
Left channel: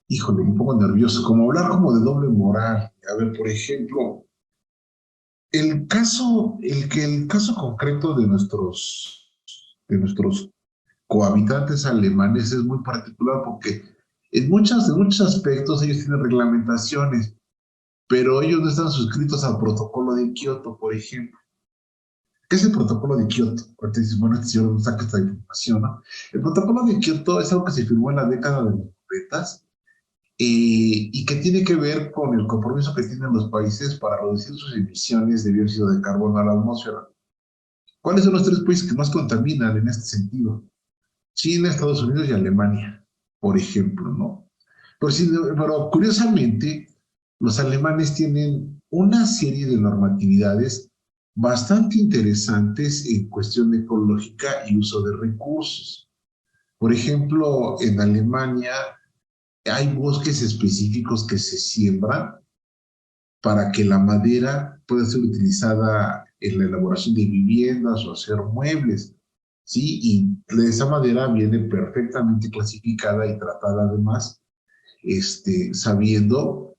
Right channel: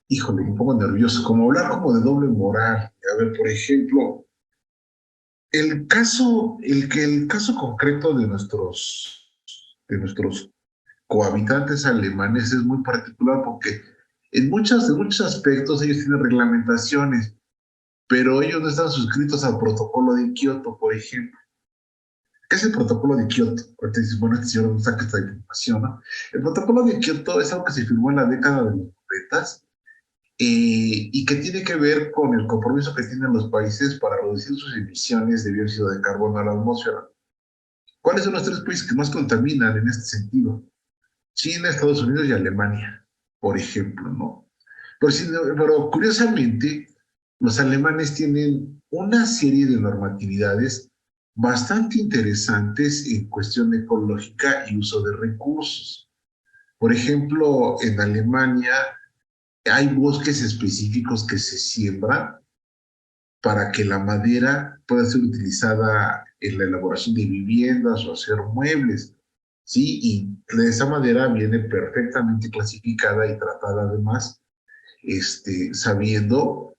híjole, un poco nervioso, como hablar como de doble moral. A ver, por ejemplo, el caso concreto de nuestros cohabitantes alemanes es muy particular porque en muchos aspectos ellos tienen reglamentaciones, pero ellos no están suscritos al protocolo de Kioto, por ejemplo. ¿Qué es el protocolo de Kioto? Ahorita dices, bueno, este señor no saca esta información, ¿no? El protocolo de Kioto es algo que se firmó en la década de los 90, y que tiene que ver con el compromiso que tienen los países para reducir sus emisiones de dióxido de carbono a la atmósfera. ¿Cuáles son los tres países que más contaminan en este sentido? China, Estados Unidos y Alemania, por ejemplo, ¿no? Pero curiosamente, los alemanes tienen una serie de normatividades bastante interesantes en cuestión ecológica y uso de recursos. Por ejemplo, en Alemania hay bosques específicos que se siembran para que la madera pueda ser utilizada en la elaboración de viviendas o hacer muebles, ¿sí? Y esa madera viene perfectamente clasificada y tratada además, sabiendo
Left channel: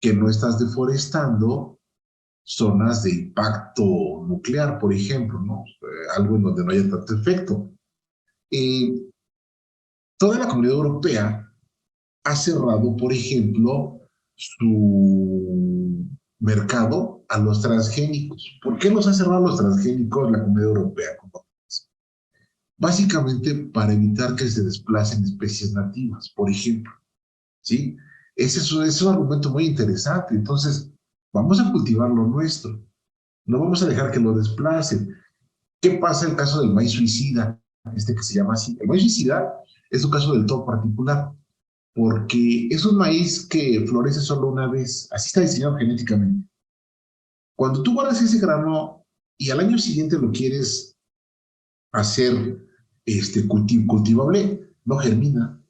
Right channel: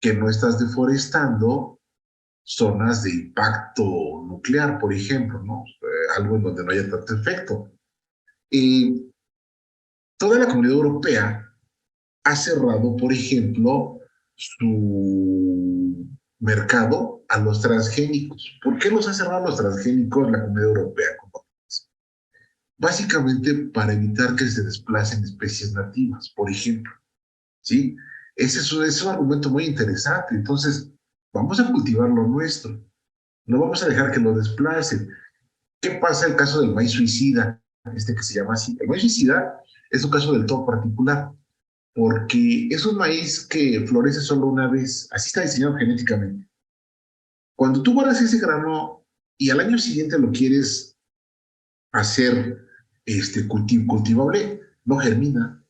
que no estás deforestando zonas de impacto nuclear, por ejemplo, ¿no? Algo en donde no haya tanto efecto. Toda la Comunidad Europea ha cerrado, por ejemplo, su mercado a los transgénicos. ¿Por qué los ha cerrado los transgénicos la Comunidad Europea? Básicamente para evitar que se desplacen especies nativas, por ejemplo, ¿sí? Ese es un argumento muy interesante. Entonces, vamos a cultivar lo nuestro. No vamos a dejar que lo desplacen. ¿Qué pasa en el caso del maíz suicida? Que se llama así. El maíz suicida es un caso del todo particular, porque es un maíz que florece solo una vez. Así está diseñado genéticamente. Cuando tú guardas ese grano y al año siguiente lo quieres hacer cultivable, no germina,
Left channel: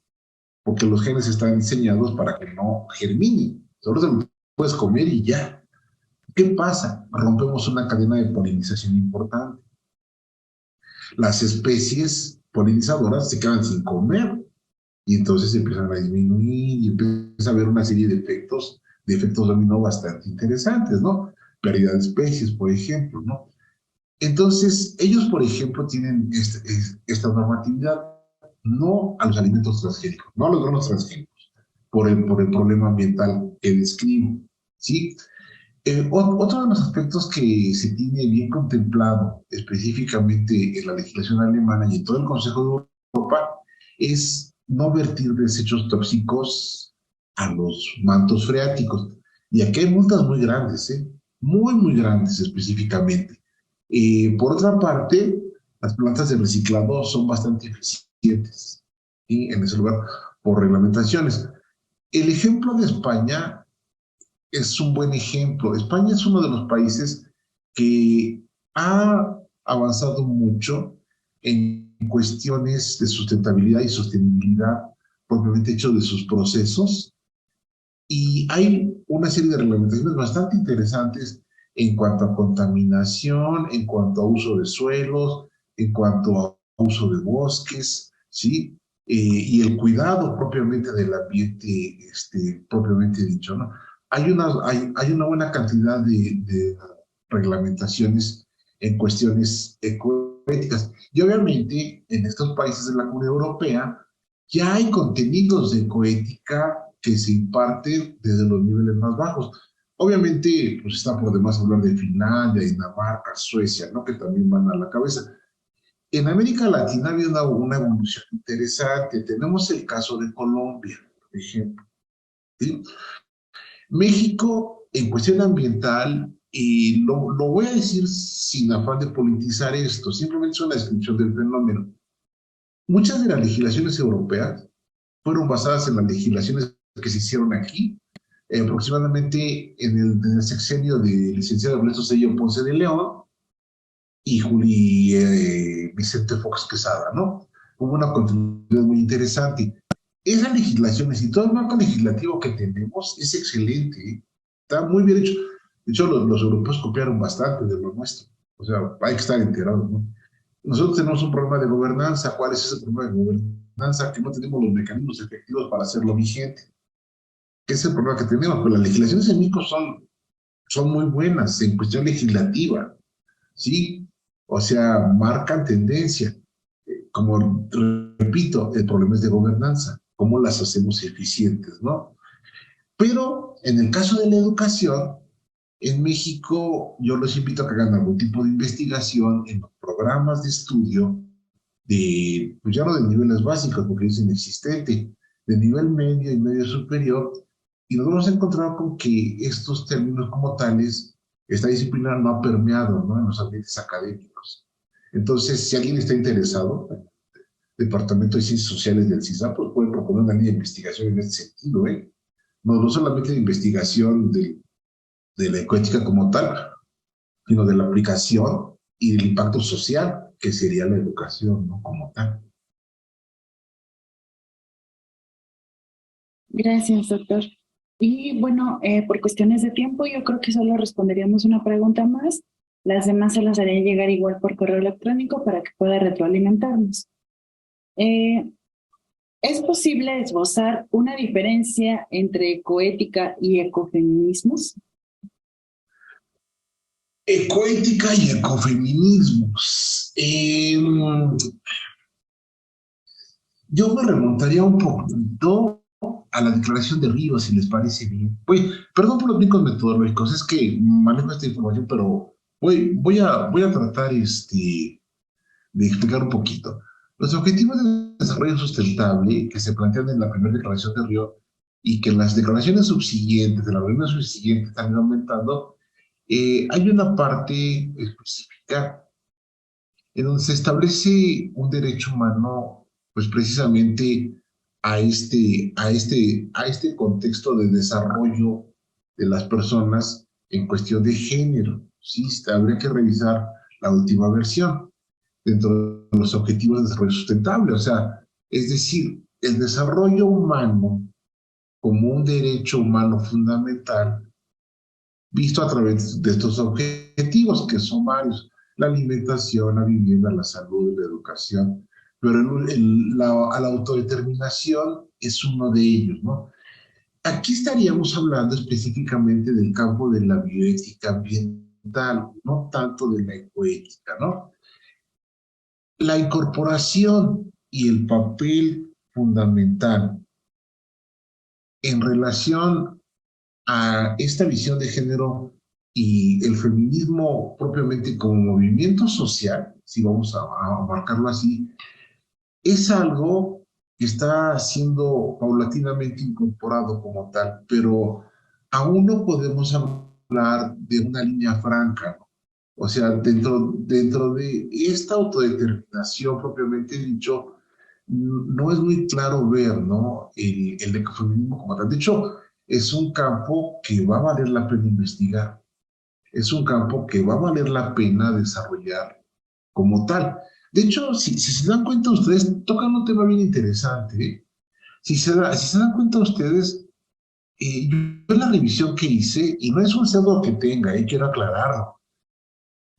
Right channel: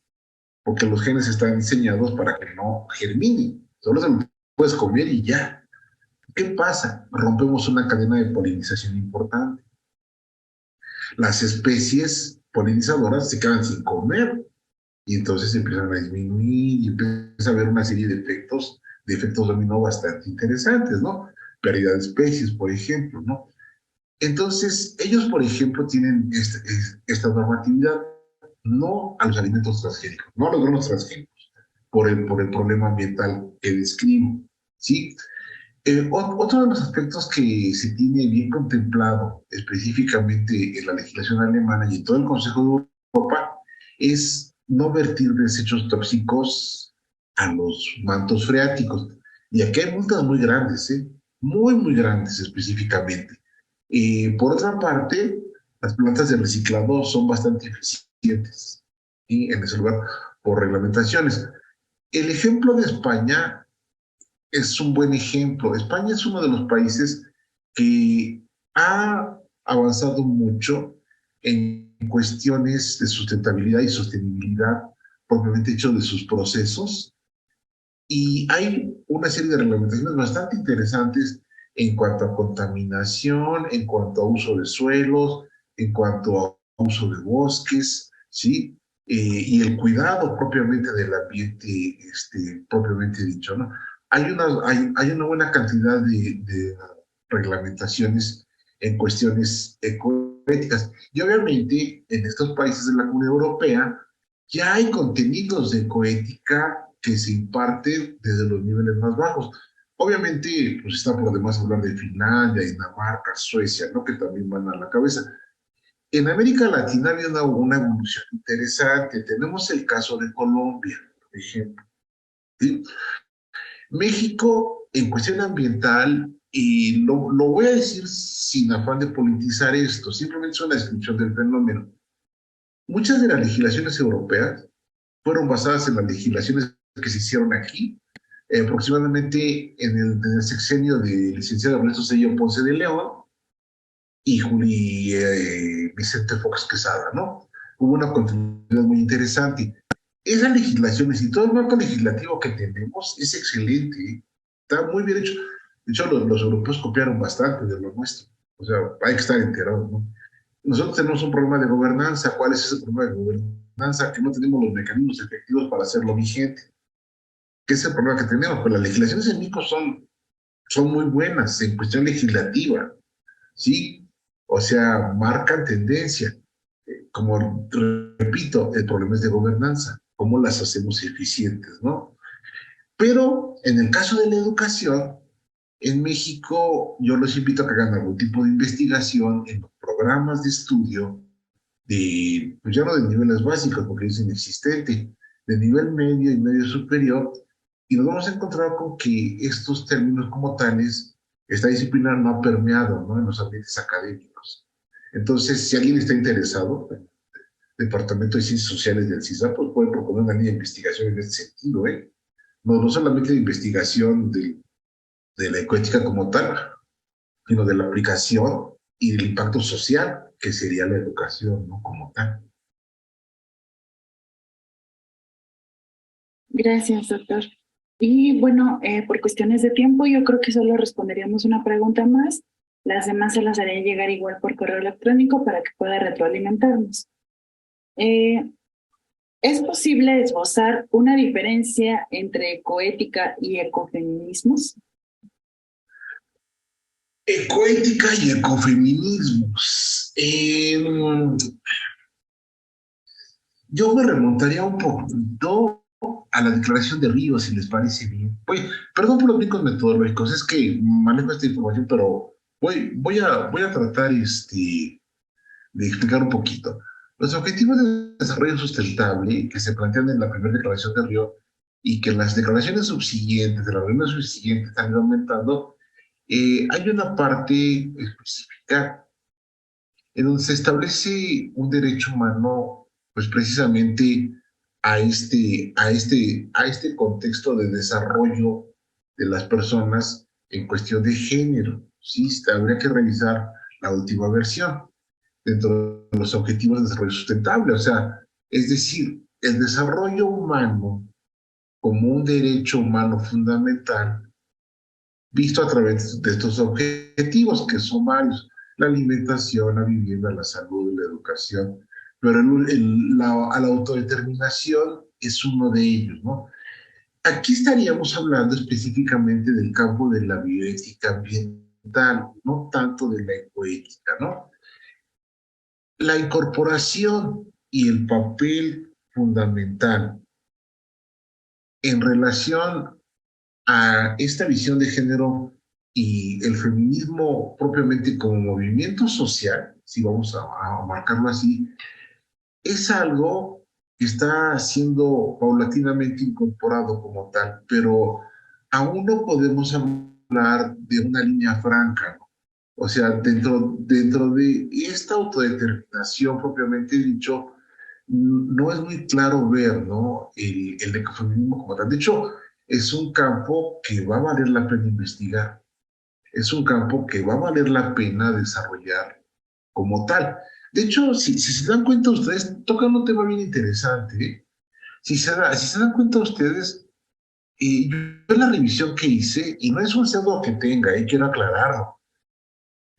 porque los genes están diseñados para que no germine. Solo se lo puedes comer y ya. ¿Qué pasa? Rompemos una cadena de polinización importante. Las especies polinizadoras se quedan sin comer y entonces empiezan a disminuir y empieza a haber una serie de efectos dominó bastante interesantes, ¿no? Pérdida de especies, por ejemplo, ¿no? Entonces, ellos, por ejemplo, tienen esta normatividad, no a los alimentos transgénicos, no a los granos transgénicos, por el problema ambiental que describo, ¿sí? Otro de los aspectos que se tiene bien contemplado específicamente en la legislación alemana y en todo el Consejo de Europa es no vertir desechos tóxicos a los mantos freáticos. Y aquí hay multas muy grandes, ¿eh? Muy, muy grandes específicamente. Por otra parte, las plantas de reciclado son bastante eficientes, ¿sí? En ese lugar por reglamentaciones. El ejemplo de España es un buen ejemplo. España es uno de los países que ha avanzado mucho en cuestiones de sustentabilidad y sostenibilidad propiamente hecho de sus procesos. Y hay una serie de reglamentaciones bastante interesantes en cuanto a contaminación, en cuanto a uso de suelos, en cuanto a uso de bosques, ¿sí? Y el cuidado propiamente del ambiente, propiamente dicho, ¿no? Hay una buena cantidad de reglamentaciones en cuestiones ecoéticas. Y obviamente en estos países de la Comunidad Europea ya hay contenidos de ecoética que se imparte desde los niveles más bajos. Obviamente, pues está por demás hablar de Finlandia, Dinamarca, Suecia, ¿no? Que también van a la cabeza. En América Latina había una evolución interesante. Tenemos el caso de Colombia, por ejemplo, ¿sí? México, en cuestión ambiental, y lo voy a decir sin afán de politizar esto, simplemente es una descripción del fenómeno. Muchas de las legislaciones europeas fueron basadas en las legislaciones que se hicieron aquí, aproximadamente en el sexenio del licenciado Ernesto Zedillo Ponce de León y Vicente Fox Quesada, ¿no? Hubo una continuidad muy interesante. Esas legislaciones y todo el marco legislativo que tenemos es excelente, está muy bien hecho. De hecho, los europeos copiaron bastante de lo nuestro. O sea, hay que estar enterados, ¿no? Nosotros tenemos un problema de gobernanza. ¿Cuál es ese problema de gobernanza? Que no tenemos los mecanismos efectivos para hacerlo vigente. ¿Qué es el problema que tenemos? Pues las legislaciones en México son muy buenas en cuestión legislativa, ¿sí? O sea, marcan tendencia. Como repito, el problema es de gobernanza. ¿Cómo las hacemos eficientes, no? Pero en el caso de la educación, en México yo los invito a que hagan algún tipo de investigación en los programas de estudio pues ya no de niveles básicos, porque es inexistente, de nivel medio y medio superior, y nos vamos a encontrar con que estos términos como tales, esta disciplina no ha permeado, ¿no? En los ambientes académicos. Entonces, si alguien está interesado, el Departamento de Ciencias Sociales del CISA, pues puede proponer una línea de investigación en este sentido, ¿eh? No, no solamente de investigación de la ecoética como tal, sino de la aplicación y del impacto social, que sería la educación, ¿no? Como tal. Gracias, doctor. Y bueno, por cuestiones de tiempo, yo creo que solo responderíamos una pregunta más. Las demás se las haré llegar igual por correo electrónico para que pueda retroalimentarnos. Eh, ¿Es posible esbozar una diferencia entre ecoética y ecofeminismos? Ecoética y ecofeminismos. Yo me remontaría un poquito a la declaración de Río, si les parece bien. Perdón por los brincos metodológicos, es que manejo esta información, pero voy a tratar de explicar un poquito. Los objetivos de desarrollo sustentable que se plantean en la primera declaración de Río y que en las declaraciones subsiguientes, de las reuniones subsiguientes, han ido aumentando, hay una parte específica en donde se establece un derecho humano, pues precisamente a este contexto de desarrollo de las personas en cuestión de género. Sí, habría que revisar la última versión dentro de los objetivos de desarrollo sustentable. O sea, es decir, el desarrollo humano como un derecho humano fundamental visto a través de estos objetivos, que son varios: la alimentación, la vivienda, la salud, la educación, pero la autodeterminación es uno de ellos, ¿no? Aquí estaríamos hablando específicamente del campo de la bioética ambiental, no tanto de la ecoética, ¿no? La incorporación y el papel fundamental en relación a esta visión de género y el feminismo propiamente como movimiento social, si vamos a marcarlo así, es algo que está siendo paulatinamente incorporado como tal, pero aún no podemos hablar de una línea franca, ¿no? O sea, dentro de esta autodeterminación propiamente dicho, no es muy claro ver, ¿no? El ecofeminismo como tal. De hecho, es un campo que va a valer la pena investigar, es un campo que va a valer la pena desarrollar como tal. De hecho, si se dan cuenta ustedes, tocan un tema bien interesante, ¿eh? Si se dan cuenta ustedes, yo en la revisión que hice, y no es un sesgo que tenga, quiero aclararlo,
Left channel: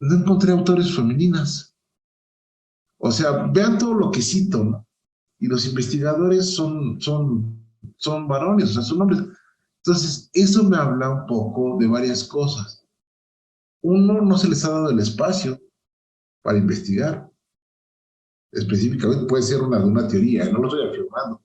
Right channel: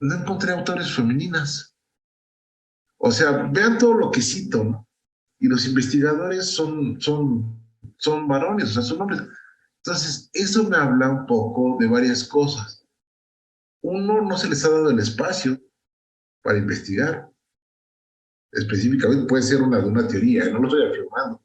no encontré autores femeninas. O sea, vean todo lo que cito, ¿no? Y los investigadores son varones, o sea, son hombres. Entonces, eso me habla un poco de varias cosas. Uno, no se les ha dado el espacio para investigar. Específicamente puede ser de una teoría, no lo estoy afirmando.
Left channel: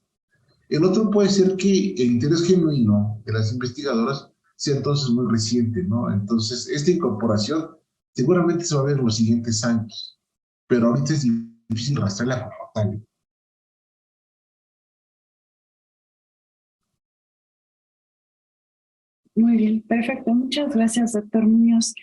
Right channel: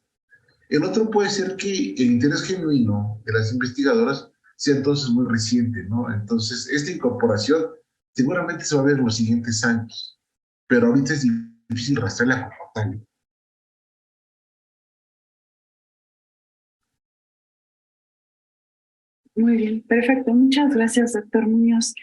El otro puede ser que el interés genuino de las investigadoras sea entonces muy reciente, ¿no? Entonces, esta incorporación seguramente se va a ver en los siguientes años, pero ahorita es difícil rastrearla como tal. Muy bien, perfecto. Muchas gracias, doctor Muñoz.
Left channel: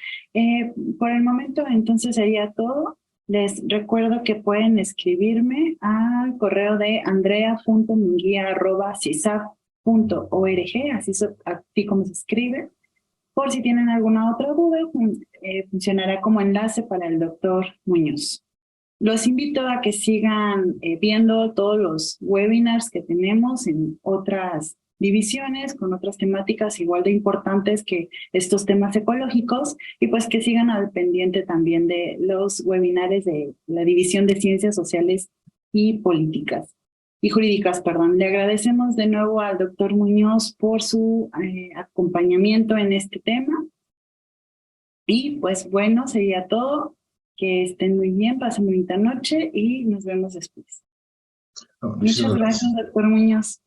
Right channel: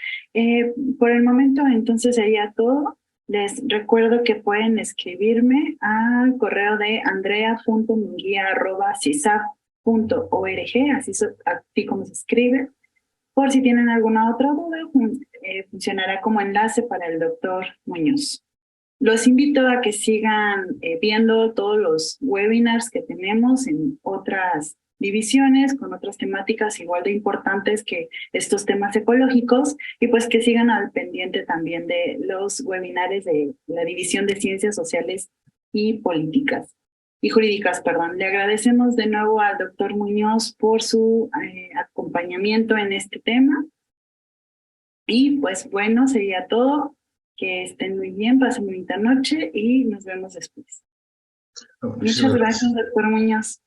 Por el momento, entonces sería todo. Les recuerdo que pueden escribirme al correo de andrea.munguia@cisap.org, así como se escribe. Por si tienen alguna otra duda, funcionará como enlace para el doctor Muñoz. Los invito a que sigan viendo todos los webinars que tenemos en otras divisiones, con otras temáticas igual de importantes que estos temas ecológicos, y pues que sigan al pendiente también de los webinars de la División de Ciencias Sociales y Políticas y Jurídicas, perdón. Le agradecemos de nuevo al doctor Muñoz por su acompañamiento en este tema. Y pues bueno, sería todo. Que estén muy bien, pasen bonita noche y nos vemos después. No, Muchas muchísimas gracias, gracias. doctor Muñoz.